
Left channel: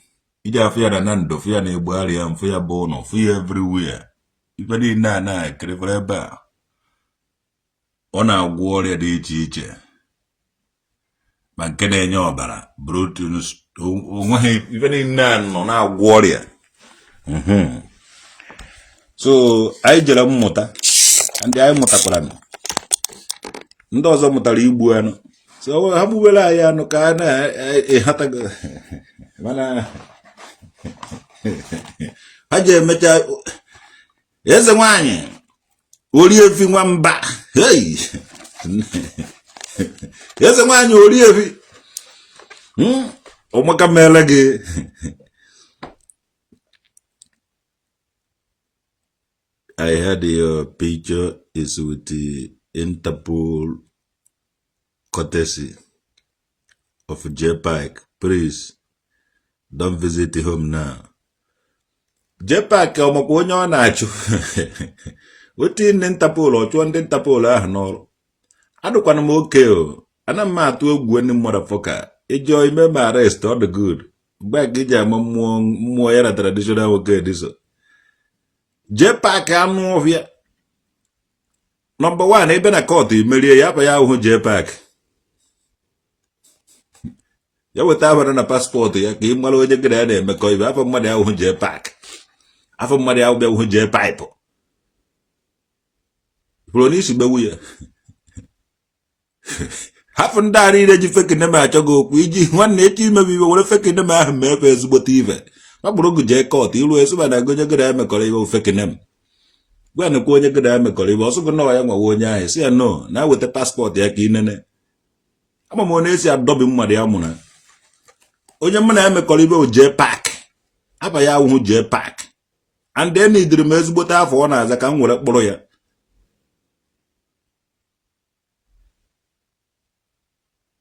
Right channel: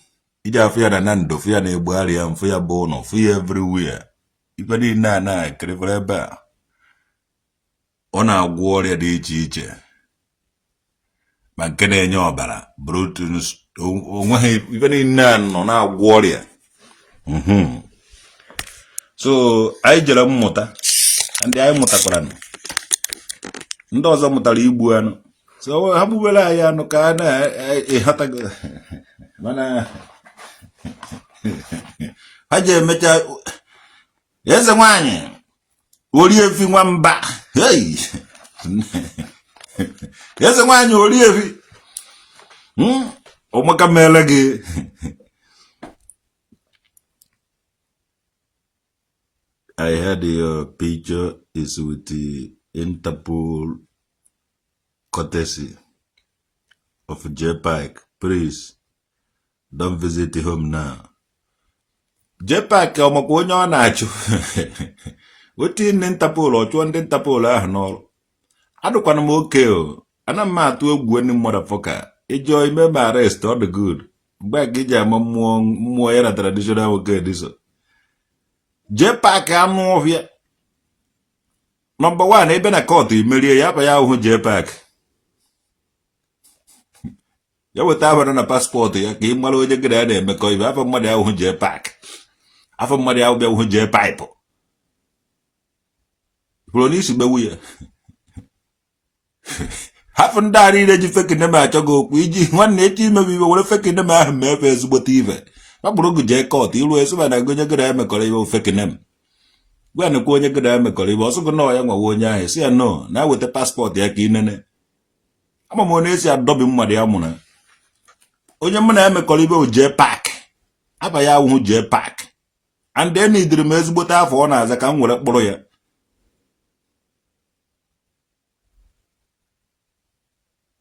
ija fear the nando, fear ne barrier and fear bono, fear everywhere. If any na creveba. Ọ na-agwọ ọrịa dị iche iche ma nke na-enye ọbara brutus onweghị ife niile nọ na-agwọ ọrịa. So anyị jere mmụta ndị anyị mụtakwara ndị ọzọ mụtara igbu anụ so ha gbuwere anyị anụ ka a na-ehata mana ha ji emecha eze nwanyị ori efi nwamba hey eze nwanyị ori efi ọmaka mele gị I heard your picture is with the Interpol courtesy of JPAC. Please don't visit the home now. JPAC ọmakwa onye ọ na-achụ wetin ndị Interpol ọchụọ ndị Interpol ahụ n'ọrụ adụkwana m oke o ana m atụ egwu ndị motherfucker ịjọ ime m arrest all the good Back in more era traditional okay this. J-Pack anu of ya. Number one, even a court, Maria Yapa Yahu J-Pack. You would have on a passport here, came well with the grenade because you have a money out with J-Pack. Half a money out there with J-Pipe. Police be weird. Half and daddy that you fucking them at go, Quiji, 180 maybe we were fucking them out of Memphis, but even. I broke J court, you always when I go to get them a colleague fucking them. When the Koya get them a colleague also go know young one ya, say no, now with the passport, yakin. I'm a monesia dobbing my amuna. Ojaman am a colleague with J-Pack. Abaya who J-Pack. And then he remains but half on as I come with a boy.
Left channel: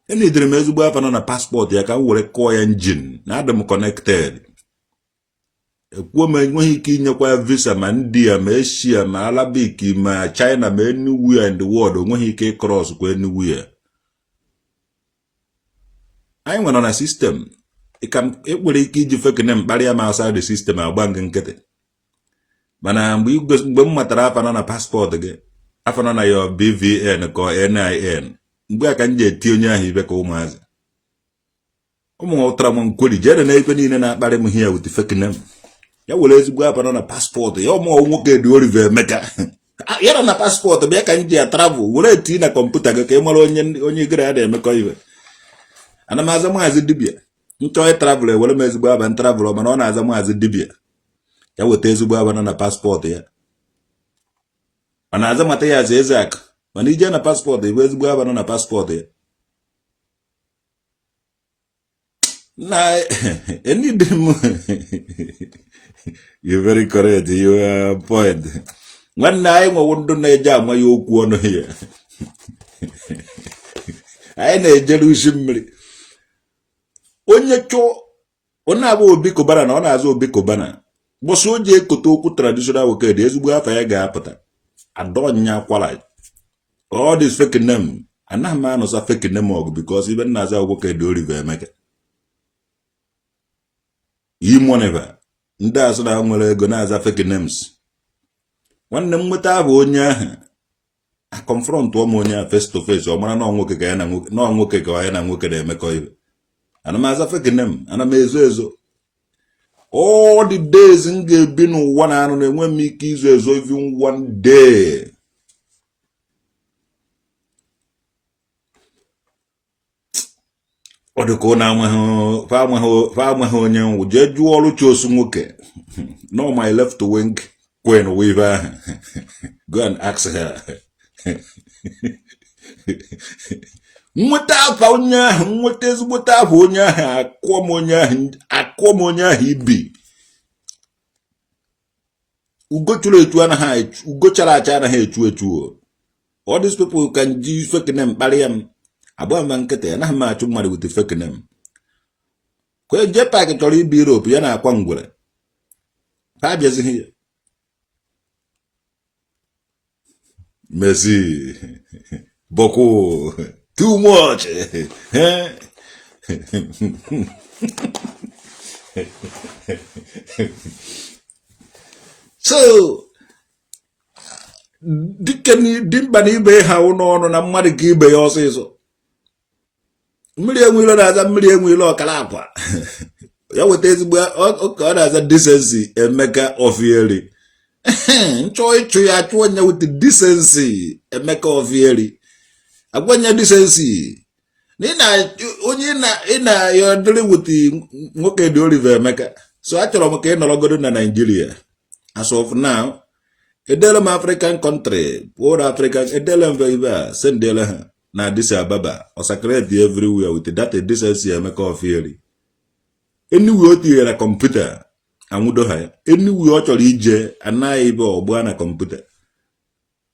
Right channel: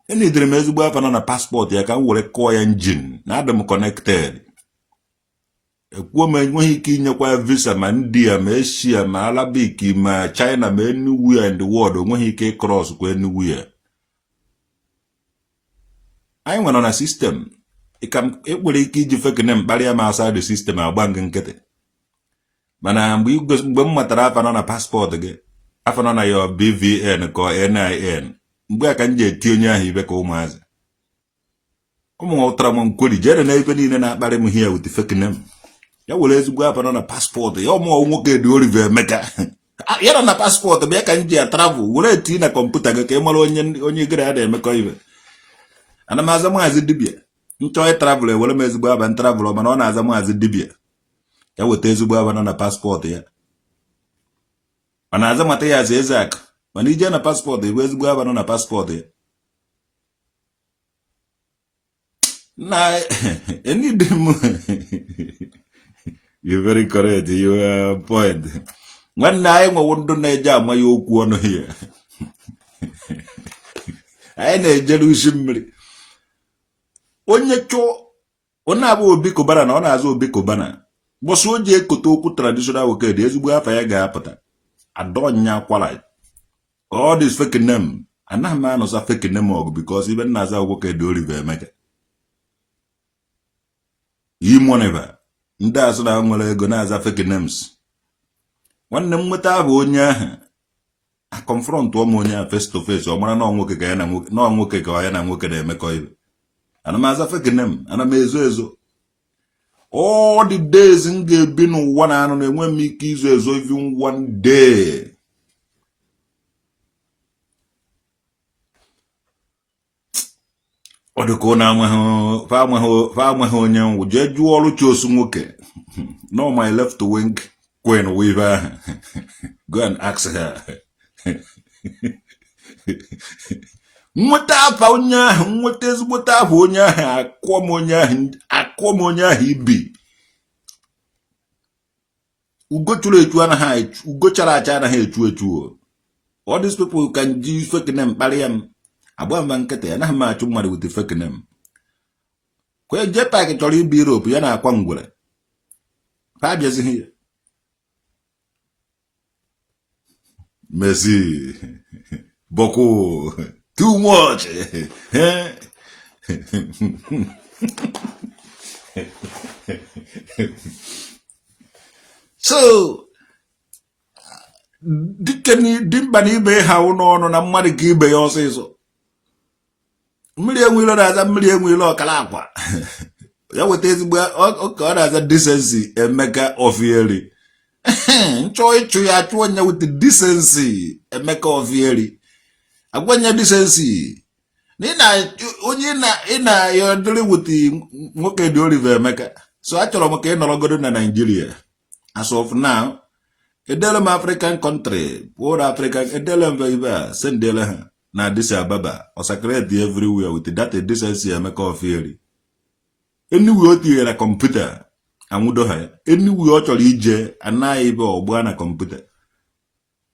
Any dreamers weapon on a passport, you can work a coy engine, not them connected. A woman when he king your visa, man, dear, Messia, Malabiki, my China, man, anywhere in the world, when he came cross, go anywhere. I went on a system. It will keep you fucking them, barrier outside the system, I'll bang and get it. Man, we go matter on a passport again. After on your BVN or NIN. Mgbe ka nje ti onye ahụ ibe ka ụmụazị ụmụ ọtara m nkweli jere na ebe niile na-akparị m here with the fake name ya were ezigbo apa na passport ya ụmụ nwoke dị Oliver Emeka ya na passport bịa ka nje travel were ti na kọmputa gị ka ị mara onye gere ada emekọ ibe ana m aza maazi dibia nchọ travel were m ezigbo aba travel mana ọ na-aza maazi dibia ya weta ezigbo aba na passport ya ana aza mata ya eze aka mana ije na passport iwe ezigbo aba na passport na any dem you're very correct, you are point nwanne anyị nwe ndụ na-eje ama ya okwu ọnụ ya anyị na-ejere usi mmiri onye chọọ ọ na-abụ Obi Kobana na ọ na-azụ Obi Kobana bọsụ o ji ekote okwu traditional woked ezigbo afa ya ga-apụta adonya akwala all this fake name anaghị m anọsa fake name ọgụ because ibe na-aza woked Oliver Emeka imoneva ndị asụ na nwere ego na-aza fake names nwanne m nweta abụ onye ahụ a confront ụmụ onye ahụ face to face ọ mara na nwoke ka ya na nwoke ka ya na nwoke na-emekọ ibe ana m aza fake name ana m ezo all the days m ga-ebi n'ụwa na anụ na-enwe m ike izo ezo even one day ọ dị ka ọ na-amaghị onye nwụ jee jụọ ọrụ Chosu nwoke no my left wing queen weaver go and ask her nweta afa onye ahụ nweta ezigbote afa onye ahụ akụọ m onye ahụ ibi ugo chụrụ echu anaghị ugo chara acha anaghị echu all these people can use fake name kparịa m agba mba nkịta ya naghị m achụ mmadụ with fake name kwe J-Pack chọrọ ibi Europe ya na-akwa ngwere ha abịazighị ya Messi Boko too much so dimba na ibe ha n'ọnụ na mmadụ ka ibe ya ọsịsọ mmiri enwilo na-aza mmiri enwilo ọkara akwa ya weta ezigbo ọ na-aza decency Emeka Ofieri nchọ ịchụ ya achụ onye with decency Emeka Ofieri agwanye decency onye ị na-adịrị with nwoke dị Oliver Emeka so achọrọ m ka ị nọrọgodo na Nigeria as of now edele m African country world African edele m ibe sendele ha na Addis Ababa or secretary everywhere with that decency Emeka Ofieri anywhere o tinyere kọmputa anwụdo ha anywhere ọ chọrọ ije anaghị ibe ọgba na kọmputa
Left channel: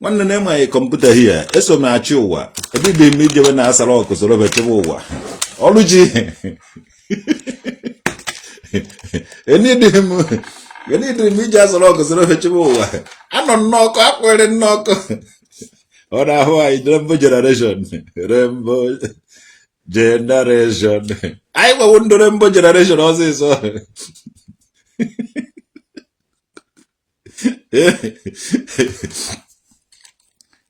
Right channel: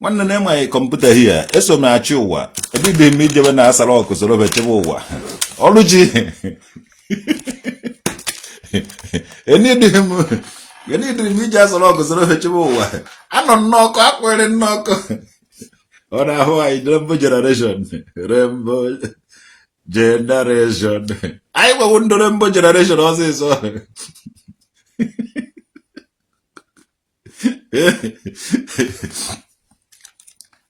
nwanne na enweghị kọmputa hia eso m achị ụwa ebide m ijebe na asara ọkụ soro bechebe ụwa ọrụ ji enidị m ije asara ọkụ soro bechebe ụwa anọ nnọkụ akwere nnọkụ ọ na-ahụ anyị Rainbow Generation anyị I wonder number generation also.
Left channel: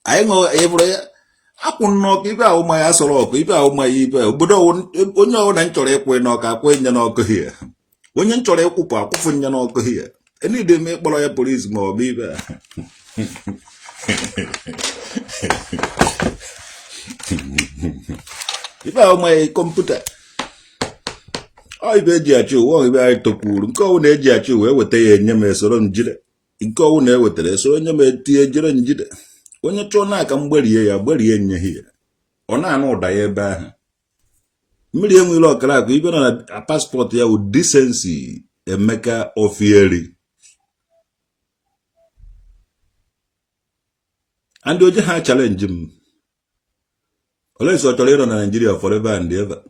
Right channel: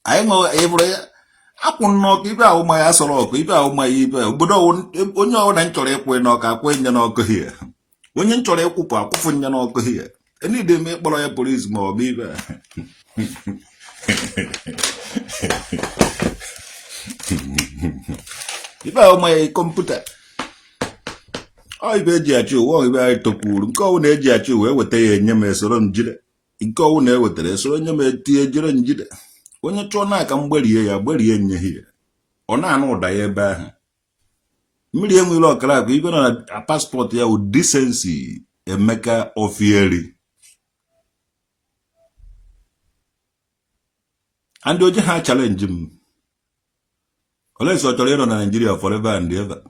I know every I could not give out my ass or keep out my evil, but when you're an entry when you're not here. When you try to coop up, when you're not here. Any day make by a police more beaver. If I my computer, I bet you won't be able to pull. Go on edge at you with the Yamas or Jida. Go on there with the so you made the Jida. When you turn like I'm bury in your here. On I know die by medium will look like even a passport here with decency, a maker of yearly. And do you have challenge him? Unless you're Toledo Nigeria forever and ever.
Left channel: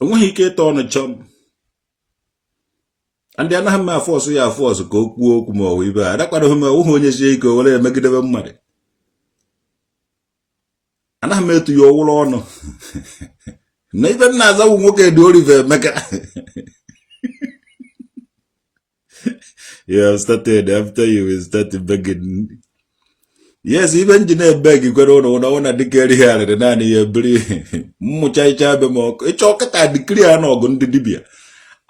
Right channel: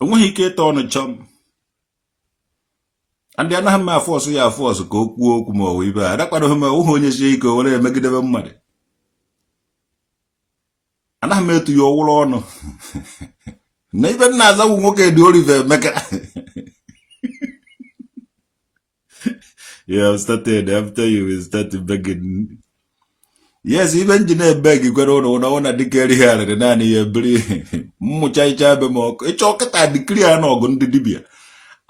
And when he get on a chum, and then I have my force, ya force, go walk more with that. That's what I'm going to say, go away, make it ever money. And I made to your wall honor. Neither Naza will walk at the Oliver Mecca. Yeah, started after you started begging. Yes, even Jeanette beg you got on a decade here at the 9 year breed. Muchai Chabemo, a chocolate I declare no gun to Dibia.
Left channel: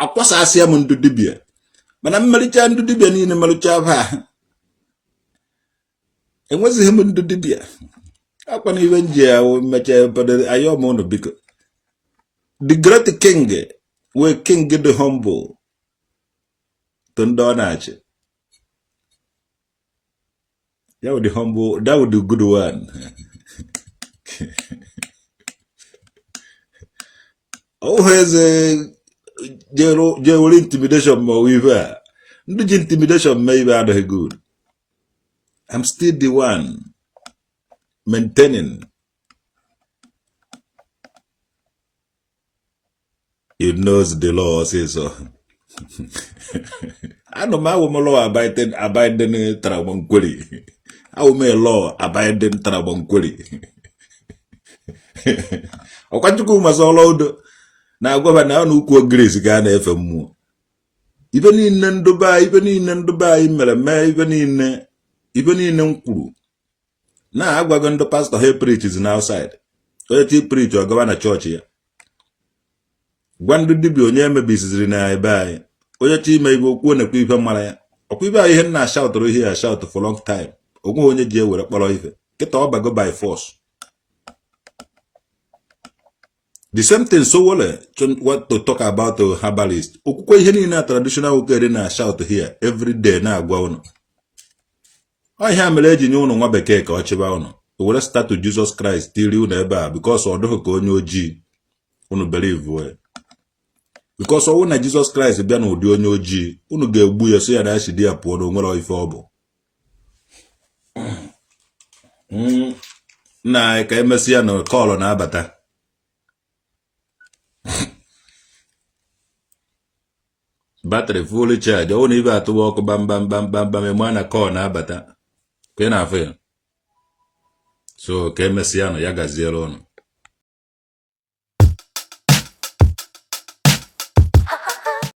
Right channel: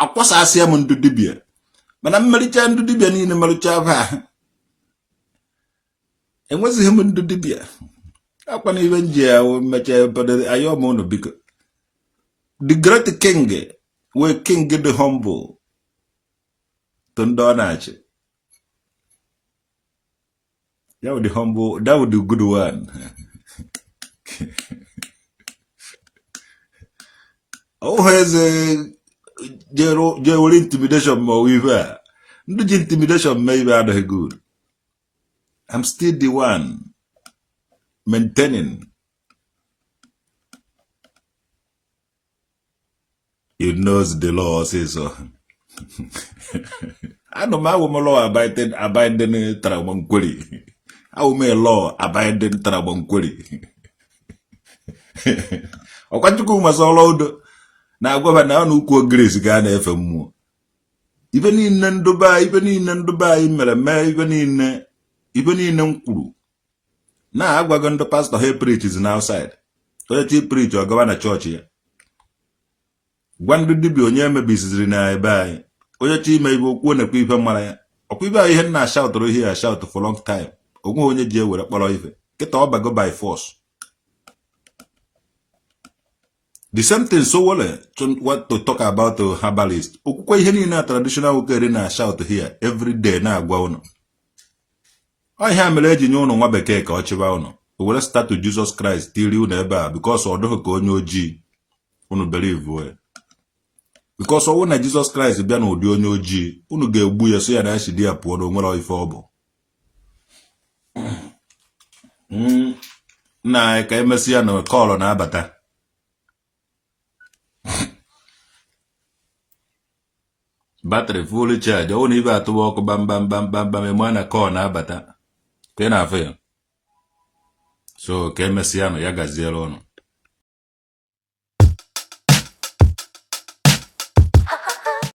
A was I see to Dibia. But I'm Marichan to Dibia in the Marichava. And what's him to Dibia? Upon even jail, but I am on the big. The great king, where king get the humble. Tondonach. That would the humble, that would the good one. Oh, has a general intimidation more with her. The intimidation may be out of good. I'm still the one maintaining. He knows the law says so. I know my woman law abiding Trabanquili. I will make a law abiding Trabanquili. O can't you go my solo? Now go back now, no good grace again, FM. Even in Dubai, even in Nkuru. Now we're going to pastor here preaches outside. 30 preach or go on a church here. One do be on your business in I buy. Or your team may go on a people money. Or people here now shout or here shout for a long time. Or go on your jail with a poloive. Get all by go by force. The same thing so well, what to talk about the herbalist. Okukwe hini na traditional ukere na shout here every day na agwa ono. I have a legend on one beke ka ochiba ono. We will start to Jesus Christ till you never because odo ko onyo ji unu believe we. Because when Jesus Christ bia no odi onyo ji unu ga egbu ya so ya na ashidi ya po no nwere ife obo. Na ka emesia no call na abata. Battery fully charged. Only even to walk bam bam bam bam bam mana corner bata. Kena afya. So kemesiano yaga zero no.